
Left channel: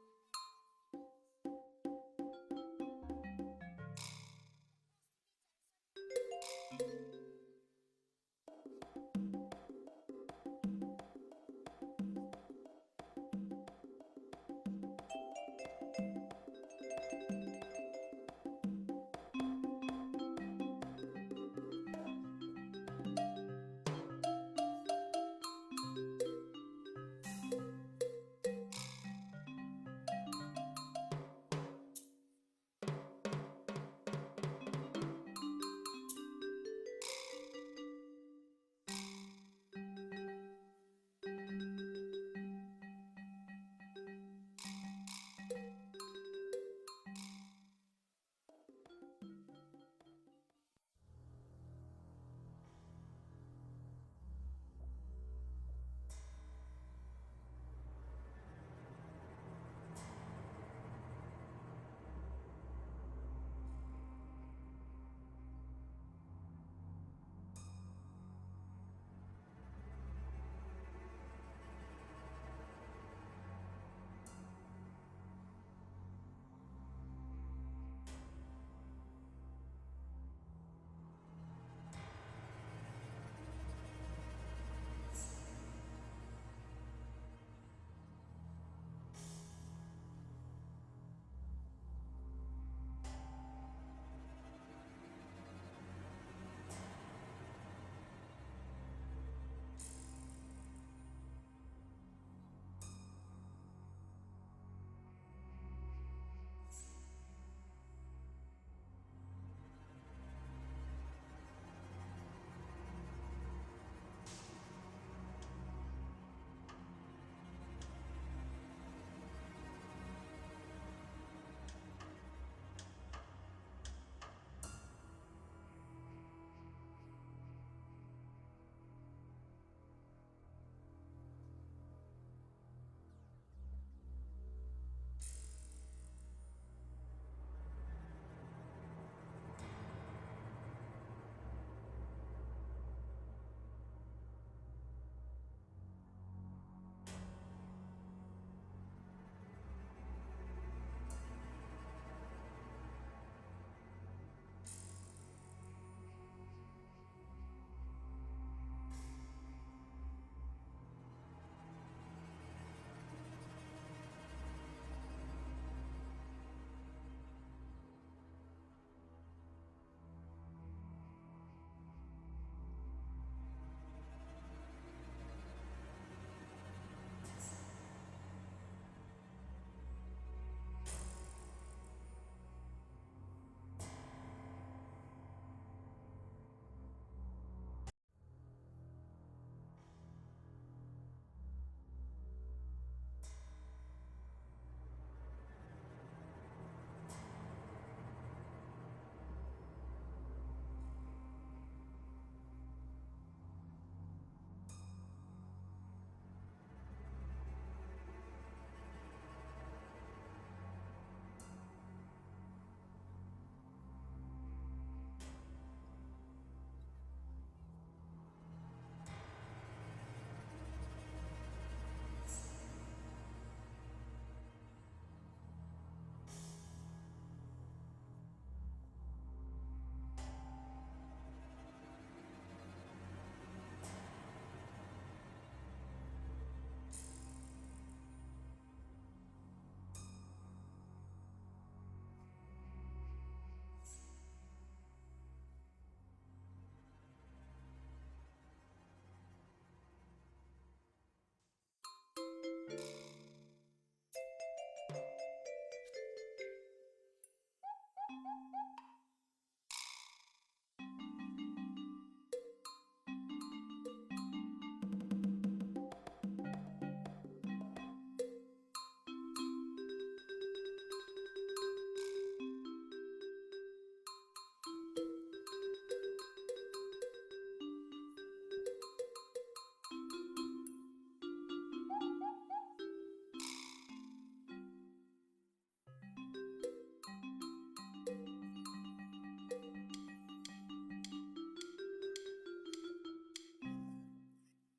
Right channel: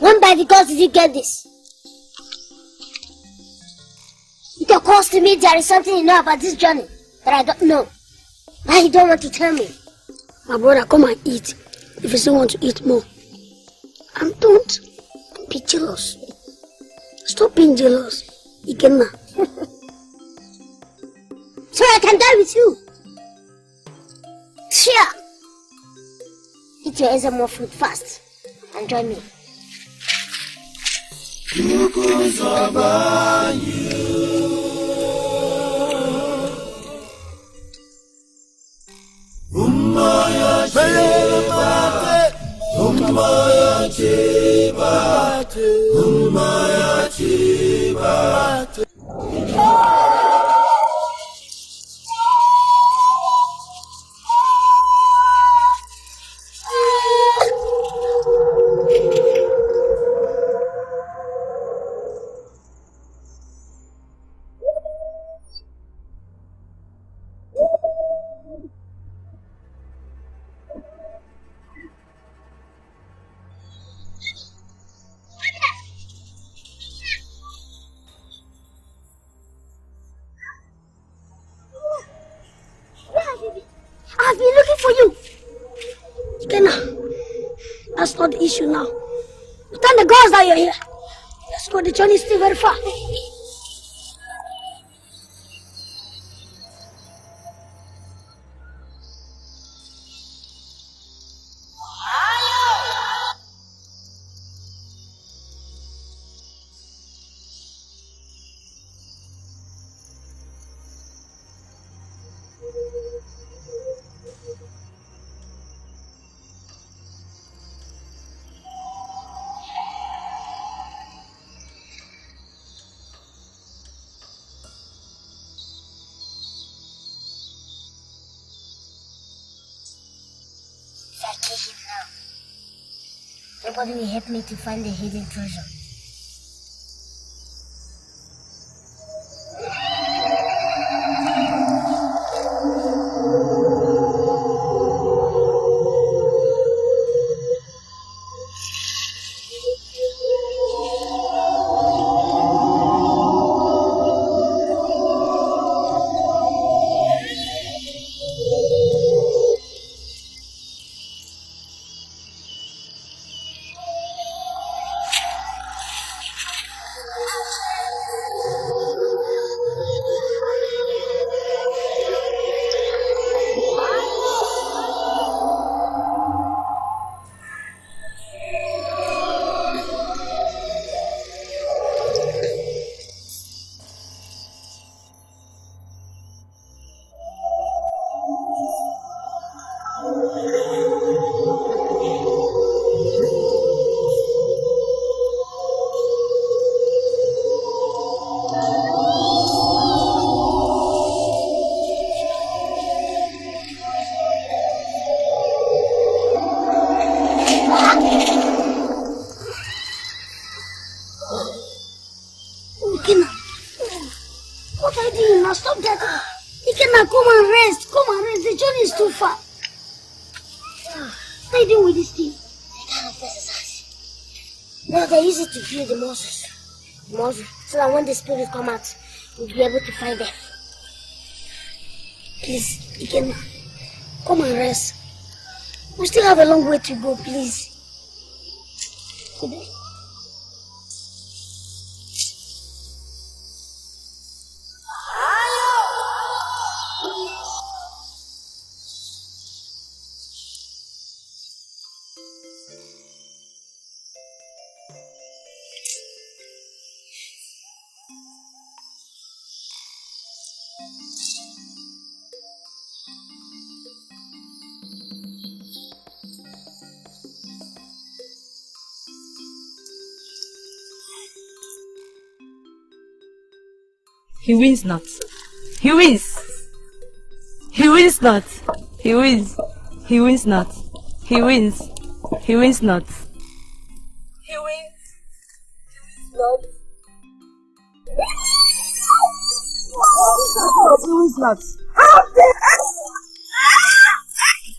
When by the gods did you get this? It occurs to me there is something you know about this journey that I don't know. Why you don't want to tell me? My brother, come and eat if you still want to eat more. And don't be jealous. Stop being jealous, Ikenna. So I can die with you. Sure. Eat your Ezemo food fast and join me. Umaya Jeba, Umaya Jeba, Umaya Jeba. I've been looking for you. Ikenna, that's not the issue now. Thank the gods that you're here. but the journey is still very far. Nobody will help me to find the hidden treasure. Ikenna, what are you doing now? Stop that. Ikenna, come and rest. Come and rest. The journey is too far. What are you doing with this thing? I can't face his eyes. No, they use it to build the muscles. So that when the spirits come out, we'll be able to find them. Please, Ikenna, come and rest. We still have a long way to go, please. Good day. He wins not. He wins. He wins not. He wins. He wins not. He wins. He wins not. He wins. He wins not.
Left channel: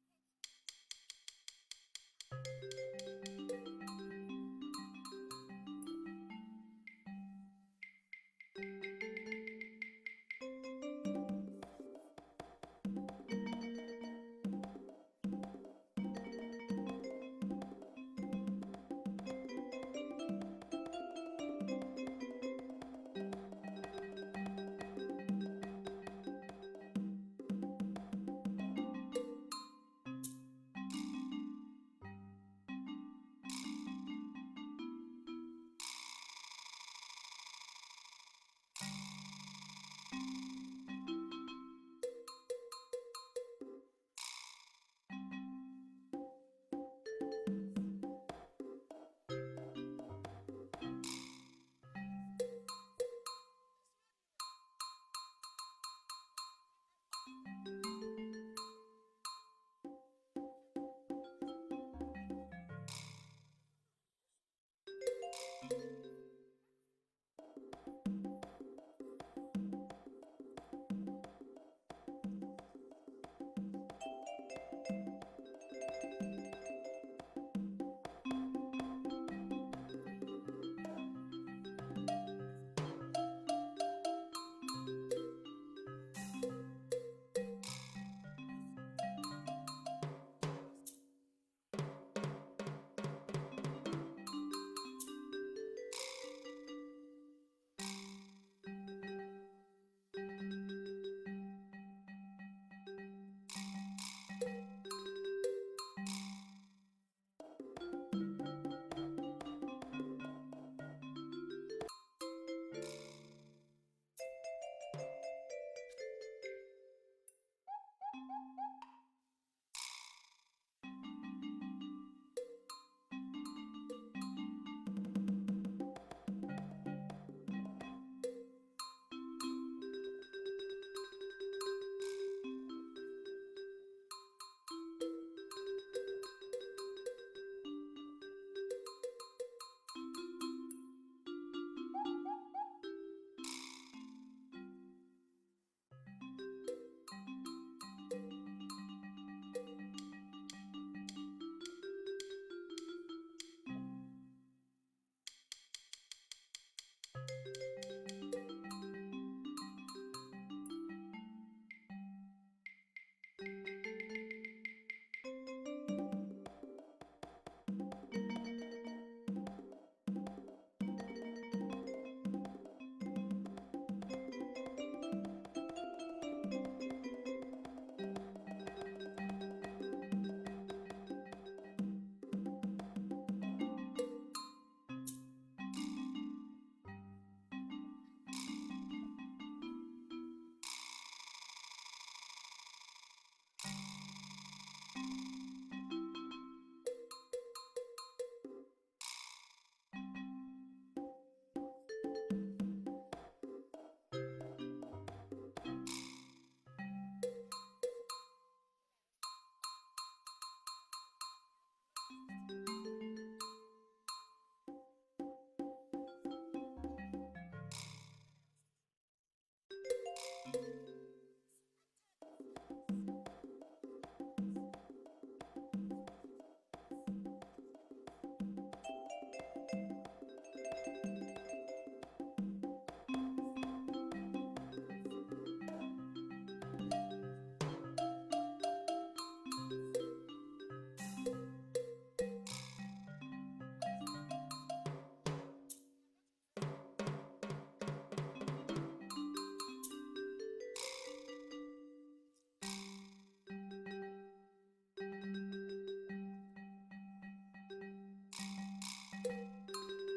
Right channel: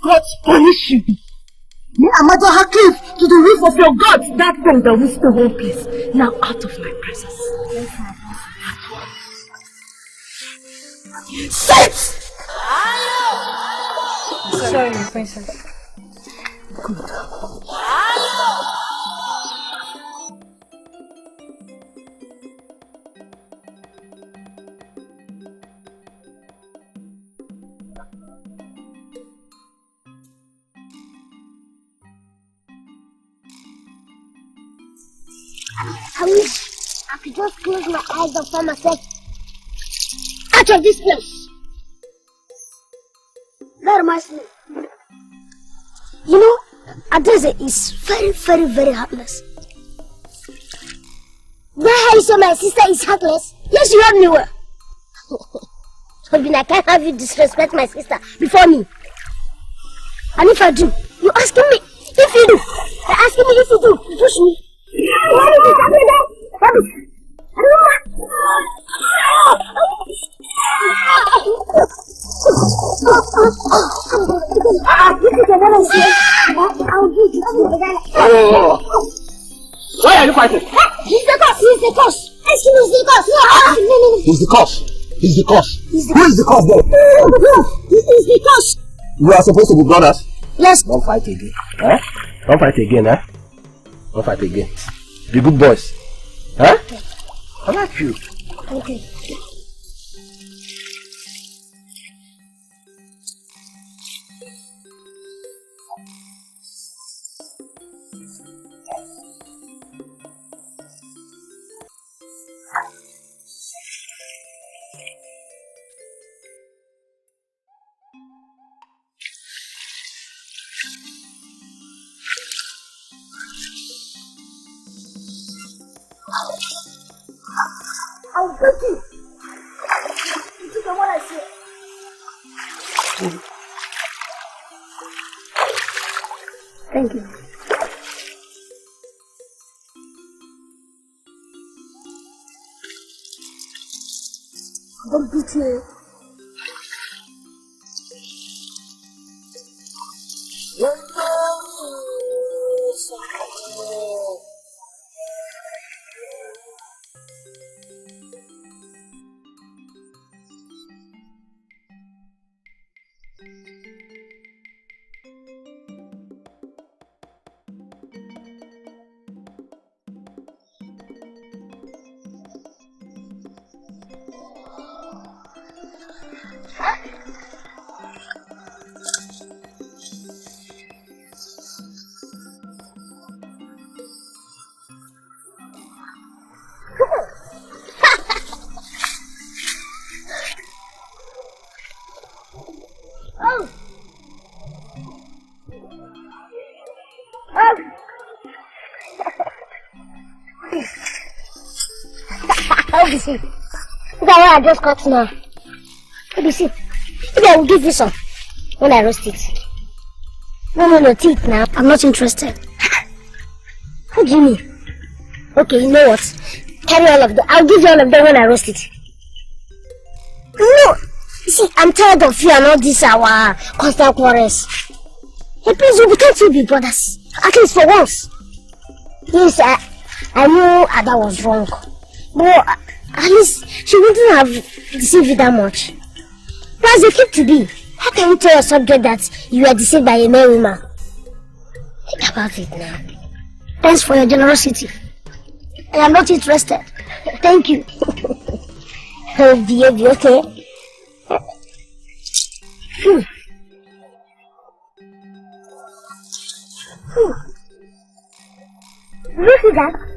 God punish you. Me and Mother Cliff to the roof of your God. That thing that was the whole place. Now out of my presence. Sit! Sorry, princess. Good. I wish I could just close my eyes and find myself out of this place. That reminds me. You know, Ikedieze is very, very, very heartless. Now you say my sister is heartless? Yes, you heard me well. I can't have you disrespect my sister before me. And if I do, you asking me if you do. You're asking me if you do. You push me. Why are you fighting? He's the cause. He's the cause. He's the cause. No. He's the cause. He's the cause. Who is the cause then? He's the cause. We are supposed to be brothers. Yes. Don't fight again. Eh? Don't fight again, eh? Don't fight again. Be good boys. Huh? I like you. Okay. I'll get you. You know what I say? Thank you. Don't beat me. see. Look at what I just cut now. Let me see. Maybe I will give you some when I roast it. No, teeth now. I'm not interested. What do you mean? Okay, you know what? Carry all of them. I'll give you all of them when I roast it. No! You see, I'm tired of you and all this our constant quarrels. Hey, please, we can't still be brothers. At least for once. Yes, I knew Ada was wrong. But at least she wouldn't have deceived you that much. Plus, they keep to be. How can you tell a subject that you are deceived by a male woman? Think about it now. Thanks for your generosity. And I'm not interested. Thank you. Oh, baby, okay? Look at that.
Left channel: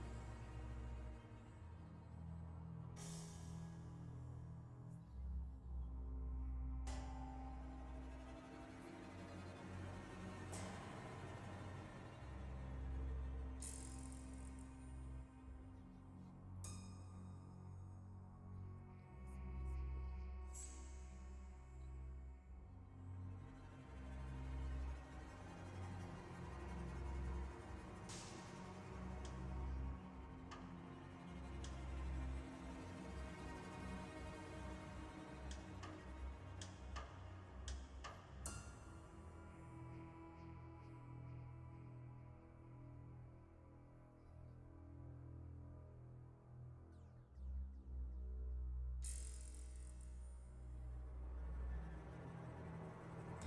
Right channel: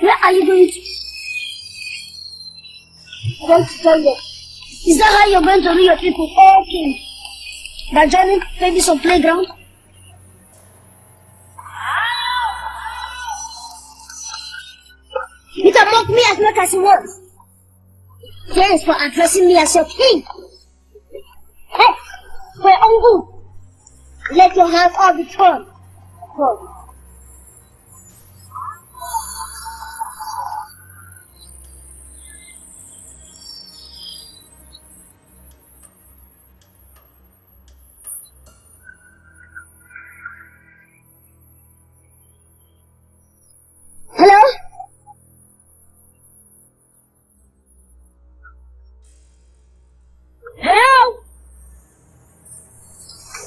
Where are you going to? I'm going to tell you. Is that how you're going to read your people? Okay. By joining maybe some playground? You can mock me as much as you want. Thanks for addressing me as your king. Hey, for your own good. Let your hands all be torn. Hello? Hello?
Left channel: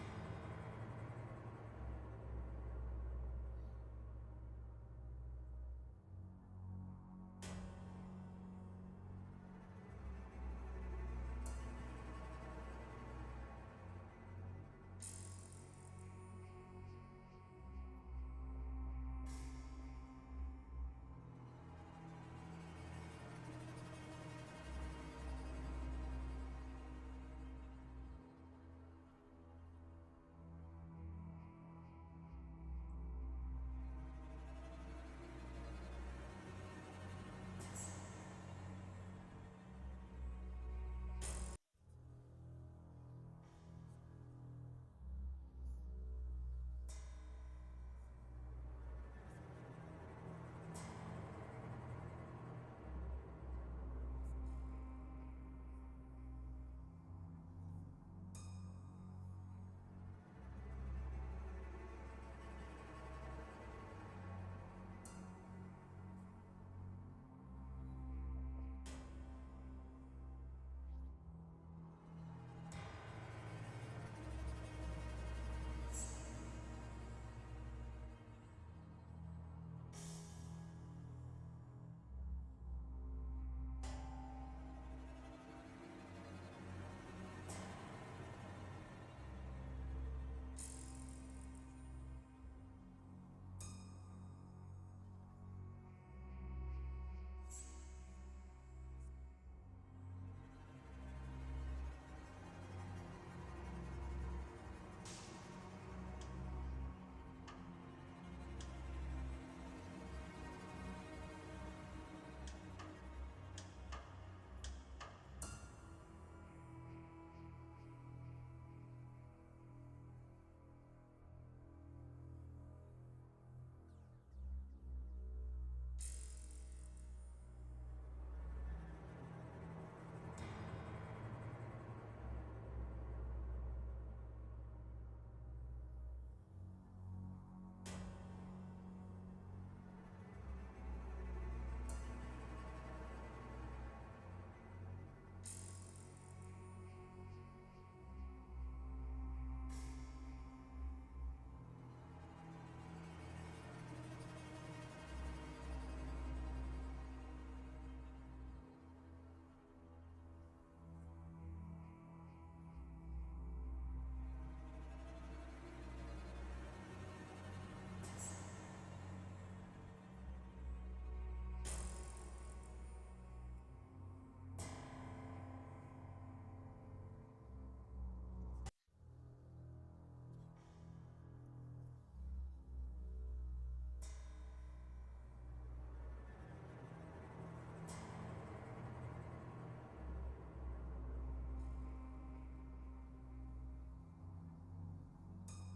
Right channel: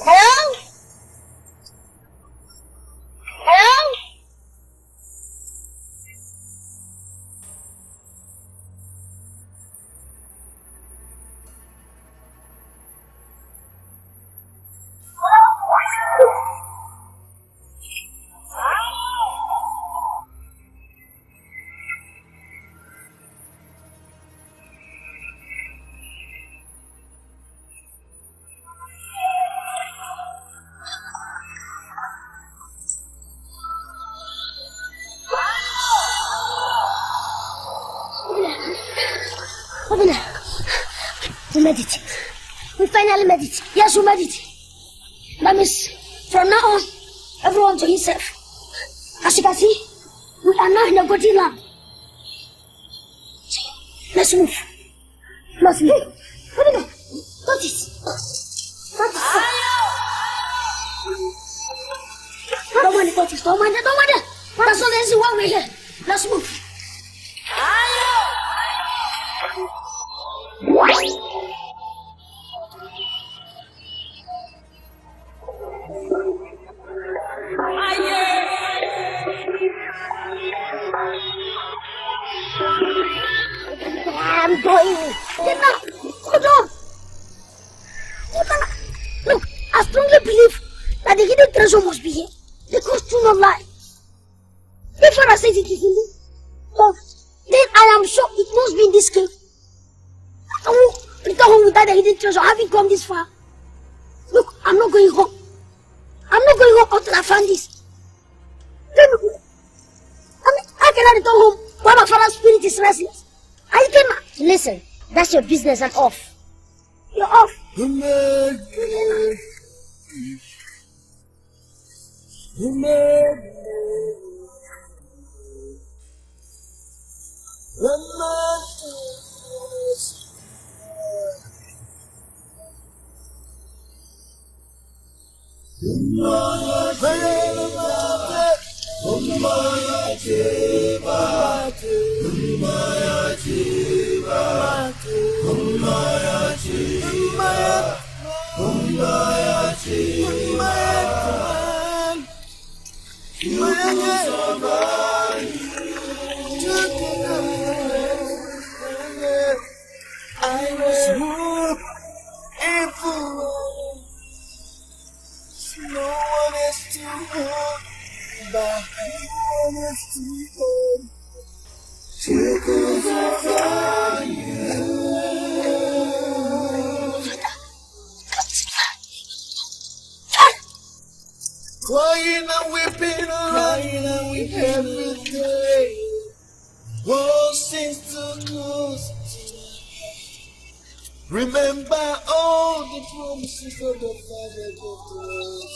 Hello? Hello? We meditate. We finally meditate. Yes, we meditate. That means from now on, everyone to himself. As you can see, we are now in a godly land. Let's move. Let's move. Touch it. Touch it. Don't mind it, touch it. Don't mind it. Don't mind it. That's all there is one way here. Let's move. I'm going. Ikenna, hold on. Ikenna, look, I strongly believe that the hidden treasure must be here. The ghost do not lie. If Father says it is in this, so then I am sure it must be in this cave. I won't return home without the hidden treasure, having come this far. Look, I'm not going home. I'm not going home until I find this. Then, how can I return home while my father's spirit is restless? Ikenna, listen, that's your business. I'm off. You're off. I was moved and full. No one is to hold back. No one is to hold. Trickles of you. Crying and weeping every day. World seems to close. Remember all the promises of the Father gave to us.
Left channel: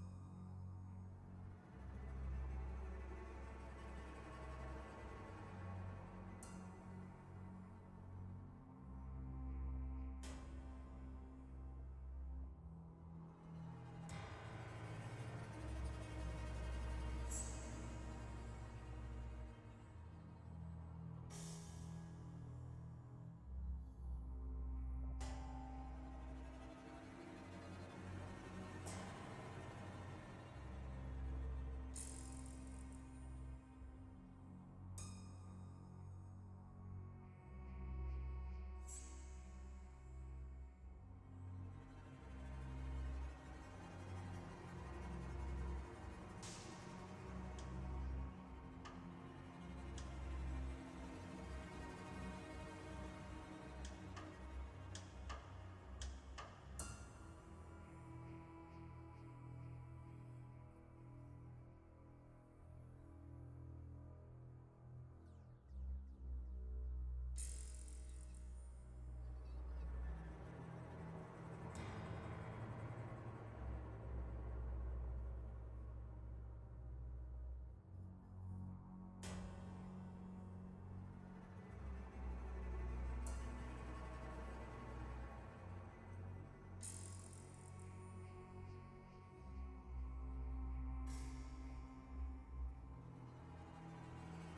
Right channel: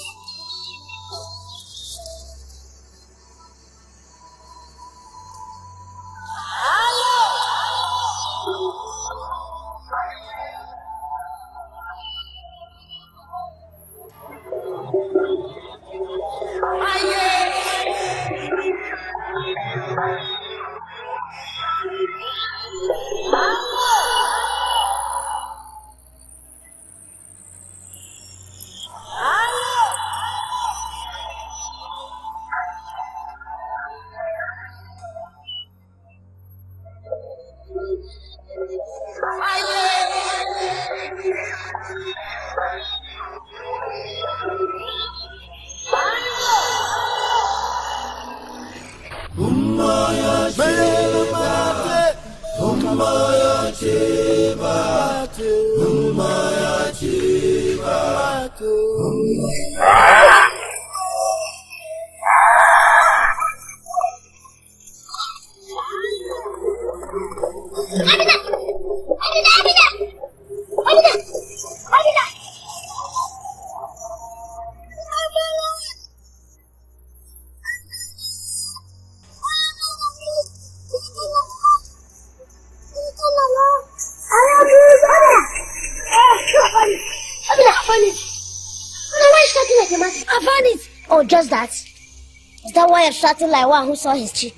Oh, just that? Is that why you're shouting like one who saw his cheek?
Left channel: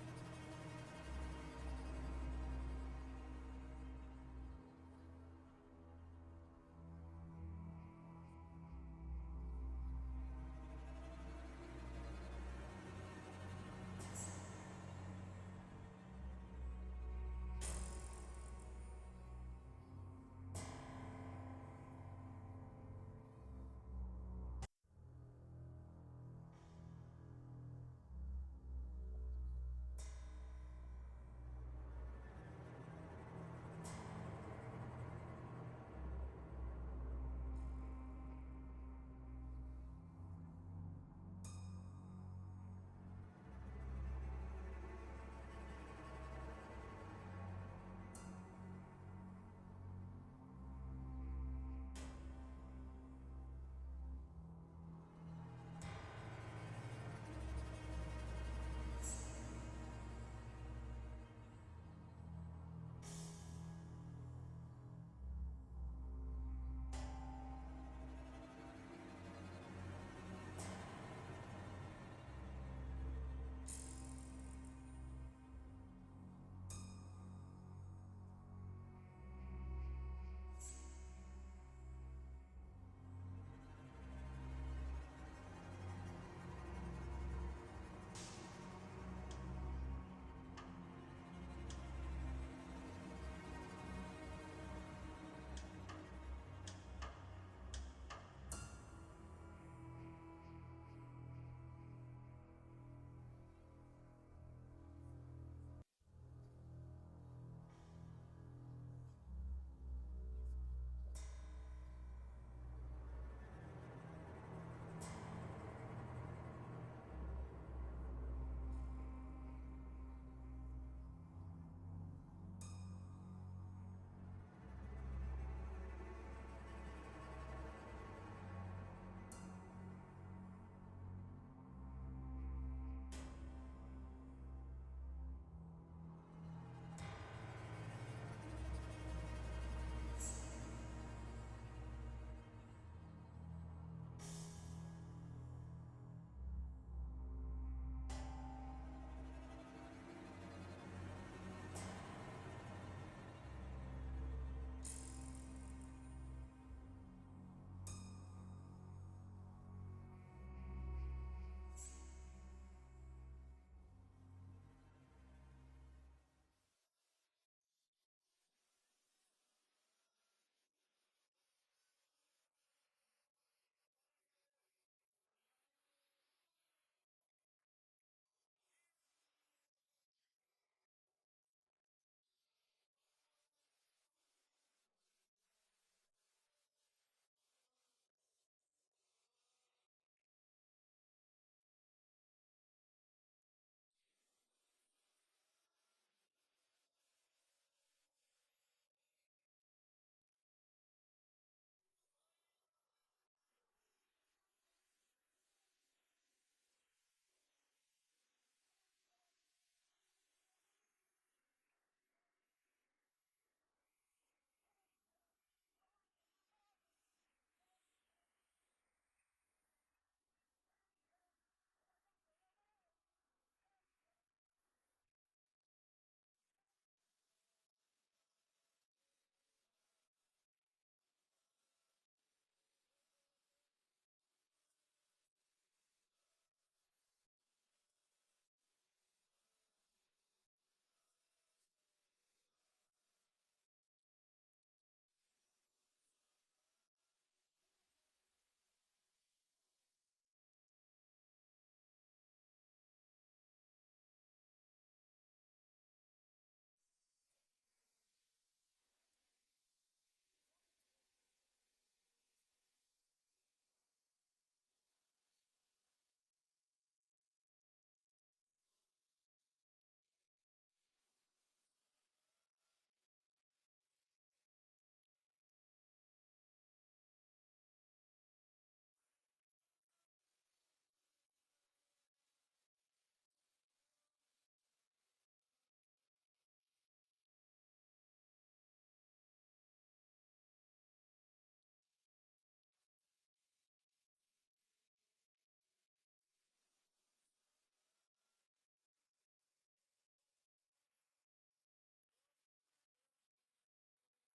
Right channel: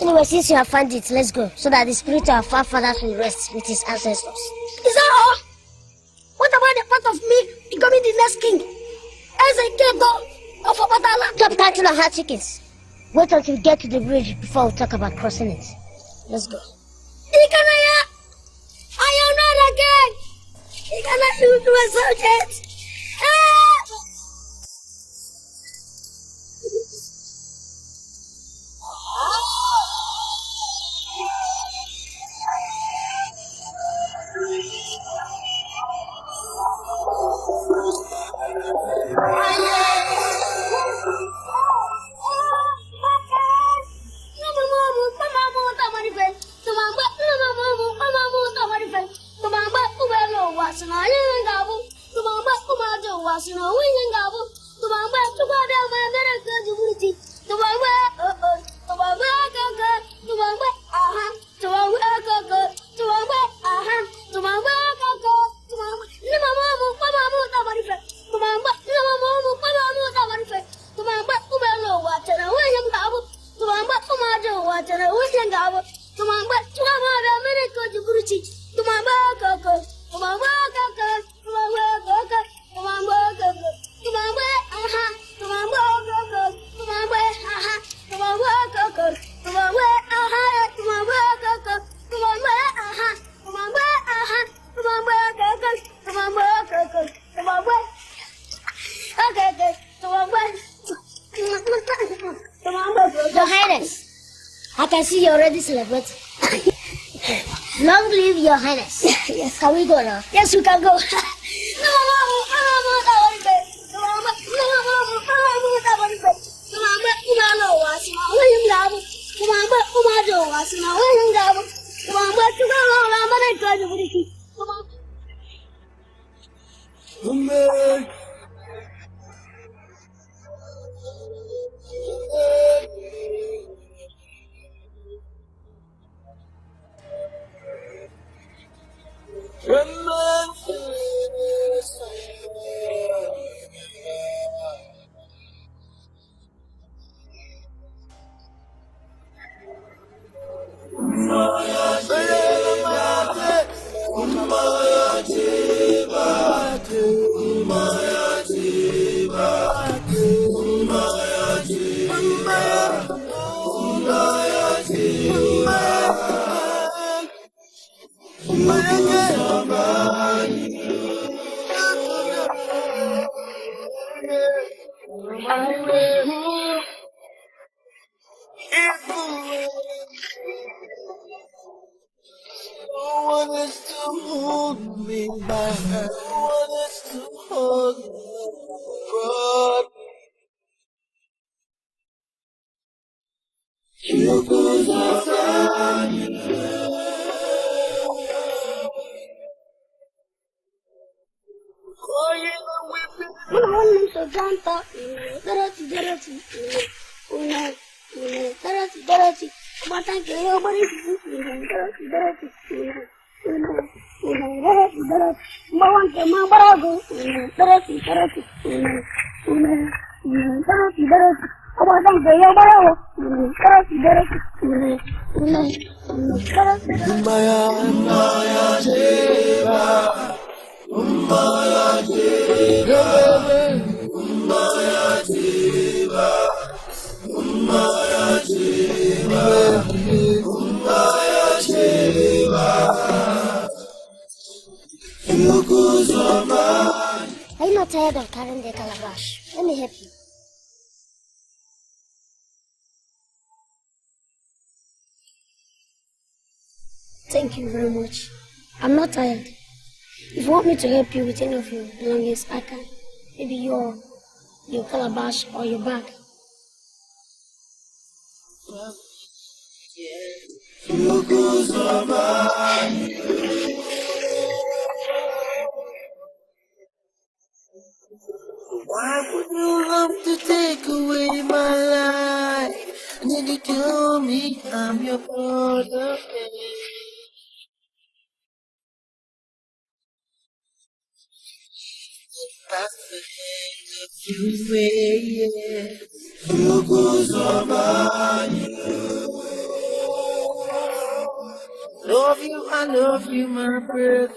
Anyway, since you have found it, let's go, so that the spirit of our forefathers will rest with his ancestors. Is that all? What about the part of me becoming the next king? As a Ikedieze of Abatala? Stop counting on hot chickens. Wait until we get to the bridge before we talk about crossing it. Let's go. Ikenna, I am not again. Ikenna, you do a subject. Your Highness, I can see you're already celebrating. Long live Your Highness. Yes. Can we go now? Yes, we can go. Are you not tired of carrying the calabash? Let me help you. Thank you very much. I'm not tired. If you want me to help you with any of your belongings, I can. Maybe your calabash or your bag. You I'm your brother. That's the end of you, yeah. Love you, I love you, my brother.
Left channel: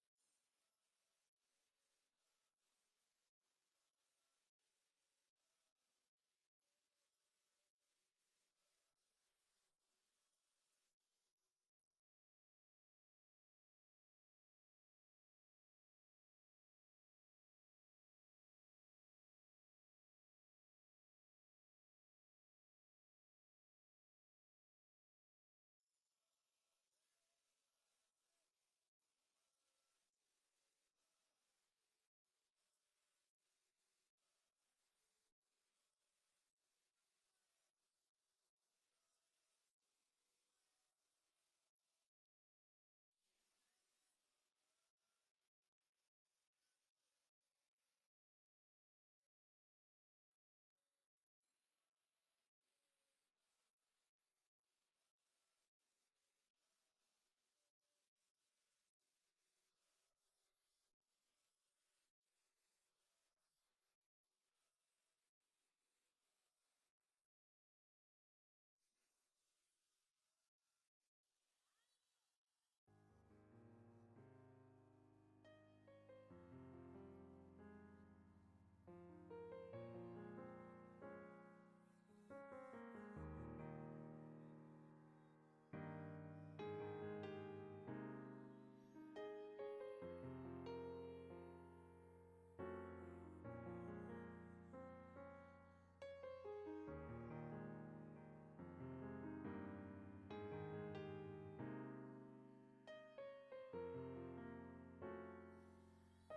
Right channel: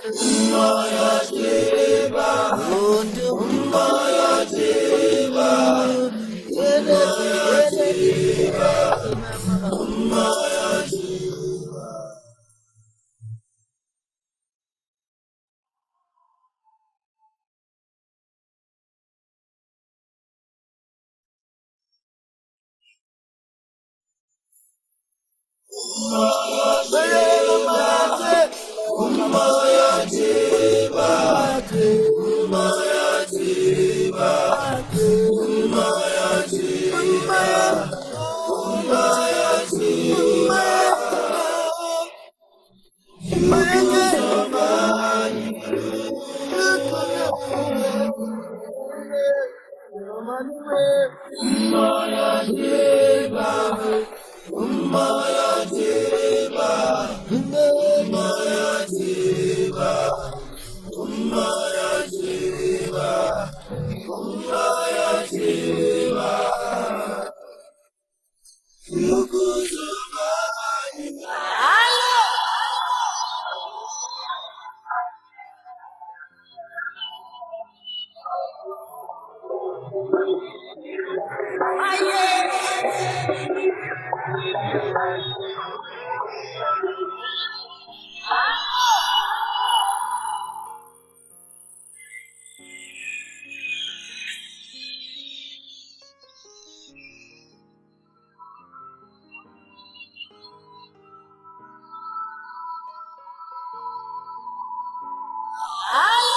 Oh,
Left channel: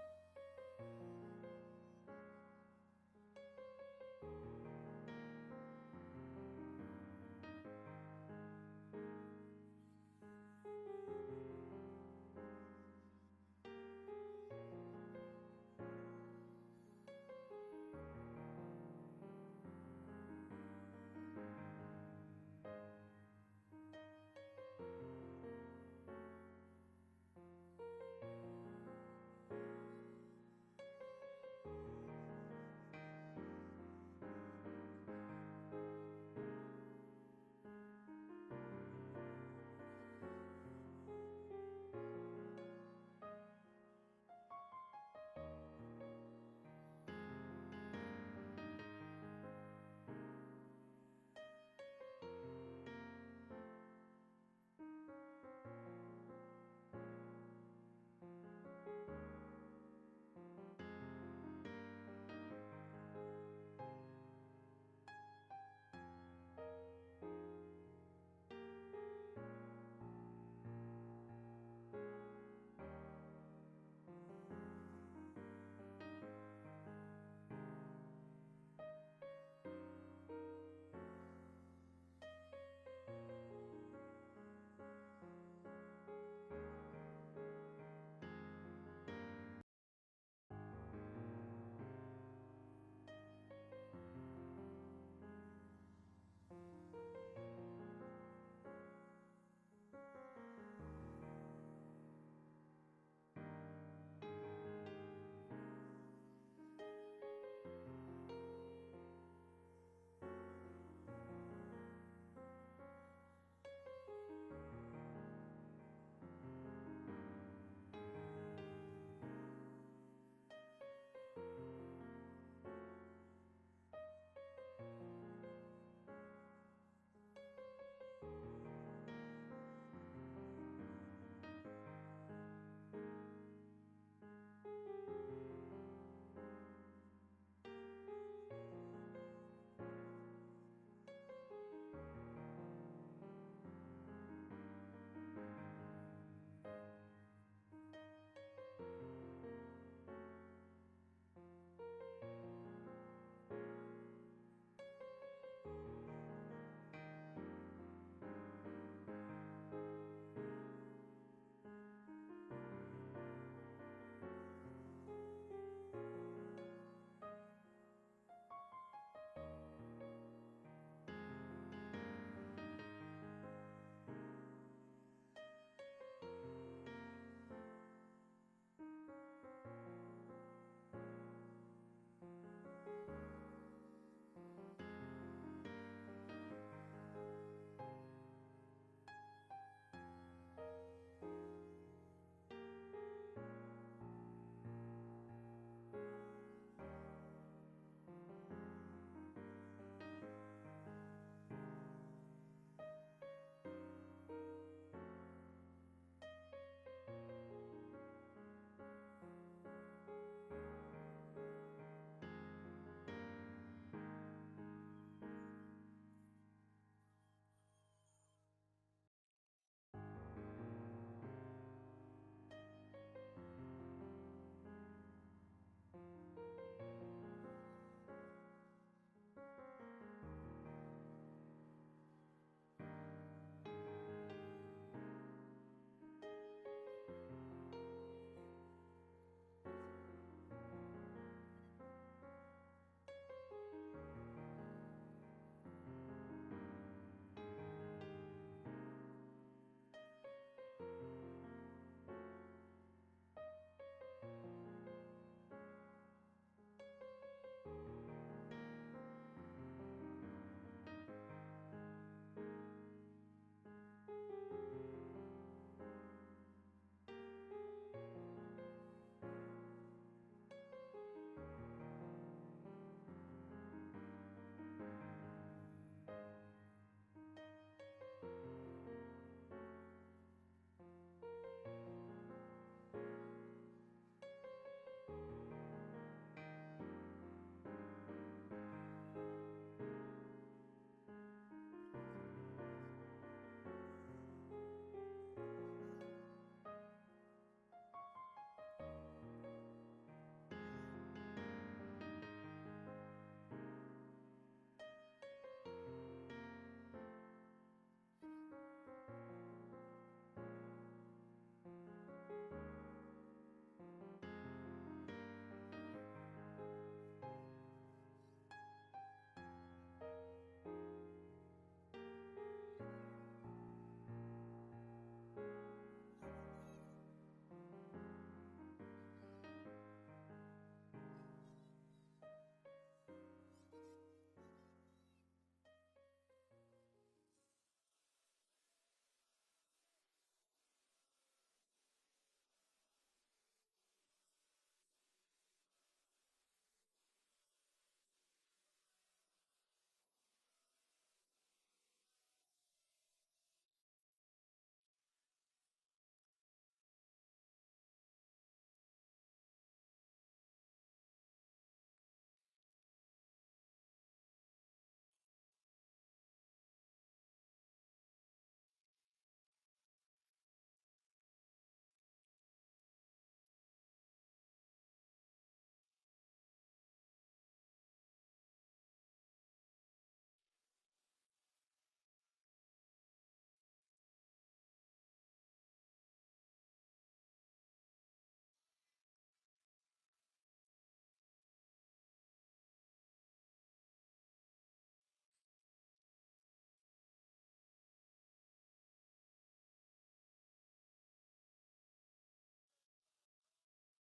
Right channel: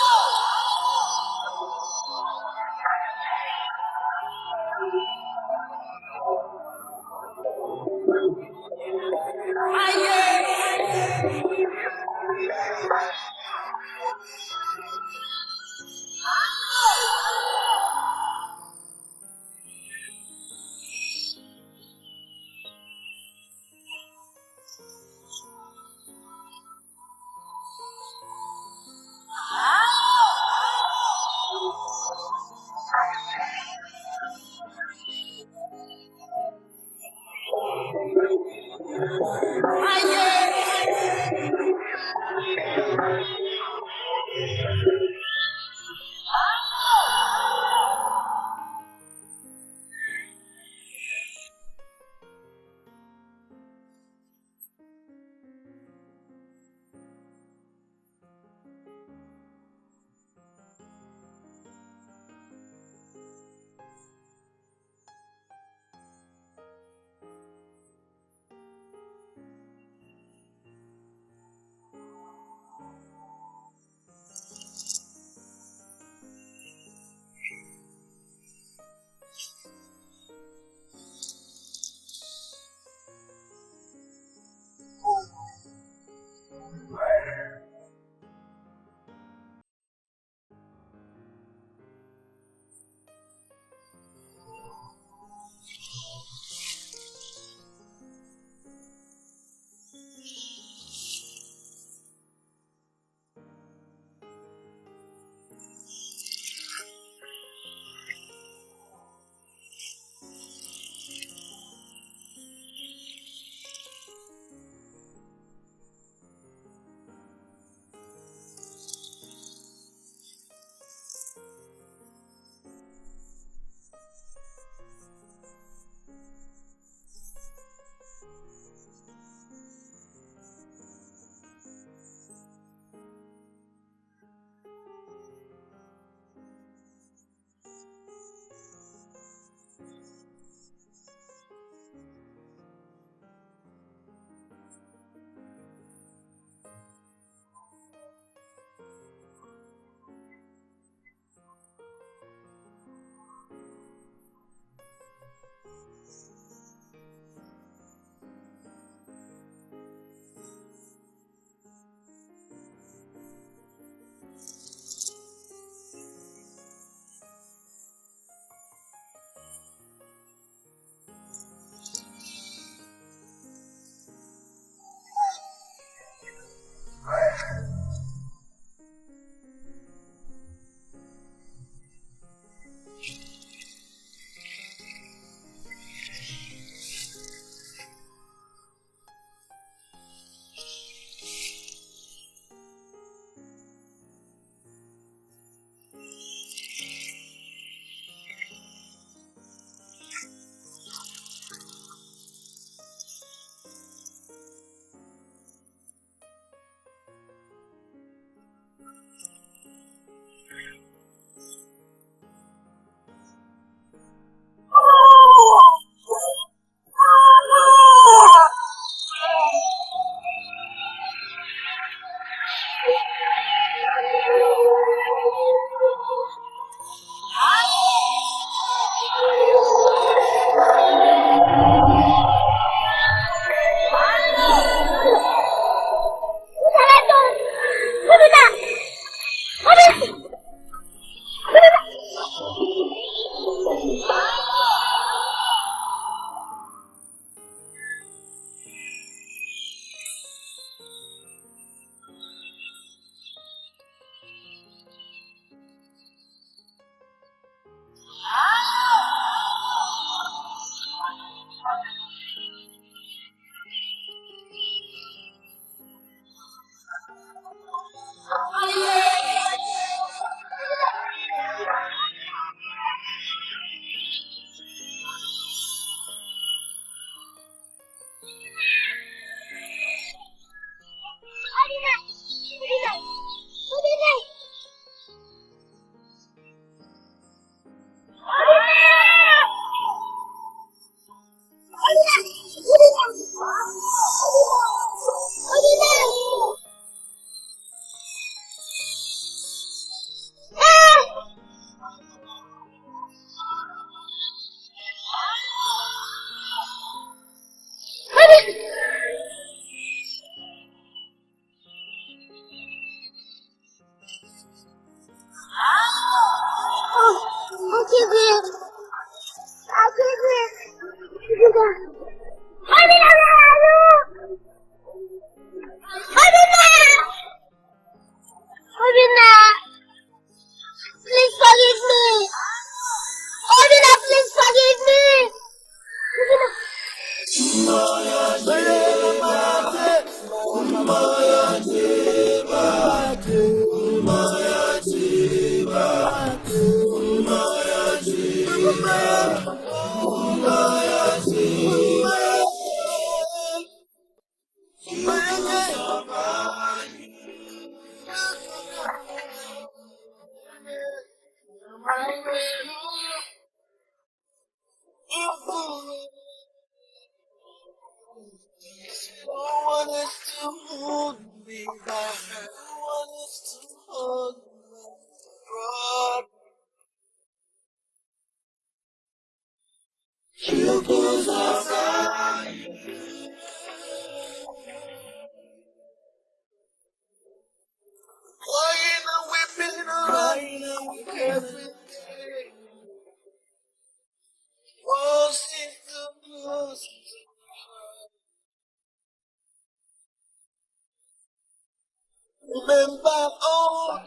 remember all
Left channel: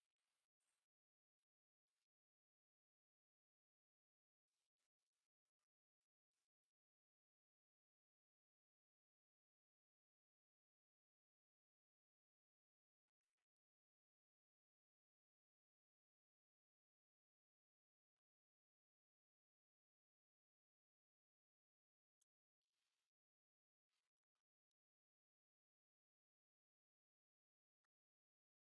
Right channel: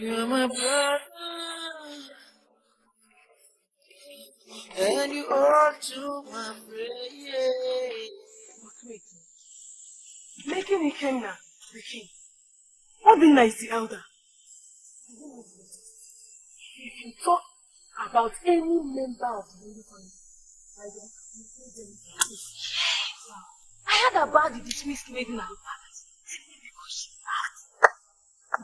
you're my brother, and you are to my prayer. Making Ikenna the king. Obinna is the elder. If you talk about any member of the Holy family, I don't include them. I heard about the dismissed maiden at the palace. Because she laughed.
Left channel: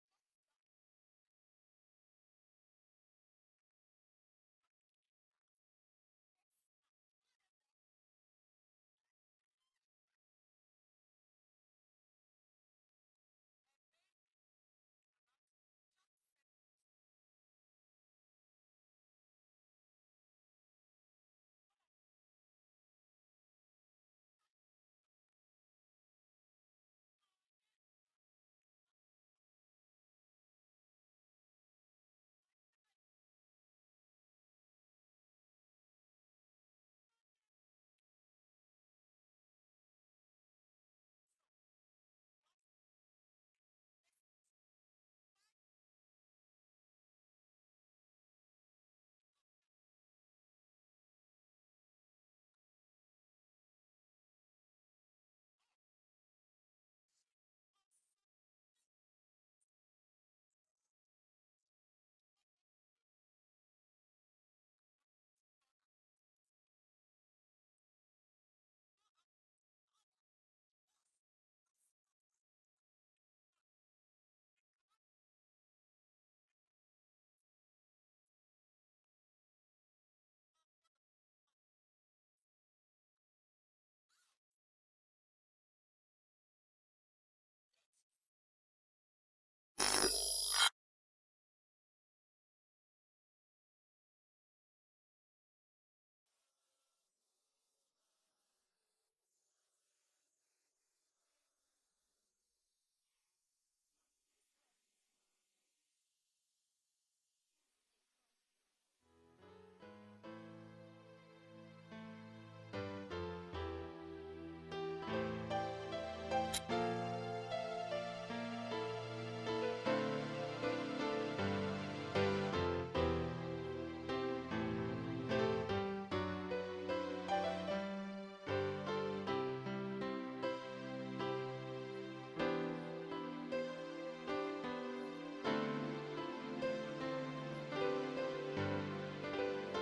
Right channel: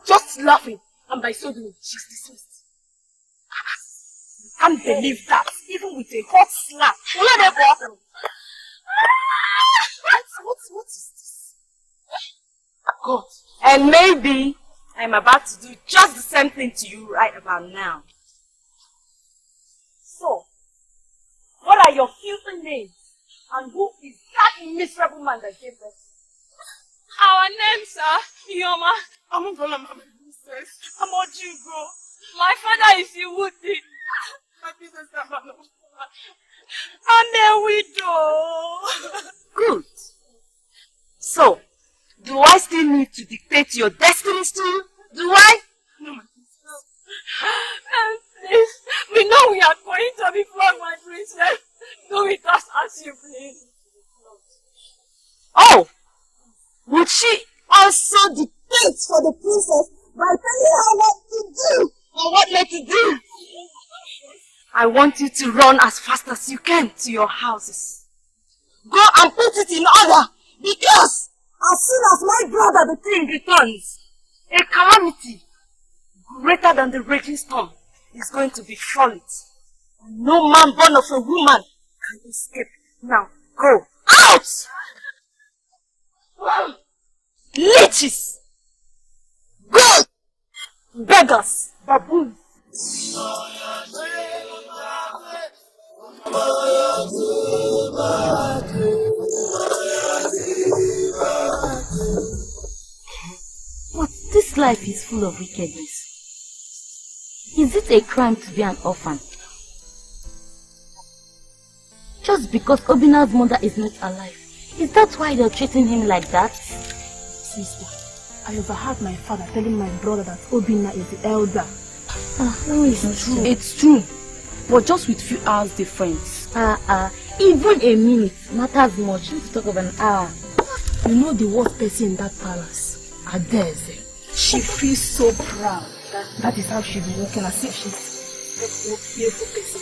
Just laughing, and by so doing, she's dismissed. I can't believe that, even with a hot slap. What is this? God. And maybe I'm about to do just the same thing to you right about now. So, what are your filthy names? And who is that miserable man that gave birth? Our names are Ioma. I'm Ojugo. My father is Iwudi. My business is I'm a widow. Good. So, do I still need to dictate your destinies to you? Do I? No, my princess. Please, we know we are going to be flogged, my princess. Do it as you please. Oh! Would she also dictate For the princess by telling her what to do or what not to do? I want you to run as fast as you can to your houses. Go and put it in order, because as soon as my brother the king returns, a calamity greater than the raging storm is going to befall it. And no man born of a woman can escape. Now, go out! Leeches! Goats! Beggars! Baboons! But this life is full of wickedness. Is it a crime to be an orphan? Just because Obina's mother is not alive, is that why they're treating him like that? Sister, I overheard my father telling my brother that Obina is the elder. It's true. It's true, but just with few hours difference. Even a minute matters much. Let's talk of an hour. You know the worst person in that palace, Ikedieze. She feels so proud. That is how she'll be walking, as if she's a fearful person.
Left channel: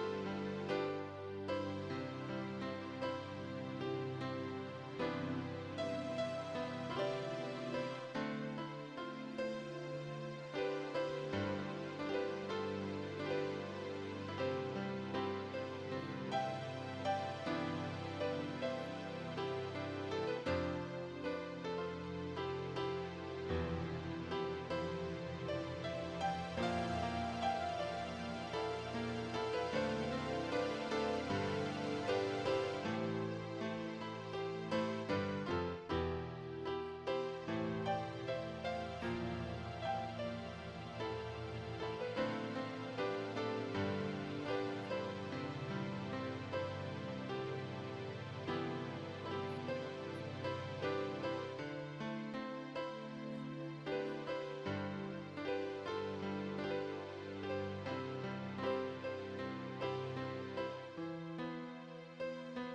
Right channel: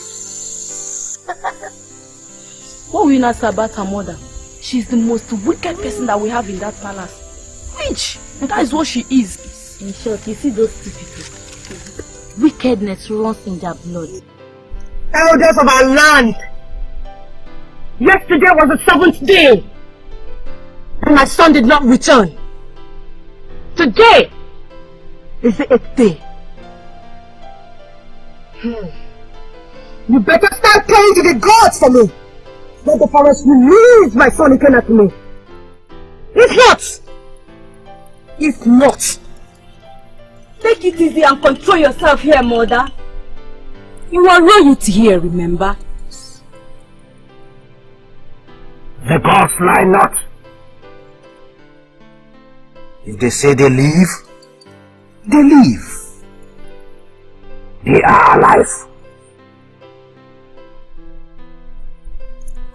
What we know about her mother? She's the most wicked person that we have in that palace. Witch! And that is what she is. In short, you see those two people. Wickedness runs in their blood. Elders of our land, yesterday was the 7th day, and my son did not return. Today is the 8th day. You better start praying to the gods for me. Let the forest release my son Ikenna to me. If not, Take it easy and control yourself here, mother. you are royalty here, remember? The gods lie not. If they say they leave, they leave. They are alive.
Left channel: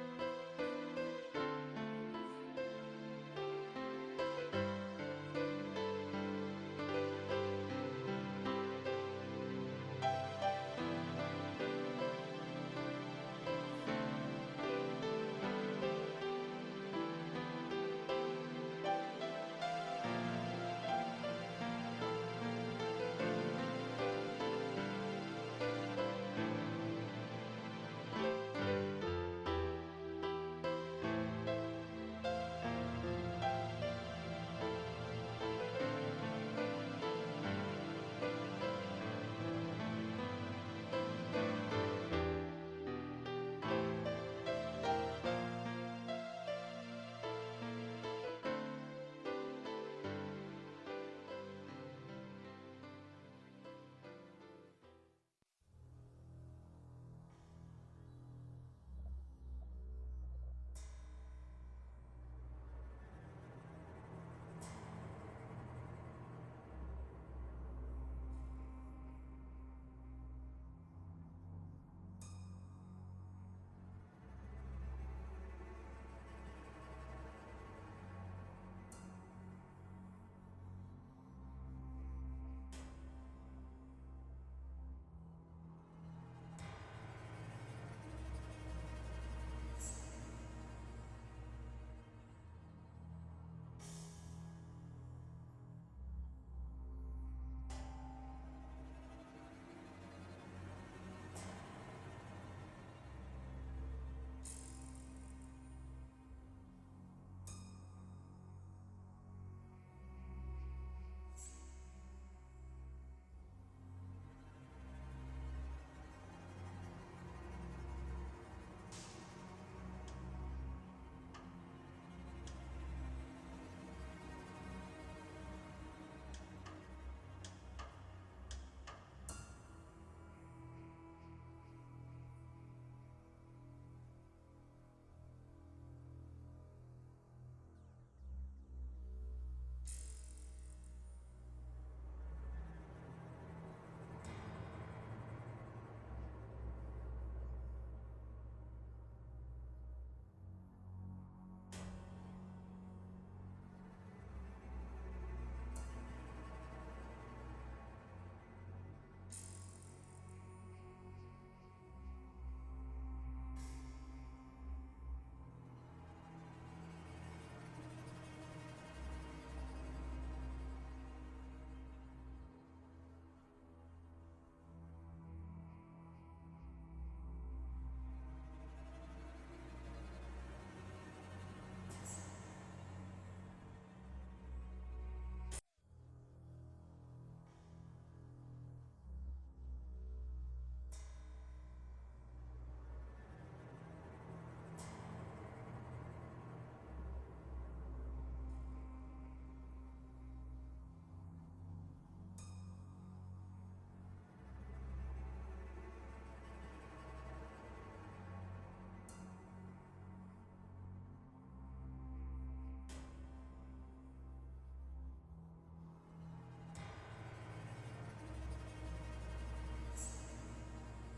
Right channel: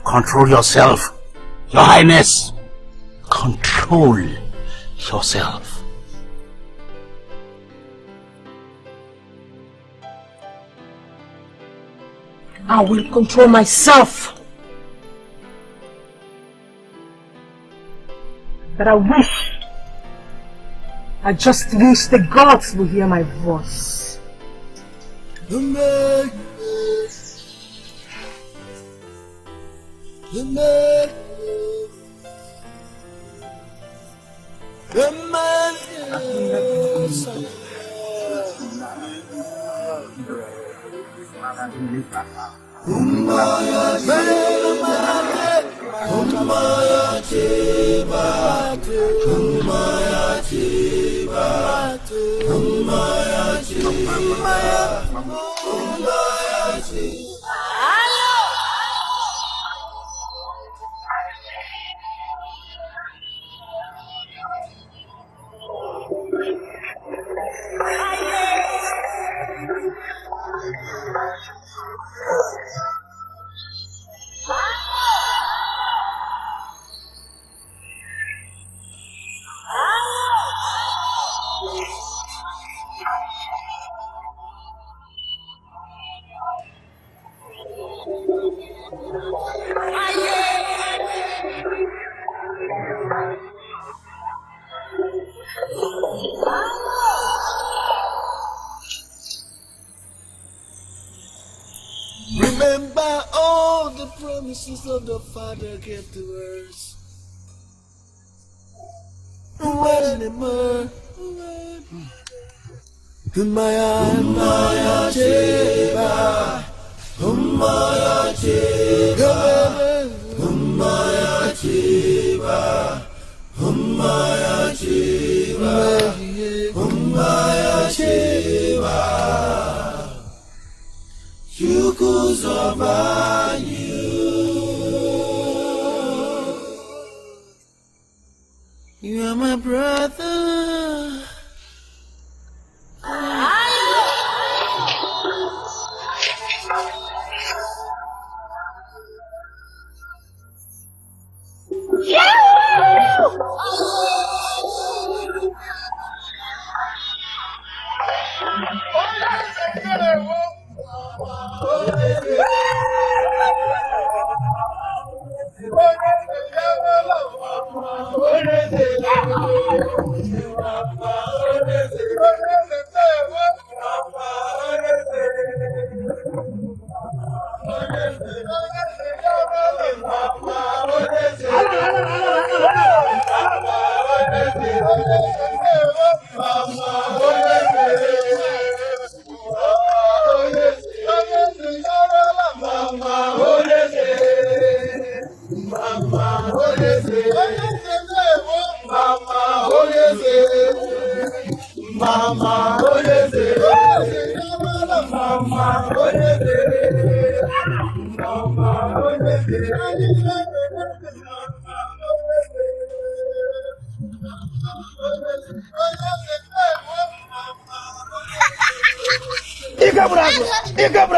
Control yourself, Your Highness. Control yourself. I will control myself. But I just wish the gods will hear my voice. Remember all the promises of the Father gave to us. Maya, Cheba, Maya, Cheba, Maya, Cheba, Maya, Cheba, Maya, Cheba. You could survive you are my brother.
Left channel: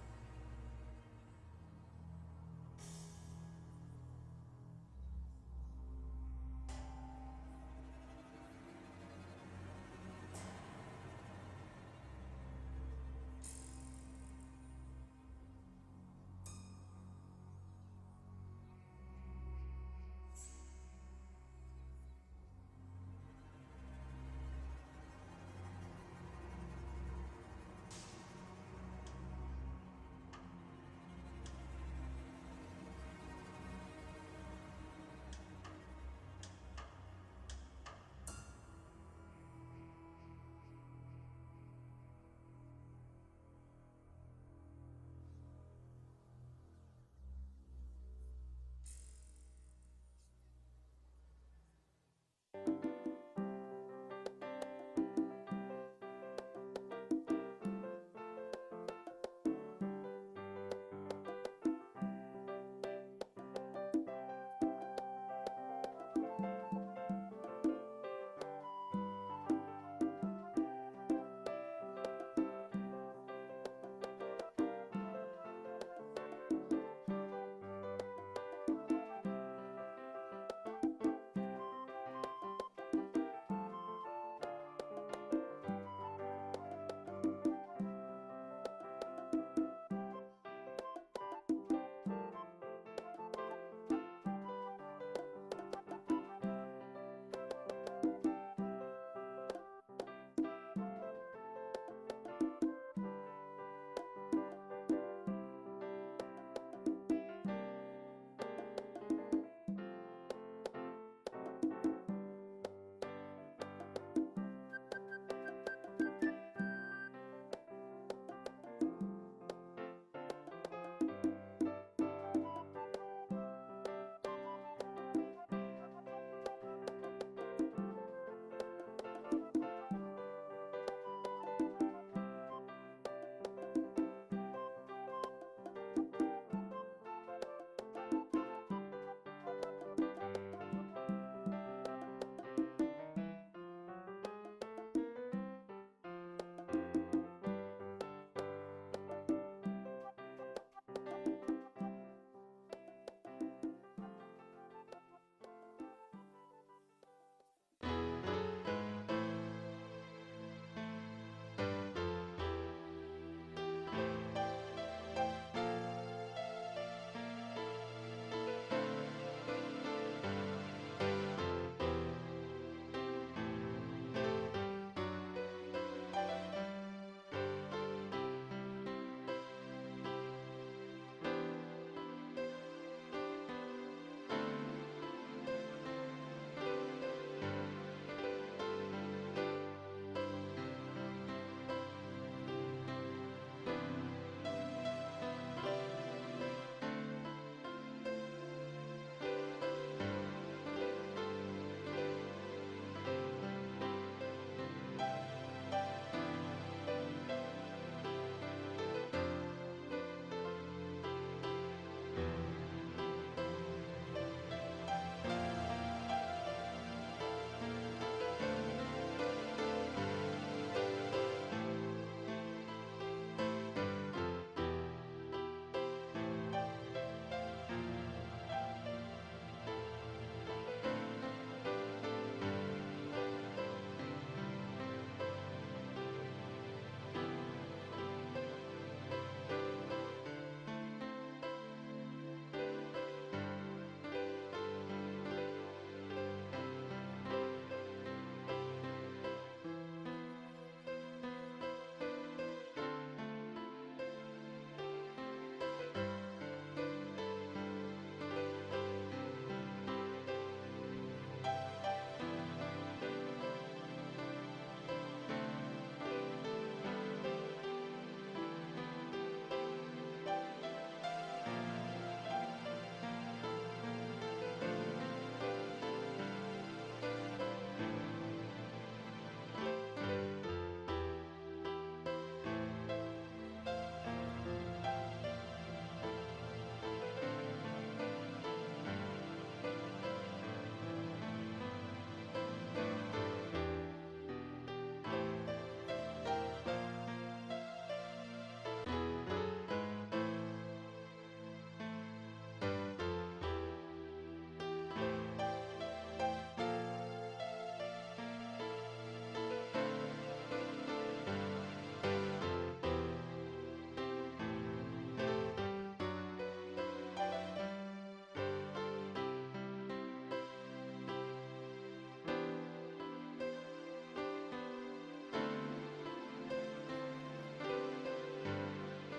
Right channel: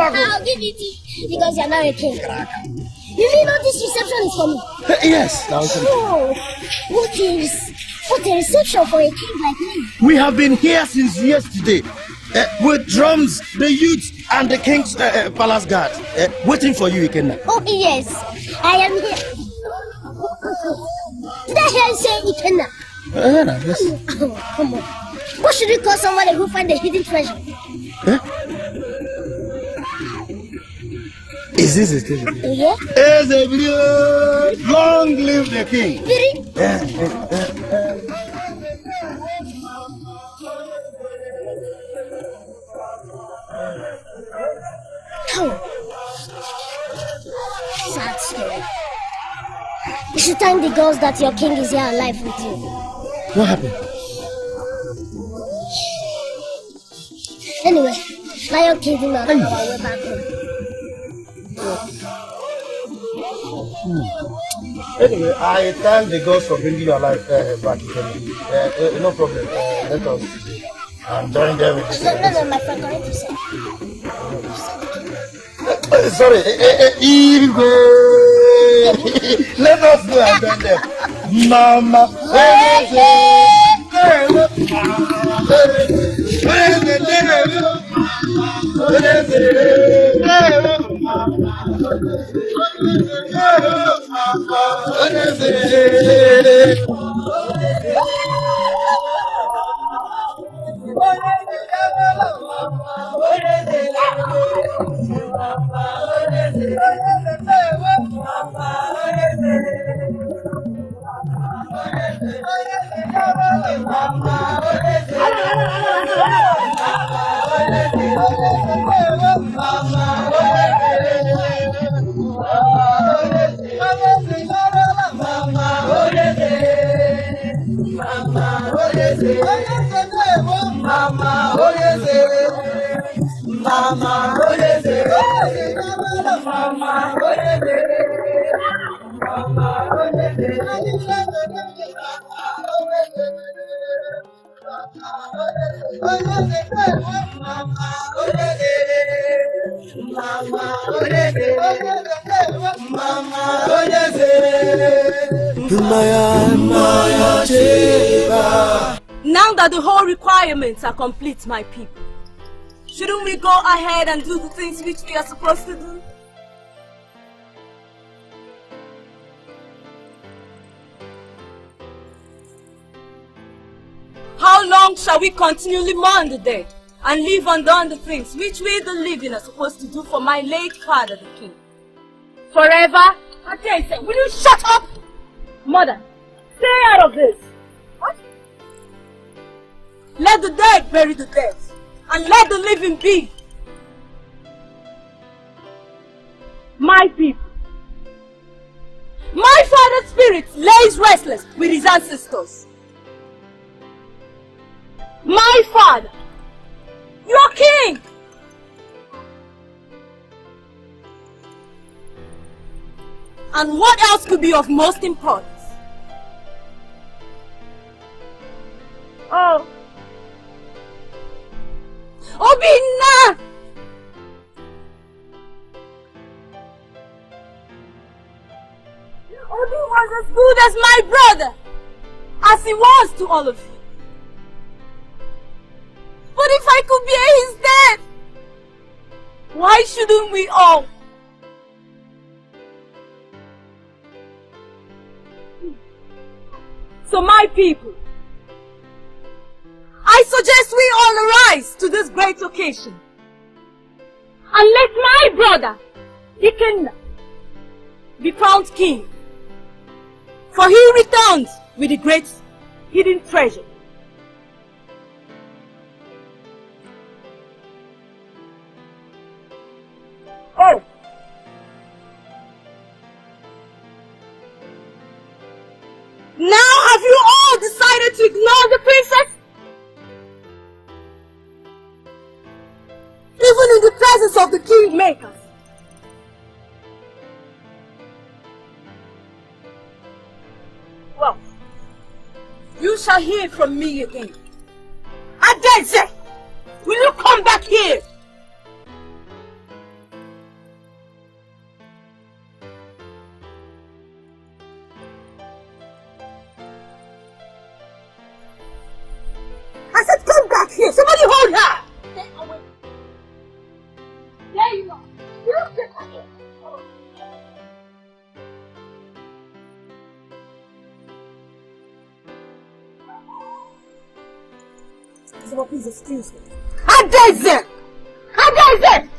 I'll give it to you because you're not a king. You mean all this reception is for me? Yes. Oh, what a reception for a king like me. We have been here since yesterday with drums, the youths, and the king's palace guard waiting for you, Ikenna. Oh, yes. I am here. Did I hear you say Ikenna? Yes. Oh, come on. What should we call somebody who finds a hidden treasure? Is this it? Yeah? Long live the king. Really? Oh. Sad story. You should thank the gods that your king is here alive with you. What happened? Anyway, Lion King did not know our way back home. Anyway, I thank the gods for bringing your life back. No problem. Let us join them. No, my friend, what did you say? Sorry, let us go and join them. Mama. Now that the whole requirements are complete, my people, shouldn't we go ahead and do the things which we are supposed to do? How long shall we continually mourn the dead and live undone the things which we the living are supposed to do for my late father the king? Forever? Ikedieze, will you shut up? Mother, stay out of this. What? Let the dead bury the dead, and let the living be. My people. My father's spirit lays restless with his ancestors. My father, your king. And what else could be of most importance? Oh. Obinna! Obi was as good as my brother, as he was to all of you. But if I could bear his death, why shouldn't we all? So my people, I suggest we all arise to this great occasion and let my brother, Ikenna, be crowned king, for he returns with the great hidden treasure. Oh! Now have you all decided to ignore the princess? Even in the presence of the kingmakers. Well, you shall hear from me again. Ikedieze, will you come back here? I said come back here! Somebody hold her! There you go. You get back here. Someone please excuse me. Ikedieze! Ikedieze!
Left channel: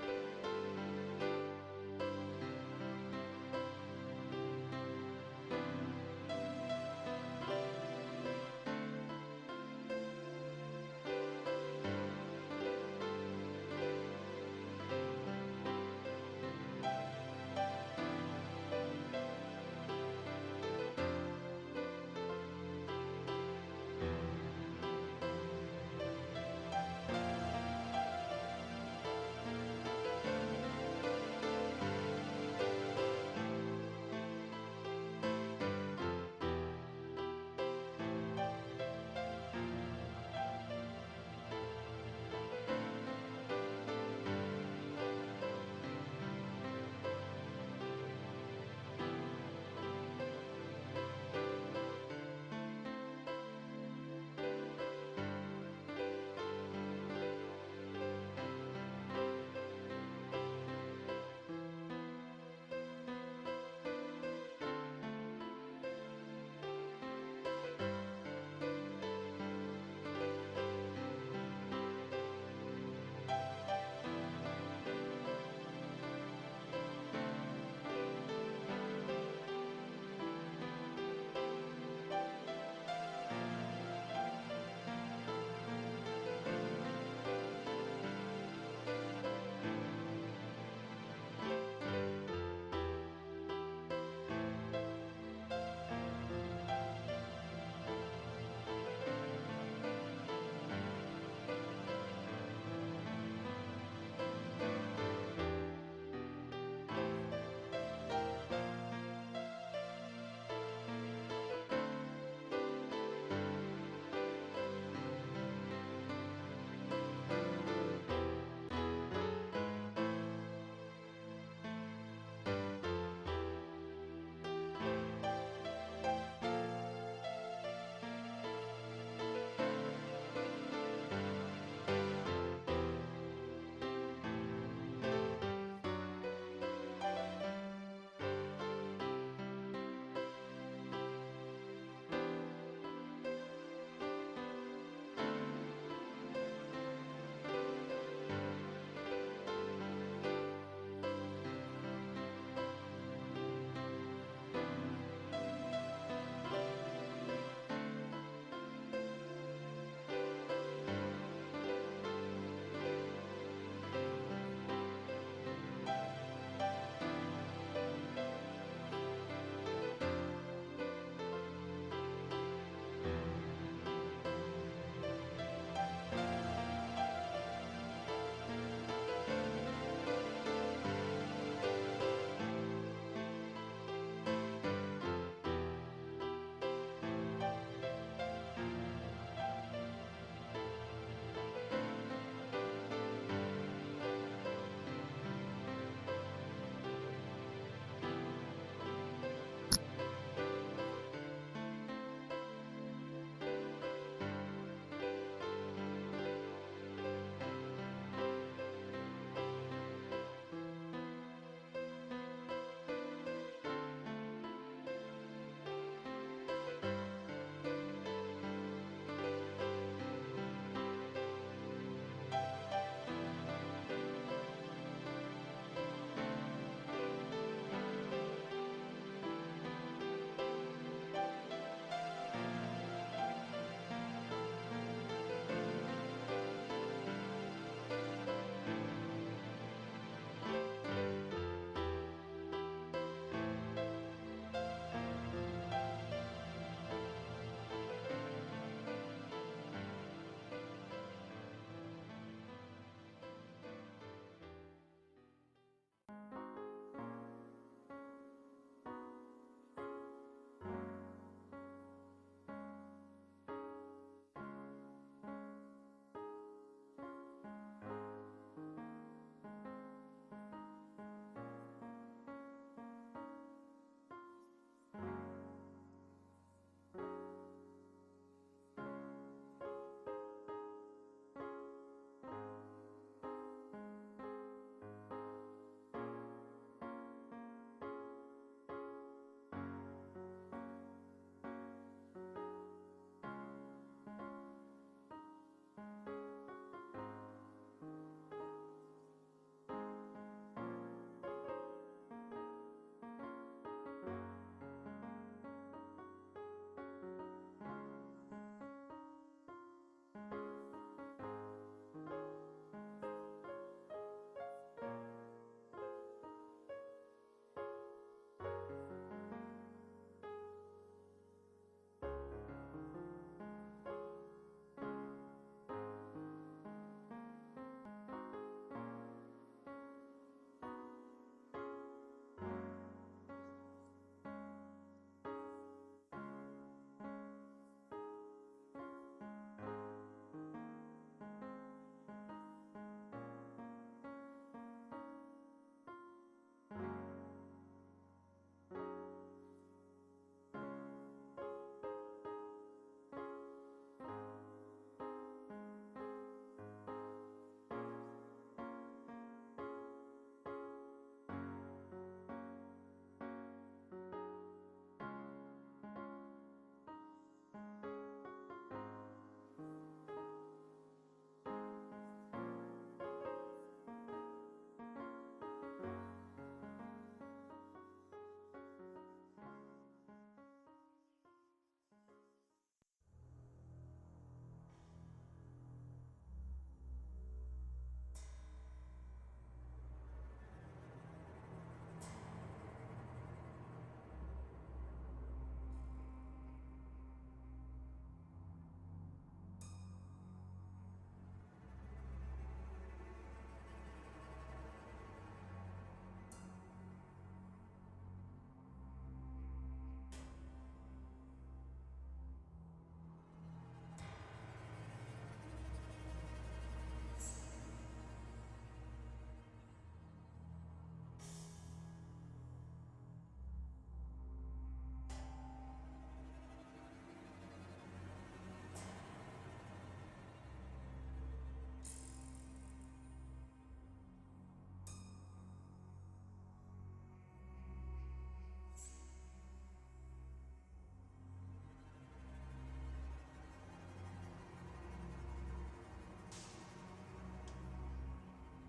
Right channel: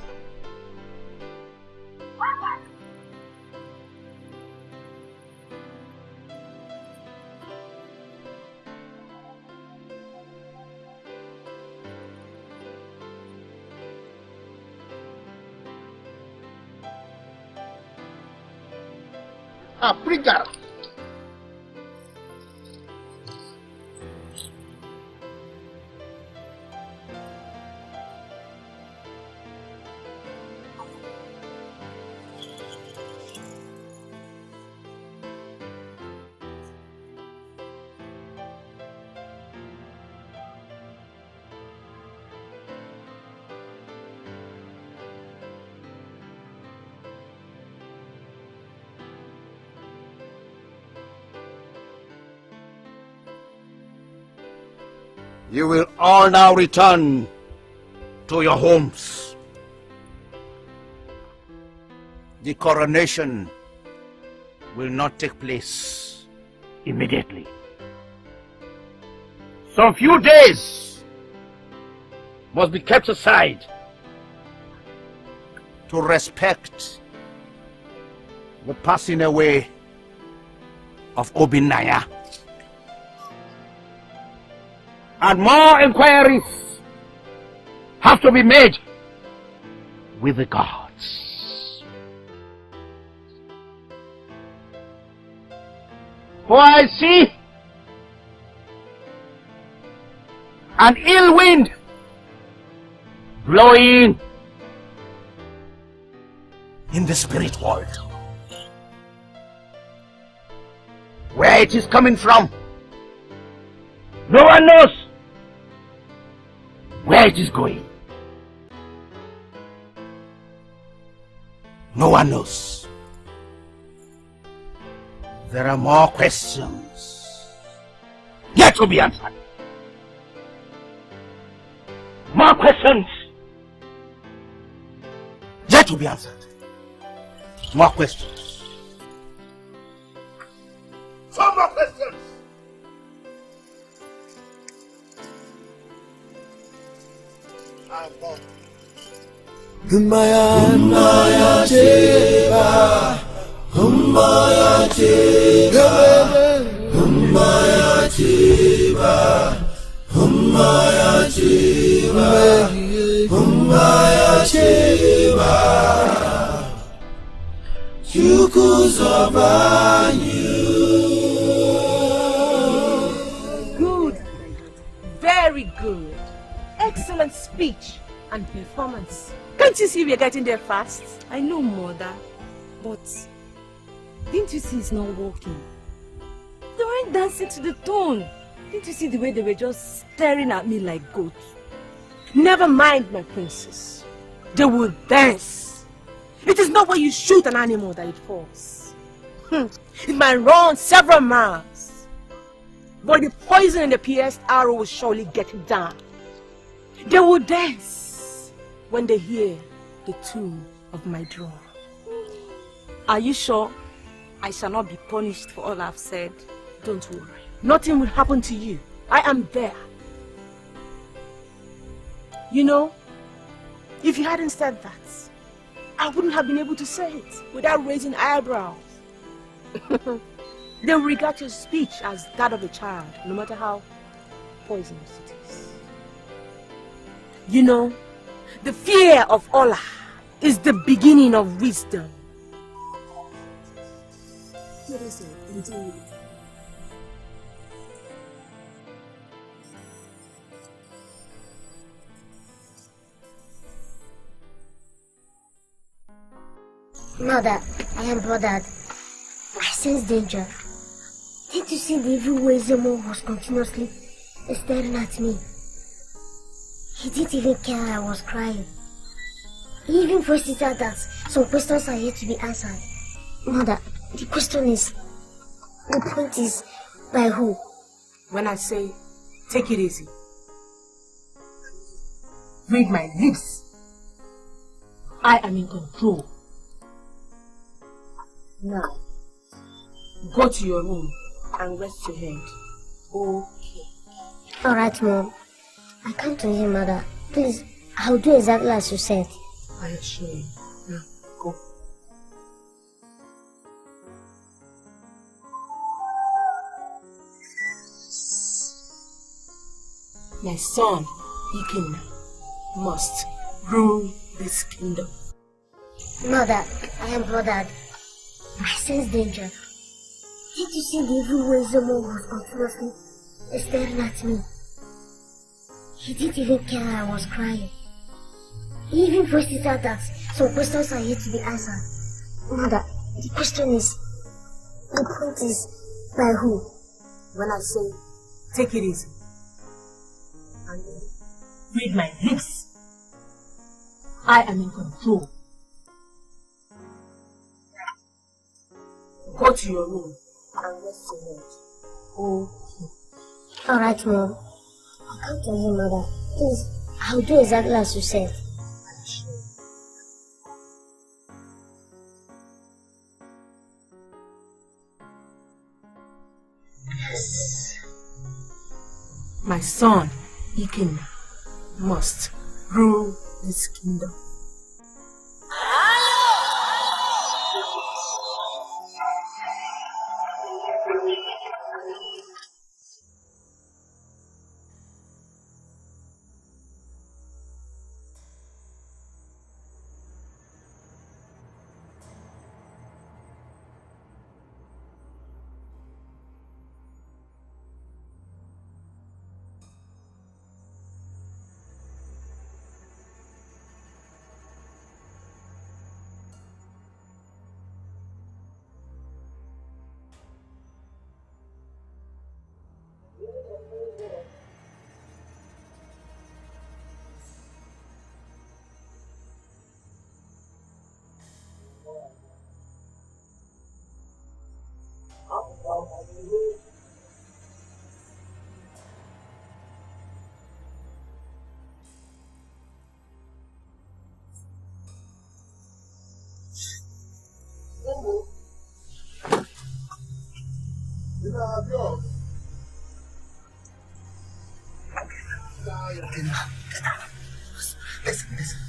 Africa. You will all now return to your homes. The coronation will not take place immediately. Some few days must be kept aside to respect the passing away of Obinaya. And more inquiries have to be made with the gods. For I see an ill wind blowing in the spirit world. Where it is coming from, no one knows. Where it is going, no one knows. There are more questions yet to be answered. More questions yet to be answered. More questions. Some more questions. Humaya Cheba, Humaya Cheba, Humaya Cheba, Humaya Cheba, Humaya Cheba, Good, very good. Excellent speech and performance. Can't you see we're getting there fast? I know, Mother, but didn't you see it's not working? They weren't dancing to the tone. Didn't you see the way they were just staring at me like goats? Never mind, my princess. They will dance. It is not when you shoot an animal that it falls. It might run several miles, but the poison in the pierced arrow will surely get it down. They will dance when they hear the tune of my drum. Are you sure I shall not be punished for all I've said? Don't worry. Nothing will happen to you. I am there. You know, if you hadn't said that, I wouldn't have been able to say it without raising eyebrows. They will regard your speech as that of a child, no matter how poisonous it is. You know, the fear of Allah is the beginning of wisdom. Mother, I am bothered. I sense danger. Didn't you see the evil way Zemo was continuously staring at me? He didn't even care I was crying. He even forced it out that some questions are yet to be answered. Mother, the question is, the point is, by who? When I say, take it easy, read my lips. I am in control. Now, go to your room and rest your head. Okay. Alright, Mom. I come to you, Mother. Please, I'll do exactly as you said. I assure you. Now, go. My son, Ikenna, must rule this kingdom. Mother, I am bothered. I sense danger. Did you see the evil way Zemo was continuously staring at me? He didn't even care I was crying. He even forced it out that some questions are yet to be answered. Mother, the question is, the point is, by who? When I say, take it easy, and read my lips, I am in control. Go to your room and rest your head. Okay. Alright, Mom. I'll come to you, Mother. Please, I'll do exactly as you said. Yes. My son, Ikenna, must rule this kingdom.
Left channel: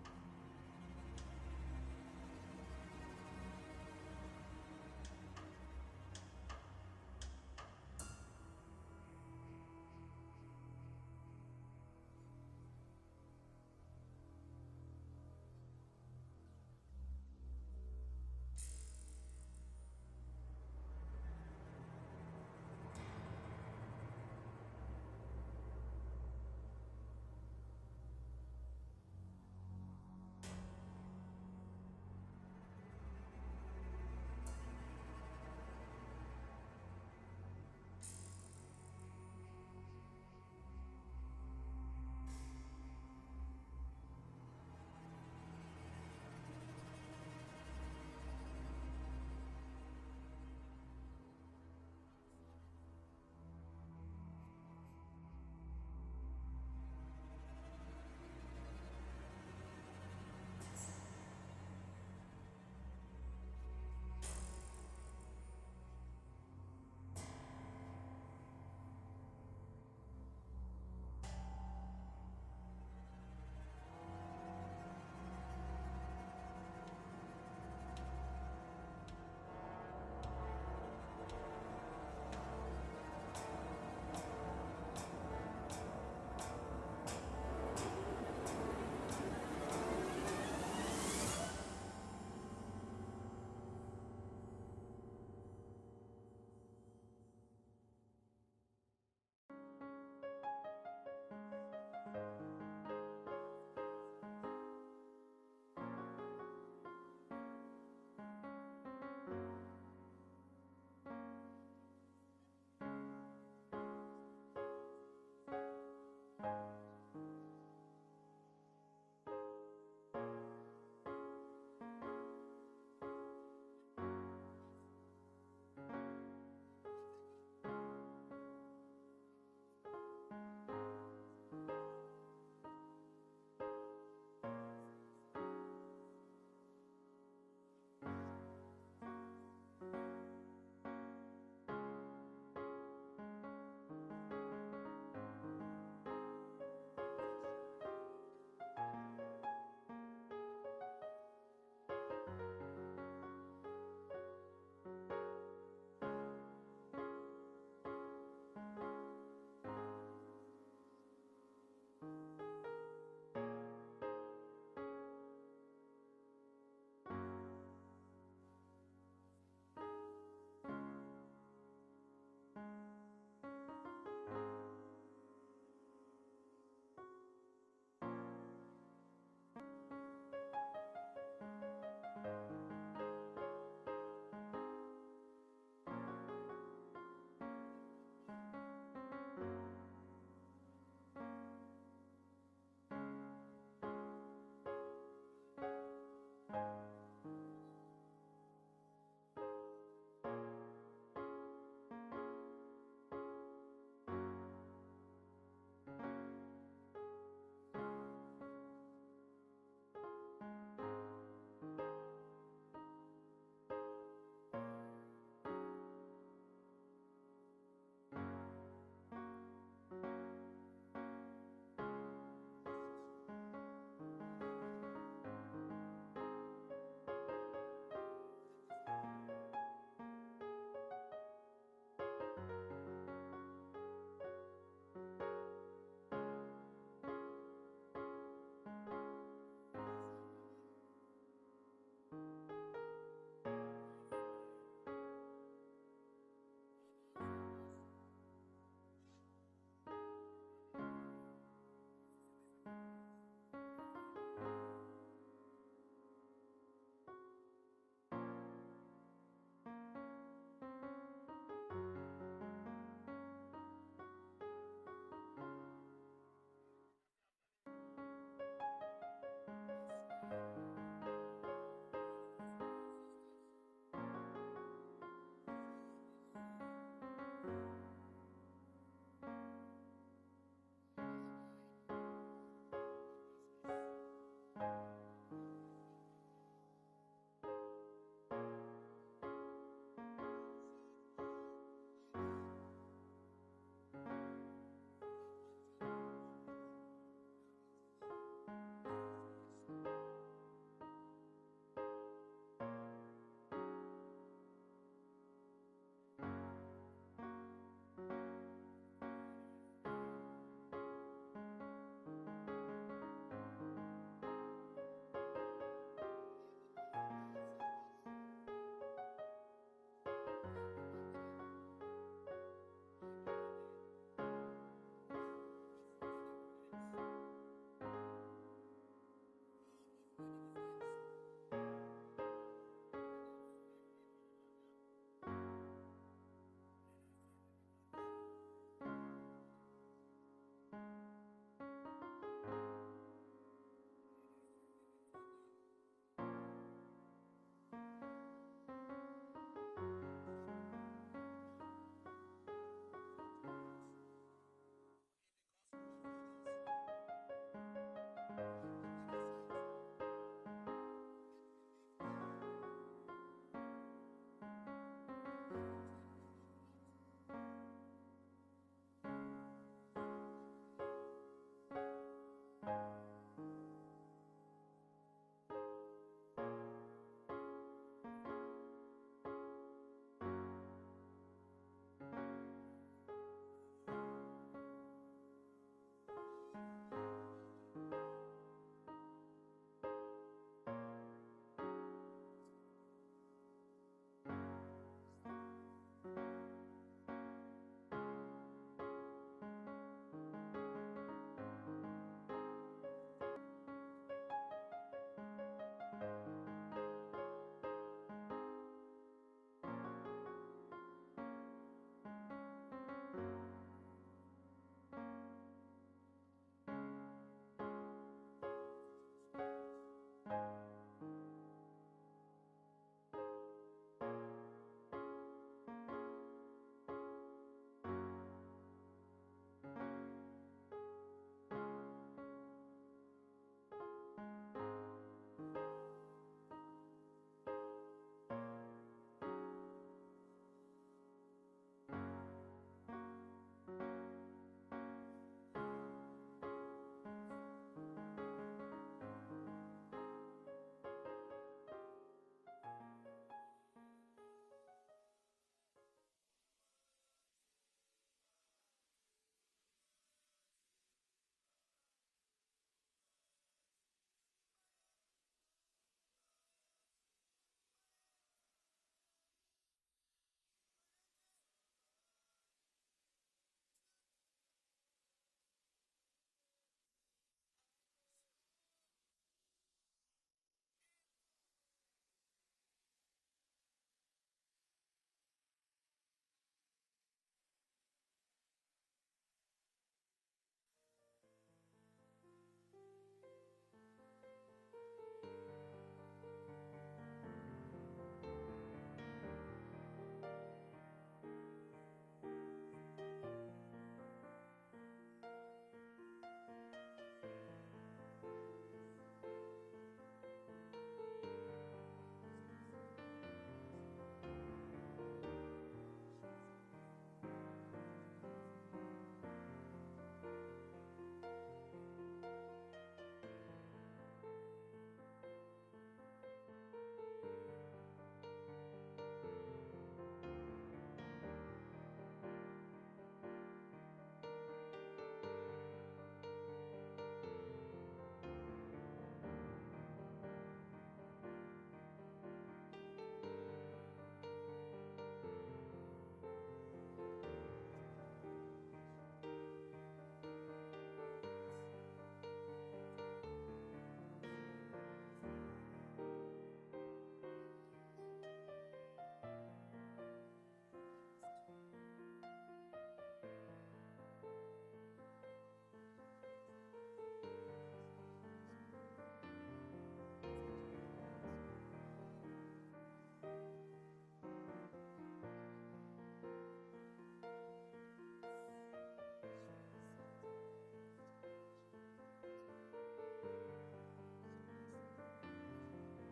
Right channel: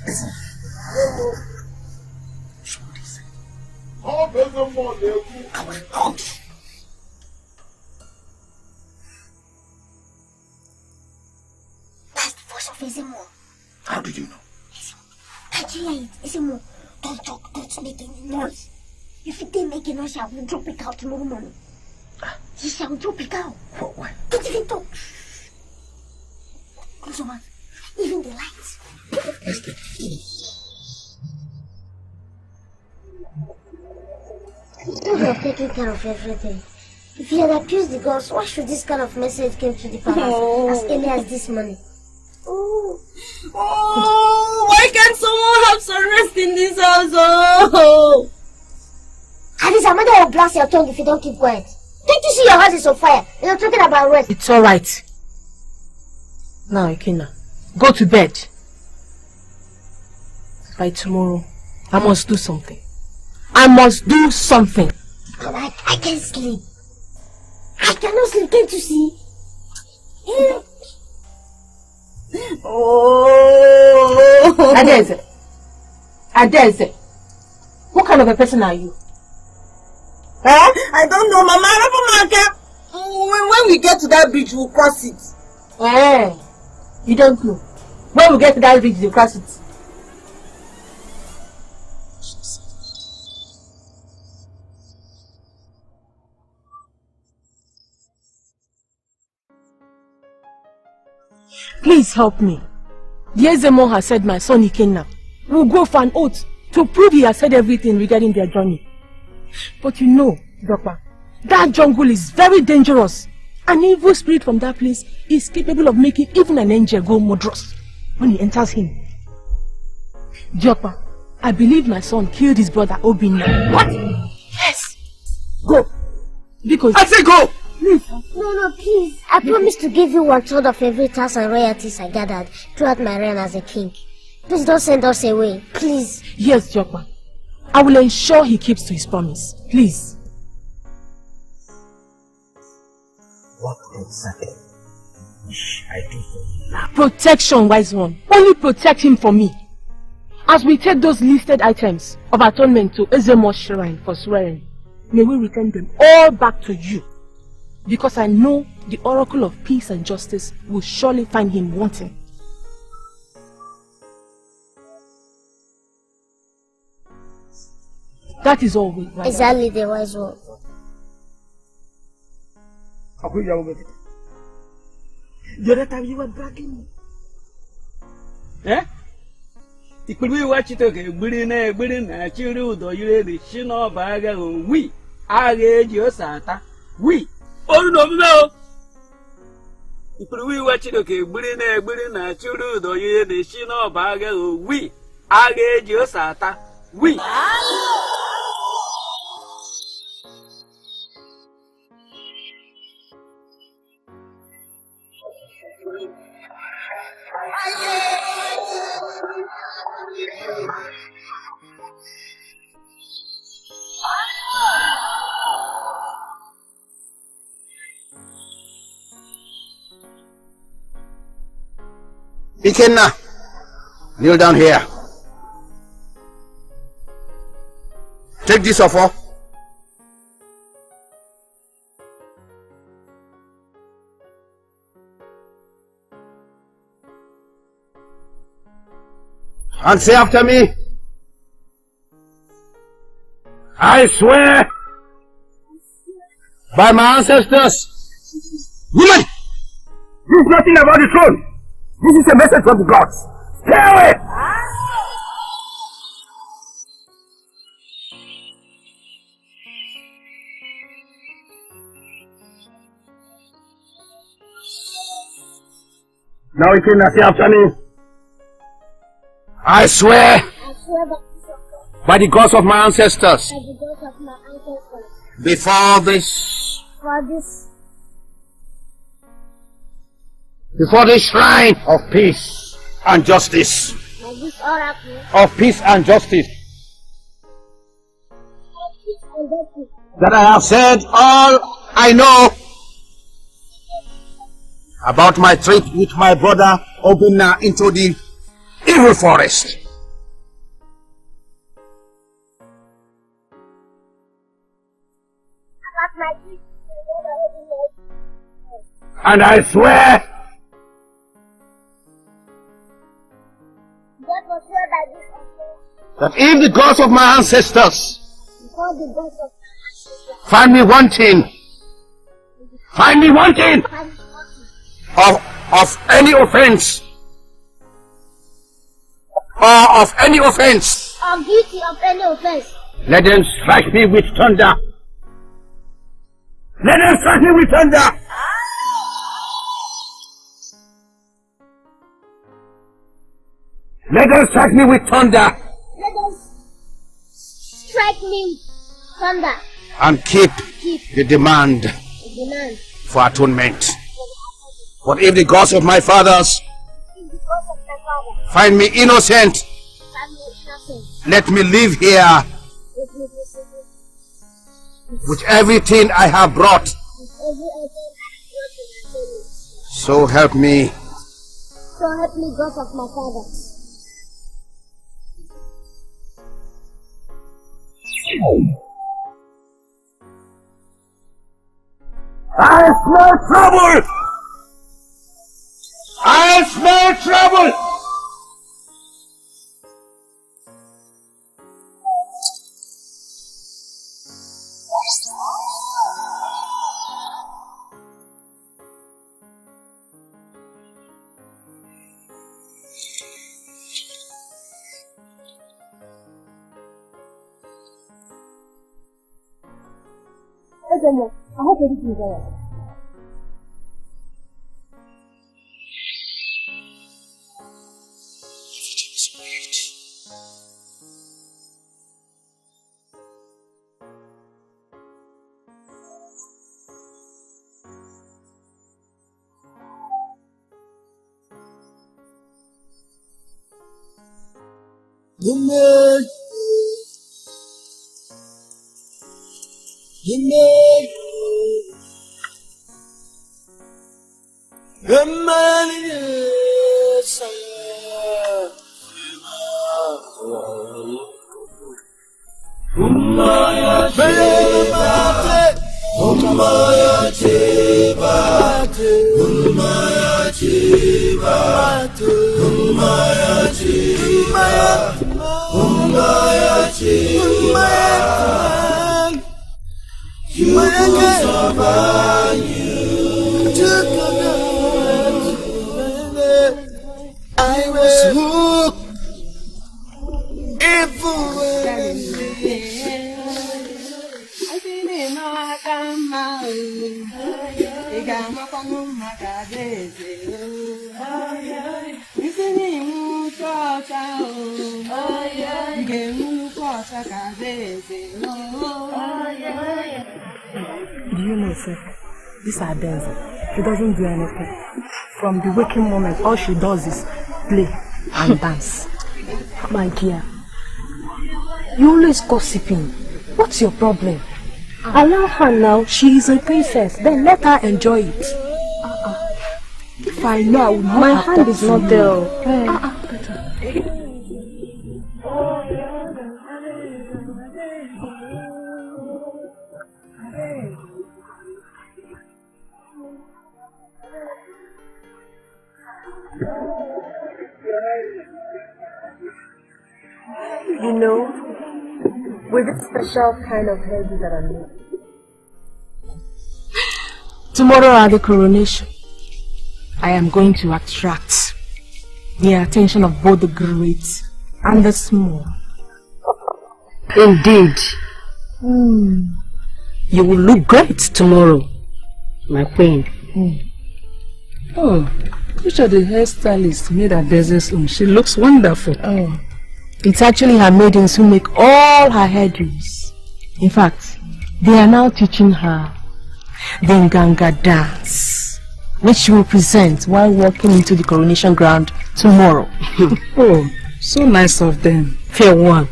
Listen. That's the voice of Ezemo. How did you know? Nigeria, Ezemo. Don't talk, don't make any noise. If it didn't make a noise, I will drop it out tomorrow morning. Yes, I will drop it out. Why? Don't even talk. Close your mouth. Even the lights. You have taken care of everything. If you had accused the gods, why should this kind of message come to the palace as early as this morning? Oh, why can't someone have some rest in this house? Oh. At least Amanda will blast your tongue if you don't keep quiet. Don't you see your house is on fire? And you're talking about rest. It's alright. Now, Ikenna, go to bed. By tomorrow, I must do something. I must do something. I can't sleep. I cannot sleep, can't you see? Oh! Ikedieze. What kind of a person are you? Huh? I don't know, Mama. When we get to that bridge, we'll cross it. You don't know. When we get to that bridge, we'll cross it. Please help me. The Ezemo has said my son Ikenna will go for an oath to prove he has said everything regarding their journey. But you know, Dokpa, that jungle is very dangerous. An evil spirit from that place is capable of making even an angel go murderous when he enters him. Dokpa, I believe my son killed his brother Obinna. What? Yes. Go. Because I say go! Please. No, please. I promise to give you 1/3 of every tax and royalties I gathered throughout my reign as a king. Please don't send us away, please. Yes, Dokpa. I will ensure he keeps to his promise. Please. What exactly should I do for you? Protection, wise one. Only protect him for me. As we take those listed items of atonement to Ezemo's shrine for swearing, may we return them all back to you. Because I know the Oracle of Peace and Justice will surely find him wanting. That is all, wise one. Exactly, the wise one. The other time you were bragging me. Eh? Ikpiri wachito ke gbiri na chiri udo yire de shino baga wi aga eji osata wi oru no me o Ikpiri wachito ke gbiri na chiri udo yire de shino baga wi aga eji osata wi Ikenna, kneel down here. Take this offer. And say after me. I swear by my ancestors. Woman! This is nothing about the throne. This is a message from the gods. Stay away! Now you can say after me. I swear by the gods of my ancestors. Before this shrine of peace and justice. Of peace and justice. That I have said all I know about my trip with my brother Obinna into the evil forest. And I swear that if the gods of my ancestors find me wanting of any offense, or of any offense, I'm guilty of any offense. let them strike me with thunder. Let them strike me with thunder. Let them strike me with thunder. Let them strike me with thunder. And keep the demand Demand. for atonement. But if the gods of my fathers find me innocent, let me live here with everything I have brought. So help me. So help me, gods of my fathers. I smell trouble! I smell trouble! I hope everything is alright. I was hooked Do you know, sir? This Adenza, she doesn't do anything. From the waking moment, all she does is play and dance. My dear, you always gossiping. What's your problem? Allow her now. She is a princess. Then let her enjoy it. If I know, I would not. My hand is not there. You know, with this special kind of hairdo that I made. Tomorrow at the coronation, I am going to attract the attention of both the great and the small. Indeed. You will look great tomorrow, my queen. Which of the hairstylists made her business own? She looks wonderful. It's actually her maidens who make all her hairdos. In fact, they are now teaching her the Nganga dance, which she will present while walking into the coronation ground tomorrow. Oh, so nice of them. Fair one.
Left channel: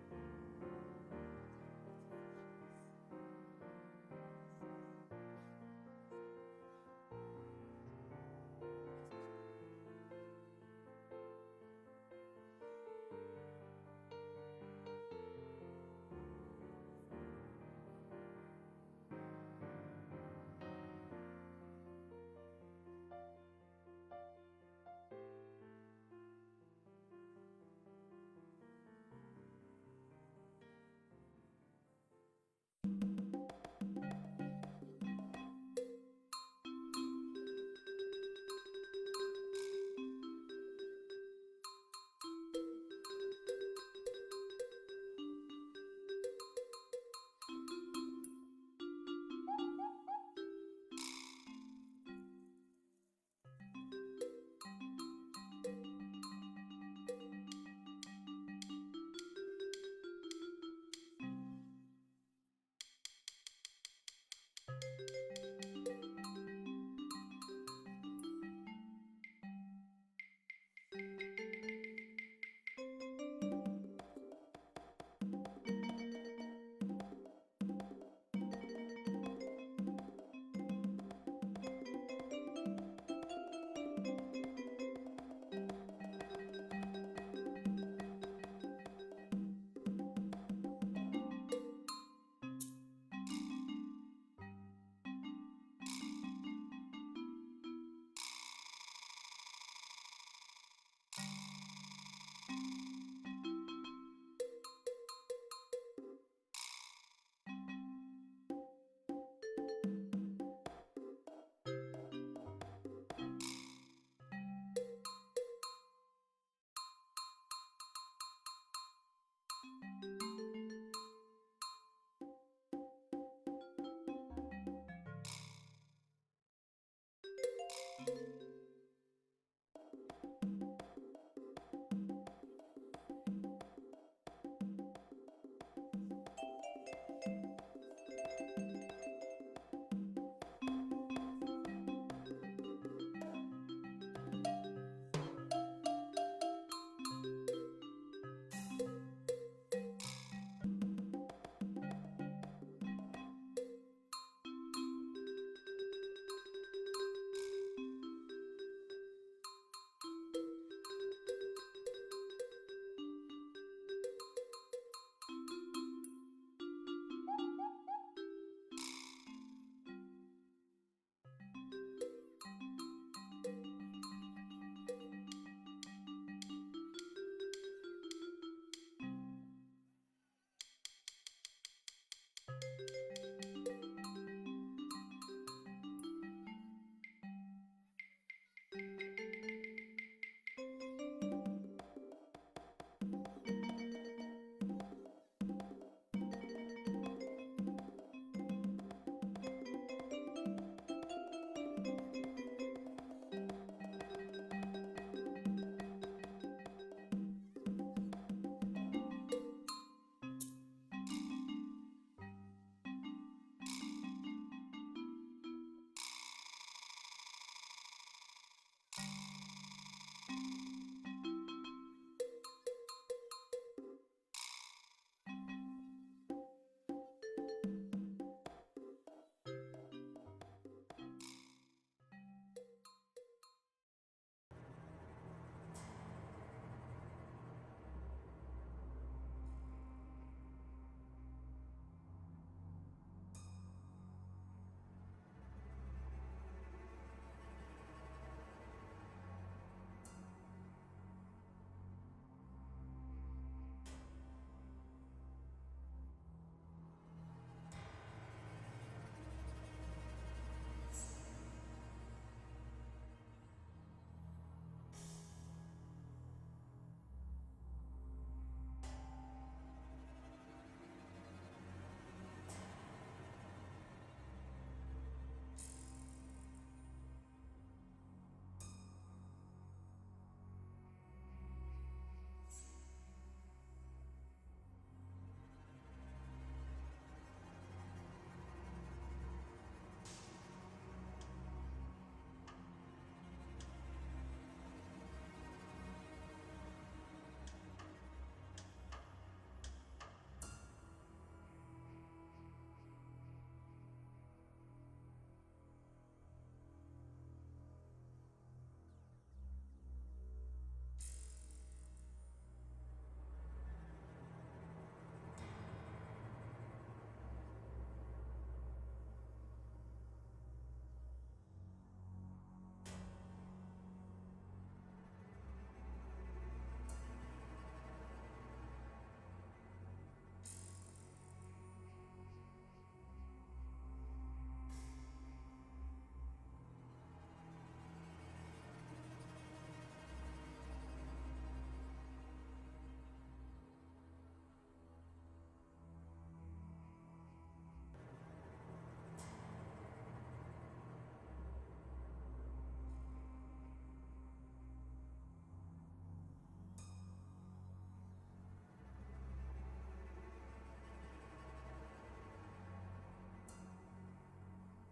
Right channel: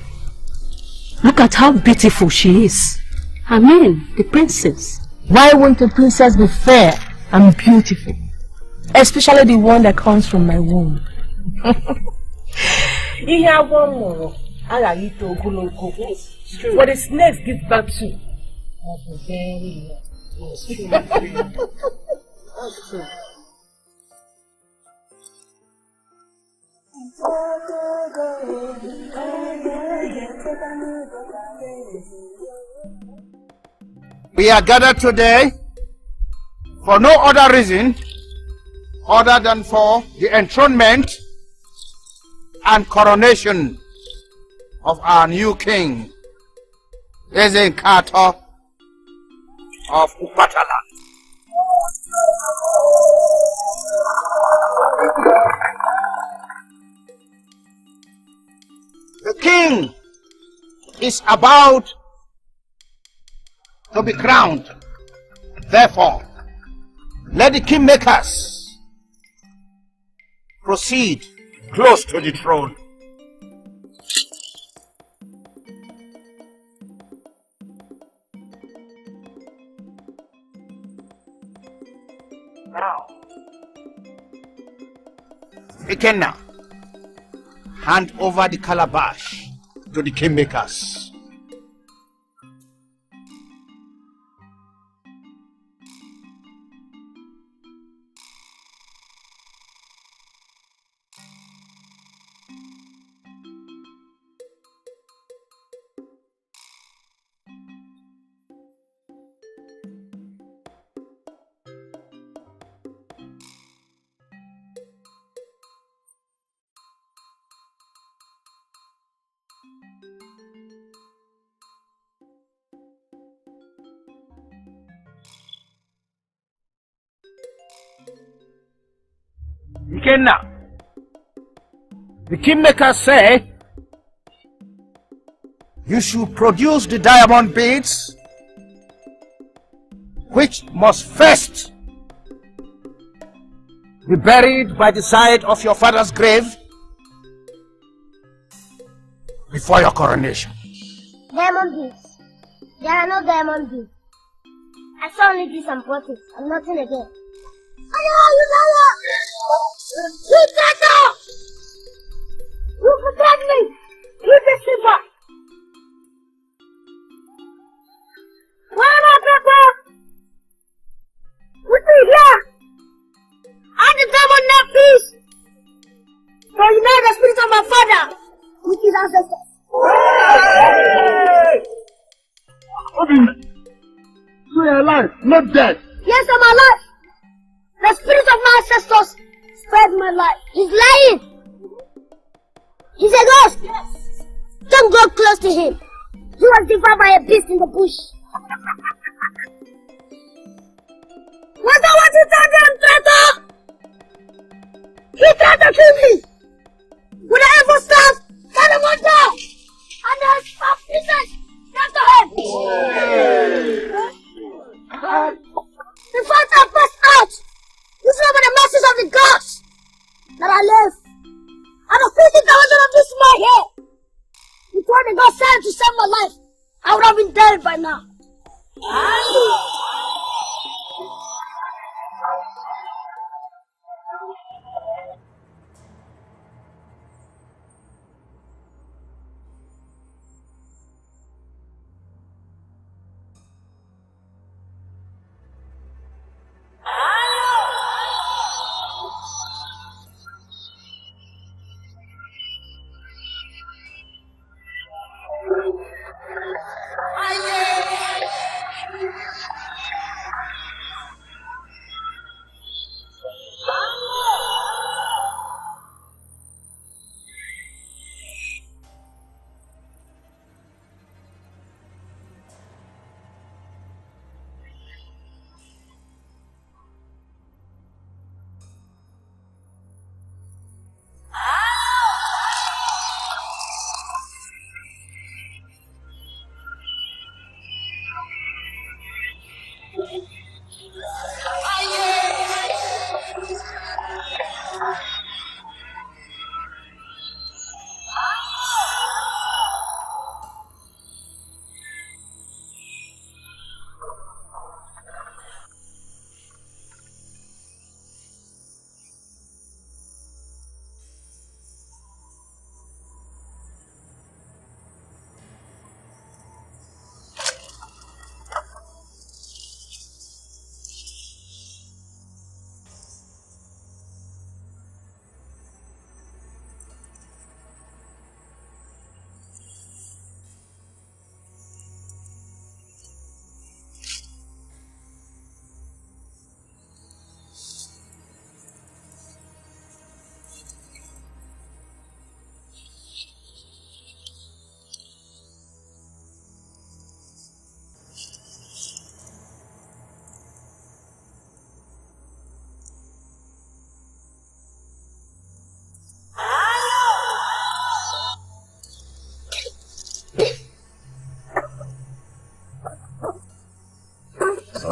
Look at how beautiful she is. I mean, the princess. Why won't a princess be fair and beautiful? Especially the one that comes from my womb. What the snakes give birth to. That's true. We are gathered today for no other reason other than for the enthronement and coronation of our new king, Ikenna of Upataland. The king is about to be crowned. Therefore, let the kingmakers proceed close to the throne. Now, Ikenna, hand over the calabash to the kingmakers. Ikenna, the kingmakers say you should produce the diamond beads, which must first be buried by the side of your father's grave before your coronation. Diamond beads. There are no diamond beads. I saw only this and bottles and nothing again. Chinedu! You protect me! Keep the silver! Where are my people? With me here! And the diamond net piece! So you know the spirit of my father with his ancestors. So you're alive, not dead. Yes, I'm alive. The spirit of my ancestors spared my life. He's lying. He's a ghost. Yes. Don't go close to him. He was devoured by a beast in the bush. What you tell them, traitor? He tried to kill me. Would I ever stop? Tell him one down. And there's 5 pieces. Get to him. The fighter passed out. This is by the mercies of the gods that I live. And the 50,000 of this in my head. Before the gods sent to save my life, I would have been dead by now.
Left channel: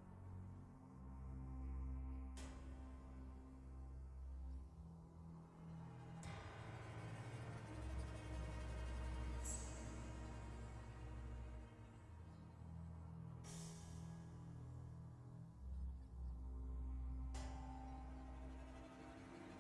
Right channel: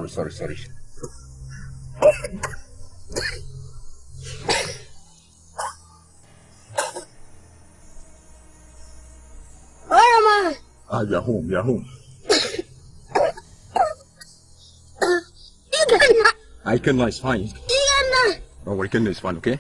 Sorry. Where am I? You are home. Ikenna! Ikenna is fine. Ikenna! Don't worry, Ikenna is fine, okay?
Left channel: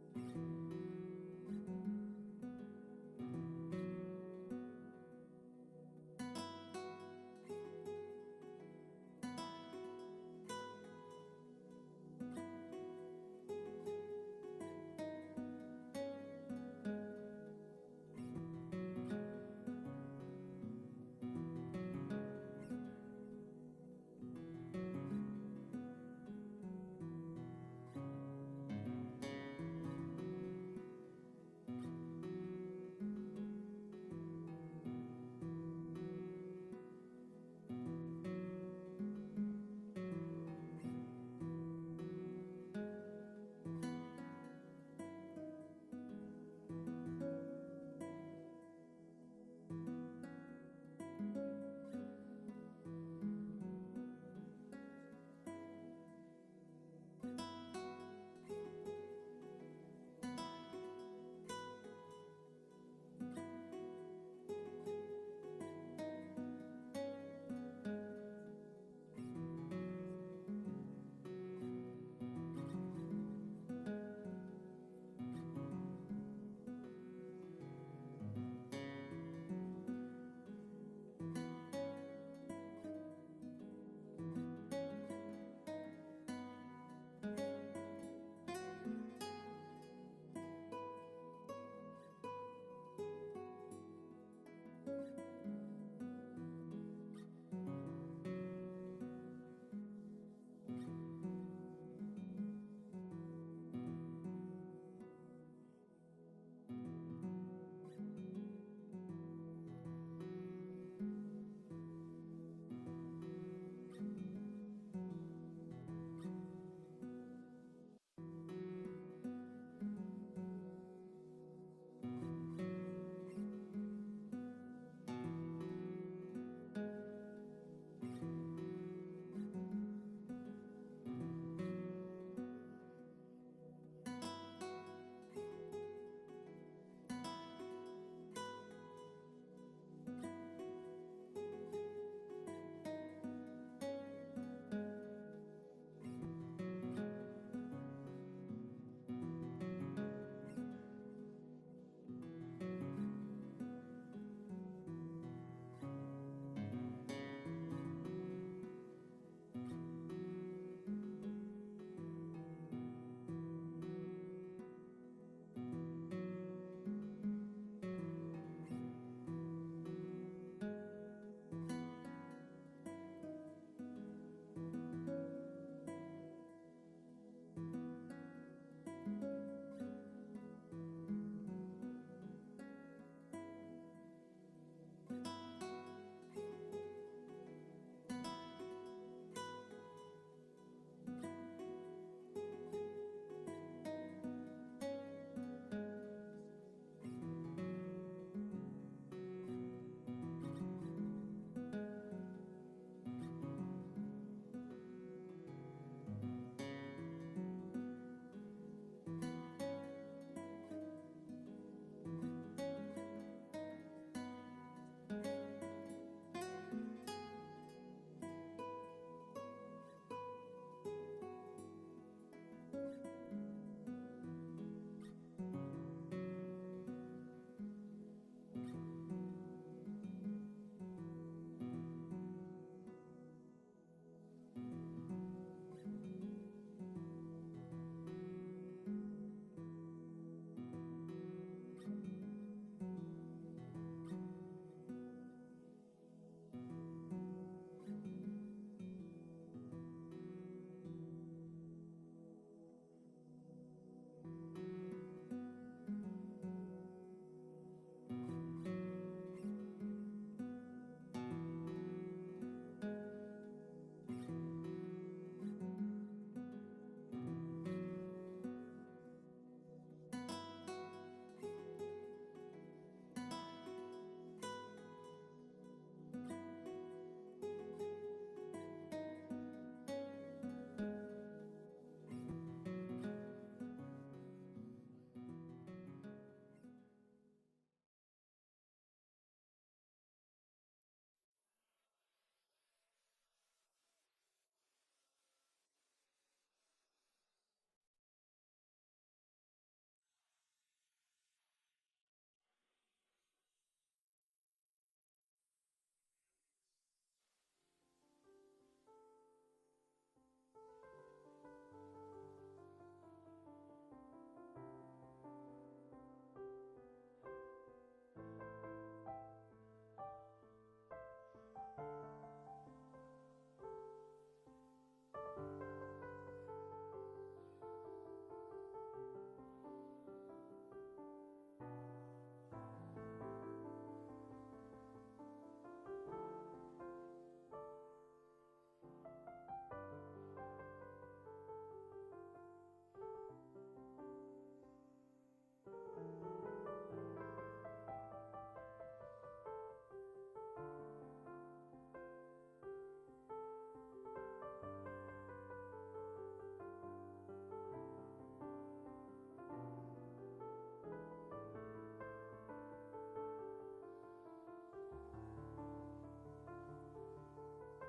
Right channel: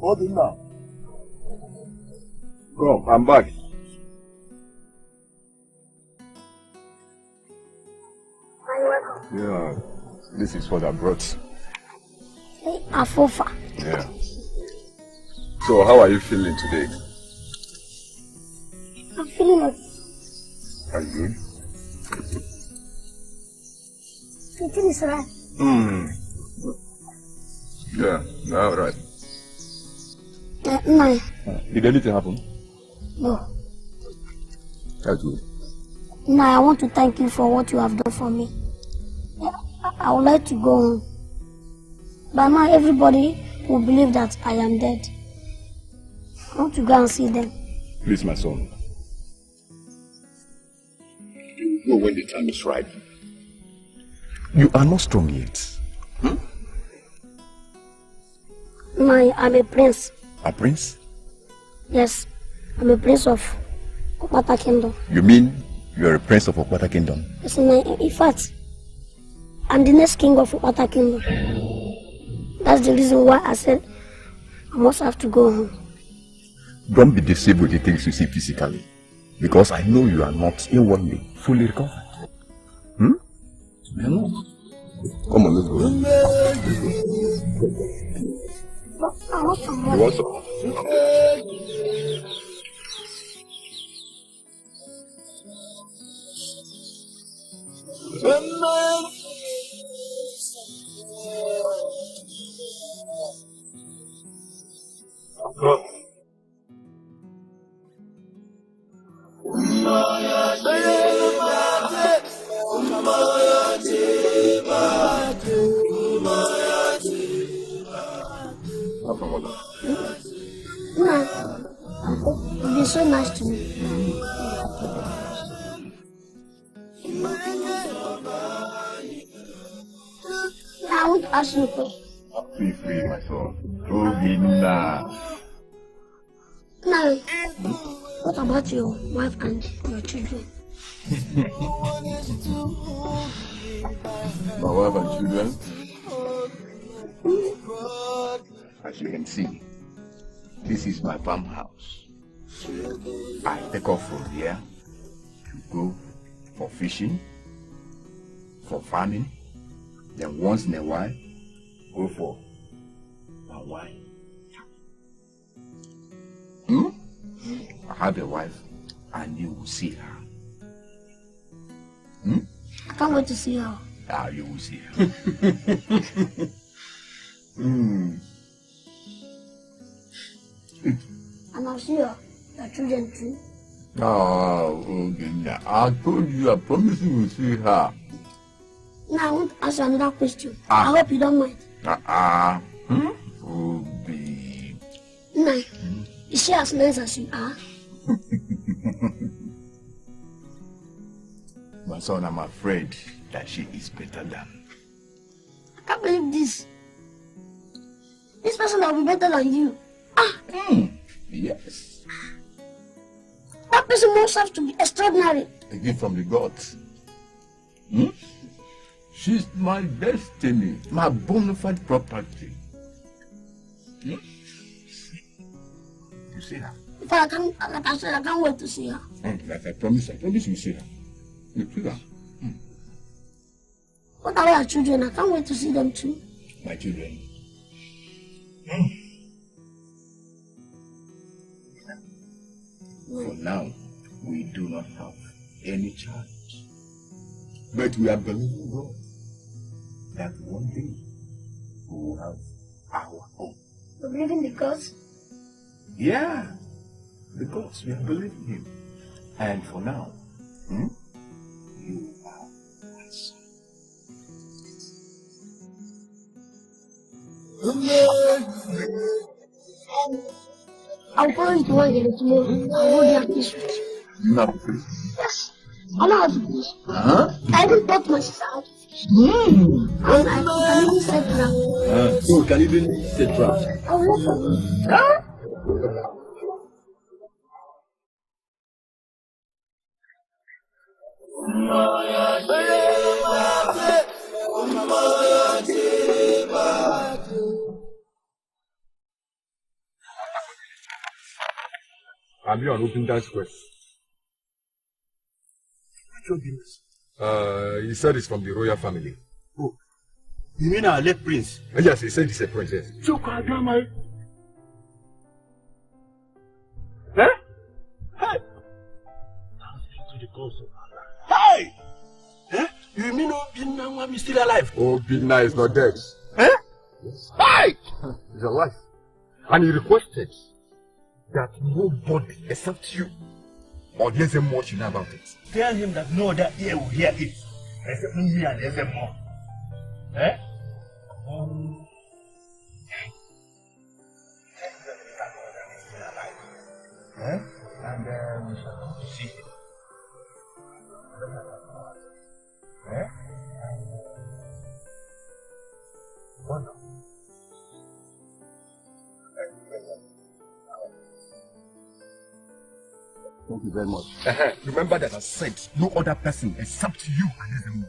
Hold it now. Come, I'm back. Yeah, this is what I brought. Afofa. Yeah. So, how are you feeling today? I'm feeling okay. Are you good? You think it's right? Yeah, all right. No. Did anything happen? No. That's good. No, I want to thank you for what you have done for me. I would like to go home. But now everybody will believe that I am dead. I want to go and see them. Please, my son. You go when the time is right. You are not strong yet. No, I'm a prince. A prince? Yes, I'm a prince of Okpata Kingdom. You mean you are a prince of Okpata Kingdom? Yes, in fact, I'm the next king of Okpata Kingdom. That's the reason why I said I must have to go home. Don't be deceived with the things you see physically. Because I know you are not in one day fully recovered. Come on, let's go. I want some more. You want some? You've been so nice to me. I want to ask you a question. Feel free, my son. Now. No. What about your wife and your children? My wife and children? As you can see, this is my farmhouse. I take off from here to go for fishing, for farming, then once in a while, go for my wife. I have a wife and you will see her. I can't wait to see her. You will see her. And I'll see your children too. I told you, I promise you will see her. Now I want to ask you another question. I hope you don't mind. No. Is she as nice as you are? My son, I'm afraid that she is better than. I can't believe this. This person will be better than you. Yes. That person must have to be extraordinary. A gift from the gods. She's my destiny, my bona fide property. You see her? But like I said, I can't wait to see her. Like I promise you see her. You see her? What about your children? I can't wait to see them too. My children. For now, we do not have any child. But we are believing God that one day we will have our own. believe in the gods? Yeah, the gods, we believe in him. And for now, you are my son. I'll go into one day tomorrow. I'll hold your peace with you. You have a fish? Yes. I know how to fish. Huh? I just taught my sister how to fish. And I can even set traps. You can even set traps. I will. Huh? I'm here on Open Dance Quest. He said it's from the royal family. Oh, you mean our late prince? Yes, he said he's a princess. Huh? Hey! To the cause of Allah. Hey! Huh? You mean Obinna is still alive? Obinna is not dead. Huh? Hey! He's alive. And he requested that nobody except you or Yezemo should know about it. Tell him that no other ear will hear it, except me and Yezemo. Eh? Eh? And we shall come to see him. Eh? Wonder. Thank you very much. Remember that I said no other person except you and Yezemo.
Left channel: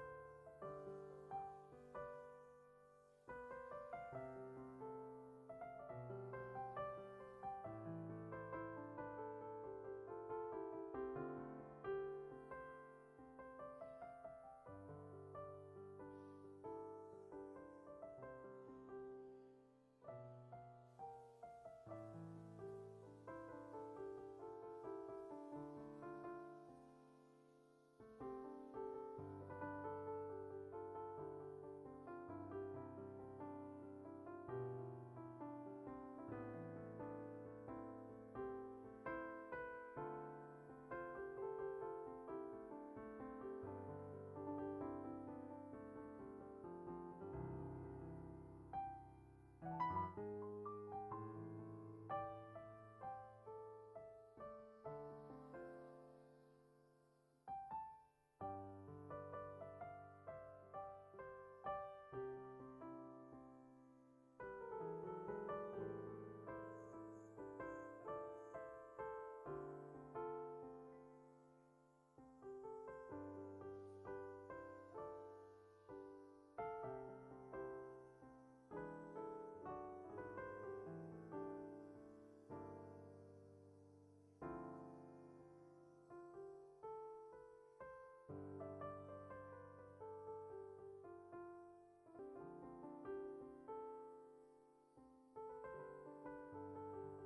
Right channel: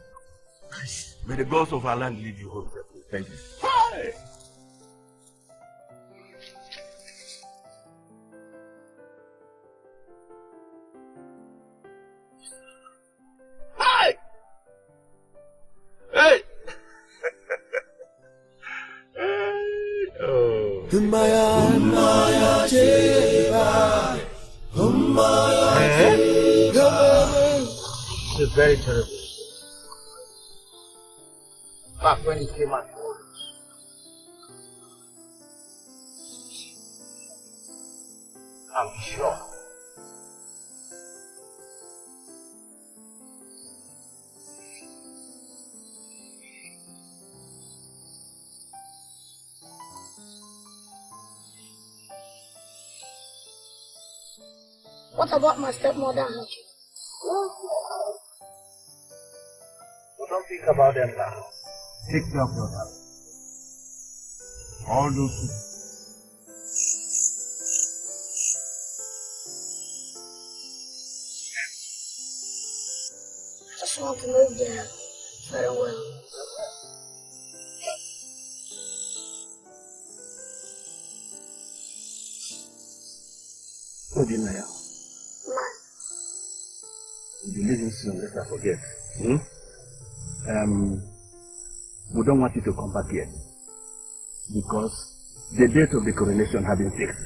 Please, may the gods of our land lead you home. Thank you. Hey! Hey! Hey! Oh. This is very terrible. Back when he came out, I'm sure. What about my stepmother and her children? Don't think about them now. Take care of your health. All those who I just want to live there very well. Obinna, you'll be leaving soon, let's not forget. We don't want you to come back yet because the date of the coronation has been fixed.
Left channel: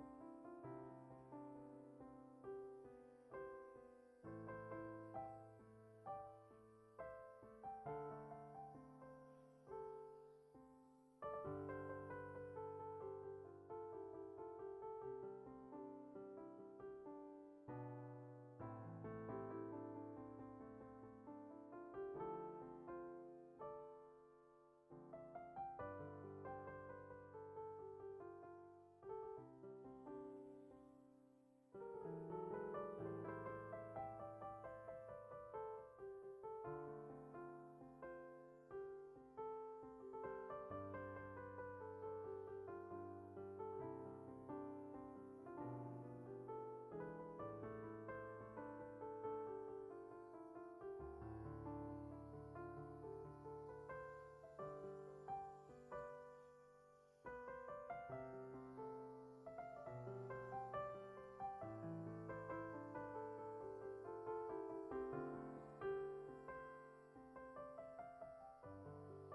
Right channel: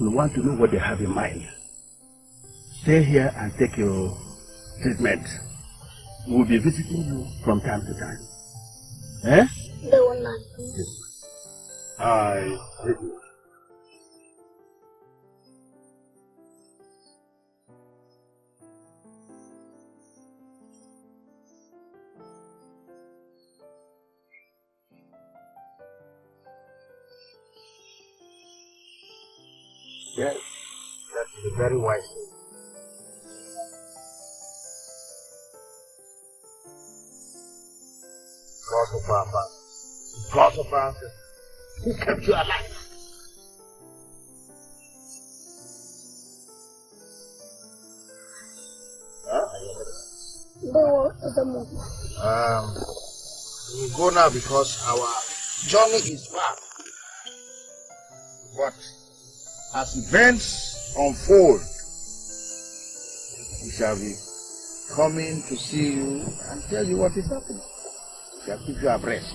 We want to know what they have in mind. Stay here and take your treatment. We'll be visiting you from time to time. Eh? They will not. Yes. I hate you. Yes, that's very wise. God of our father, God of our ancestors, who kept you alive. We go now because our journey is far. But as events unfold, we shall be coming to see you and tell you what is happening. We shall keep you abreast.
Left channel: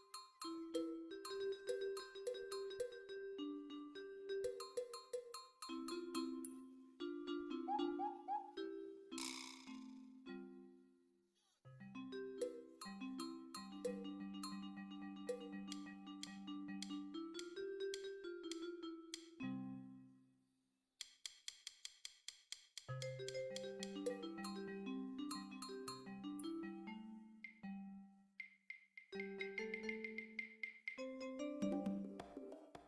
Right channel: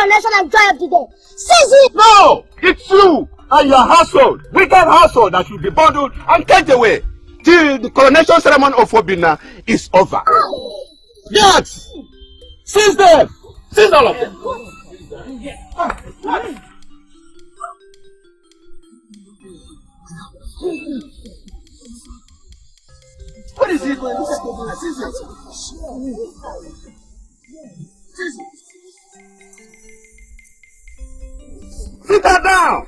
coronation and joy of the day. Seize it! No! It's you and your household, wicked household, that should be bundled and taken away till the coronation ceremony of Obina is over. Yes! Seize them! Seize all of them! What is he going to do? Sit her down!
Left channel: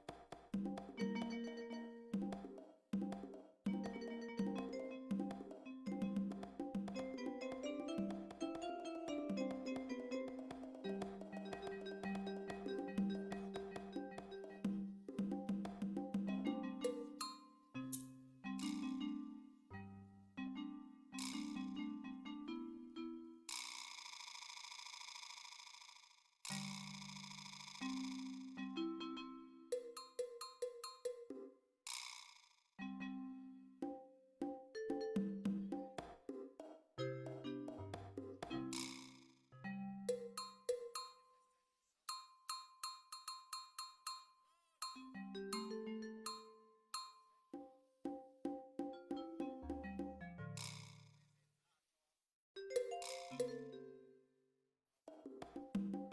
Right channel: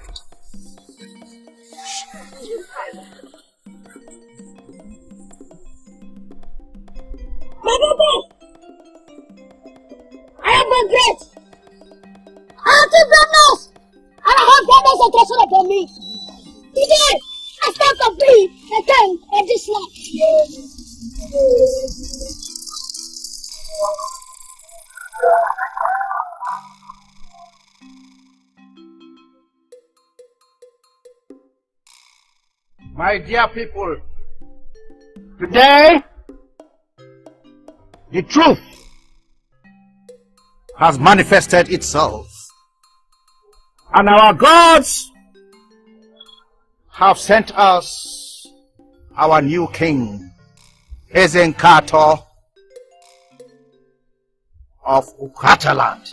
I am the great. I have two brothers, and I have brothers of treasure upon me. Today, I stand to be the king of this land. My dear people, today, the truth has manifested itself. And our gods have sent us our new king, Ezenkato of Ukataland.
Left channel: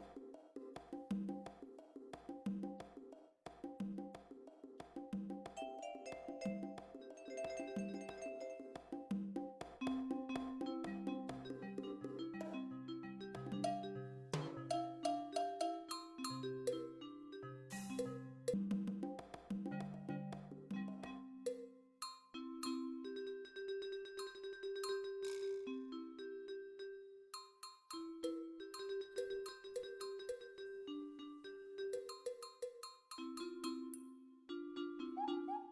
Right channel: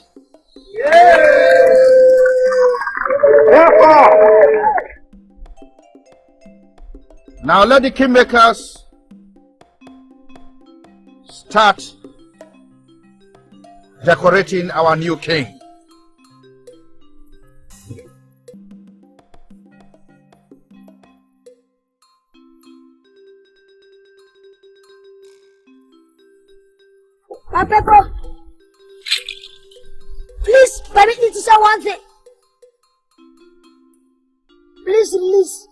Therefore, now let the kingmakers start decorating our new king. My people, please permit me to say one thing. Please release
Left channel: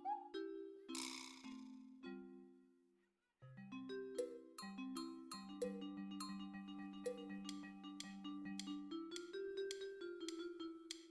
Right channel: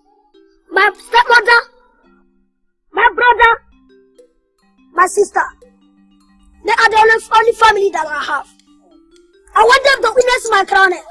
my stepmother, my brother, my sister. They are the only family that I have. I want them to witness my crowning.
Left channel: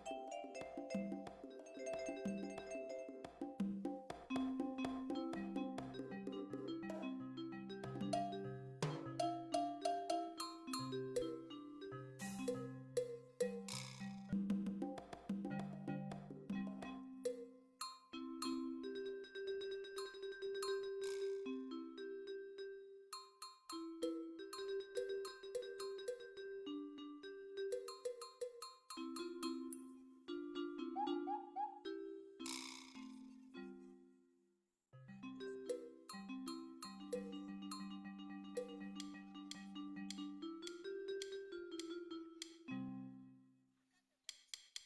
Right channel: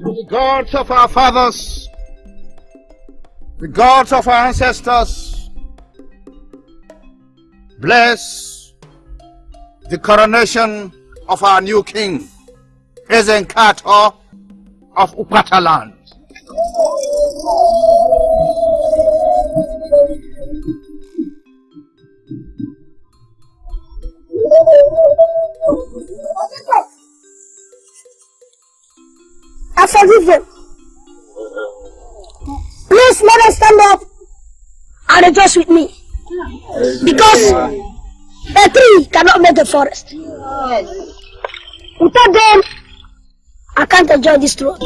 The gods of our fathers, the gods of our ancestors, bless the coronation of our new king, Ezenkato of Ukataland. I forgive them. Please let us stand up and rejoice with me. Because a tree cannot make a forest. Without them, I can't enjoy this throne.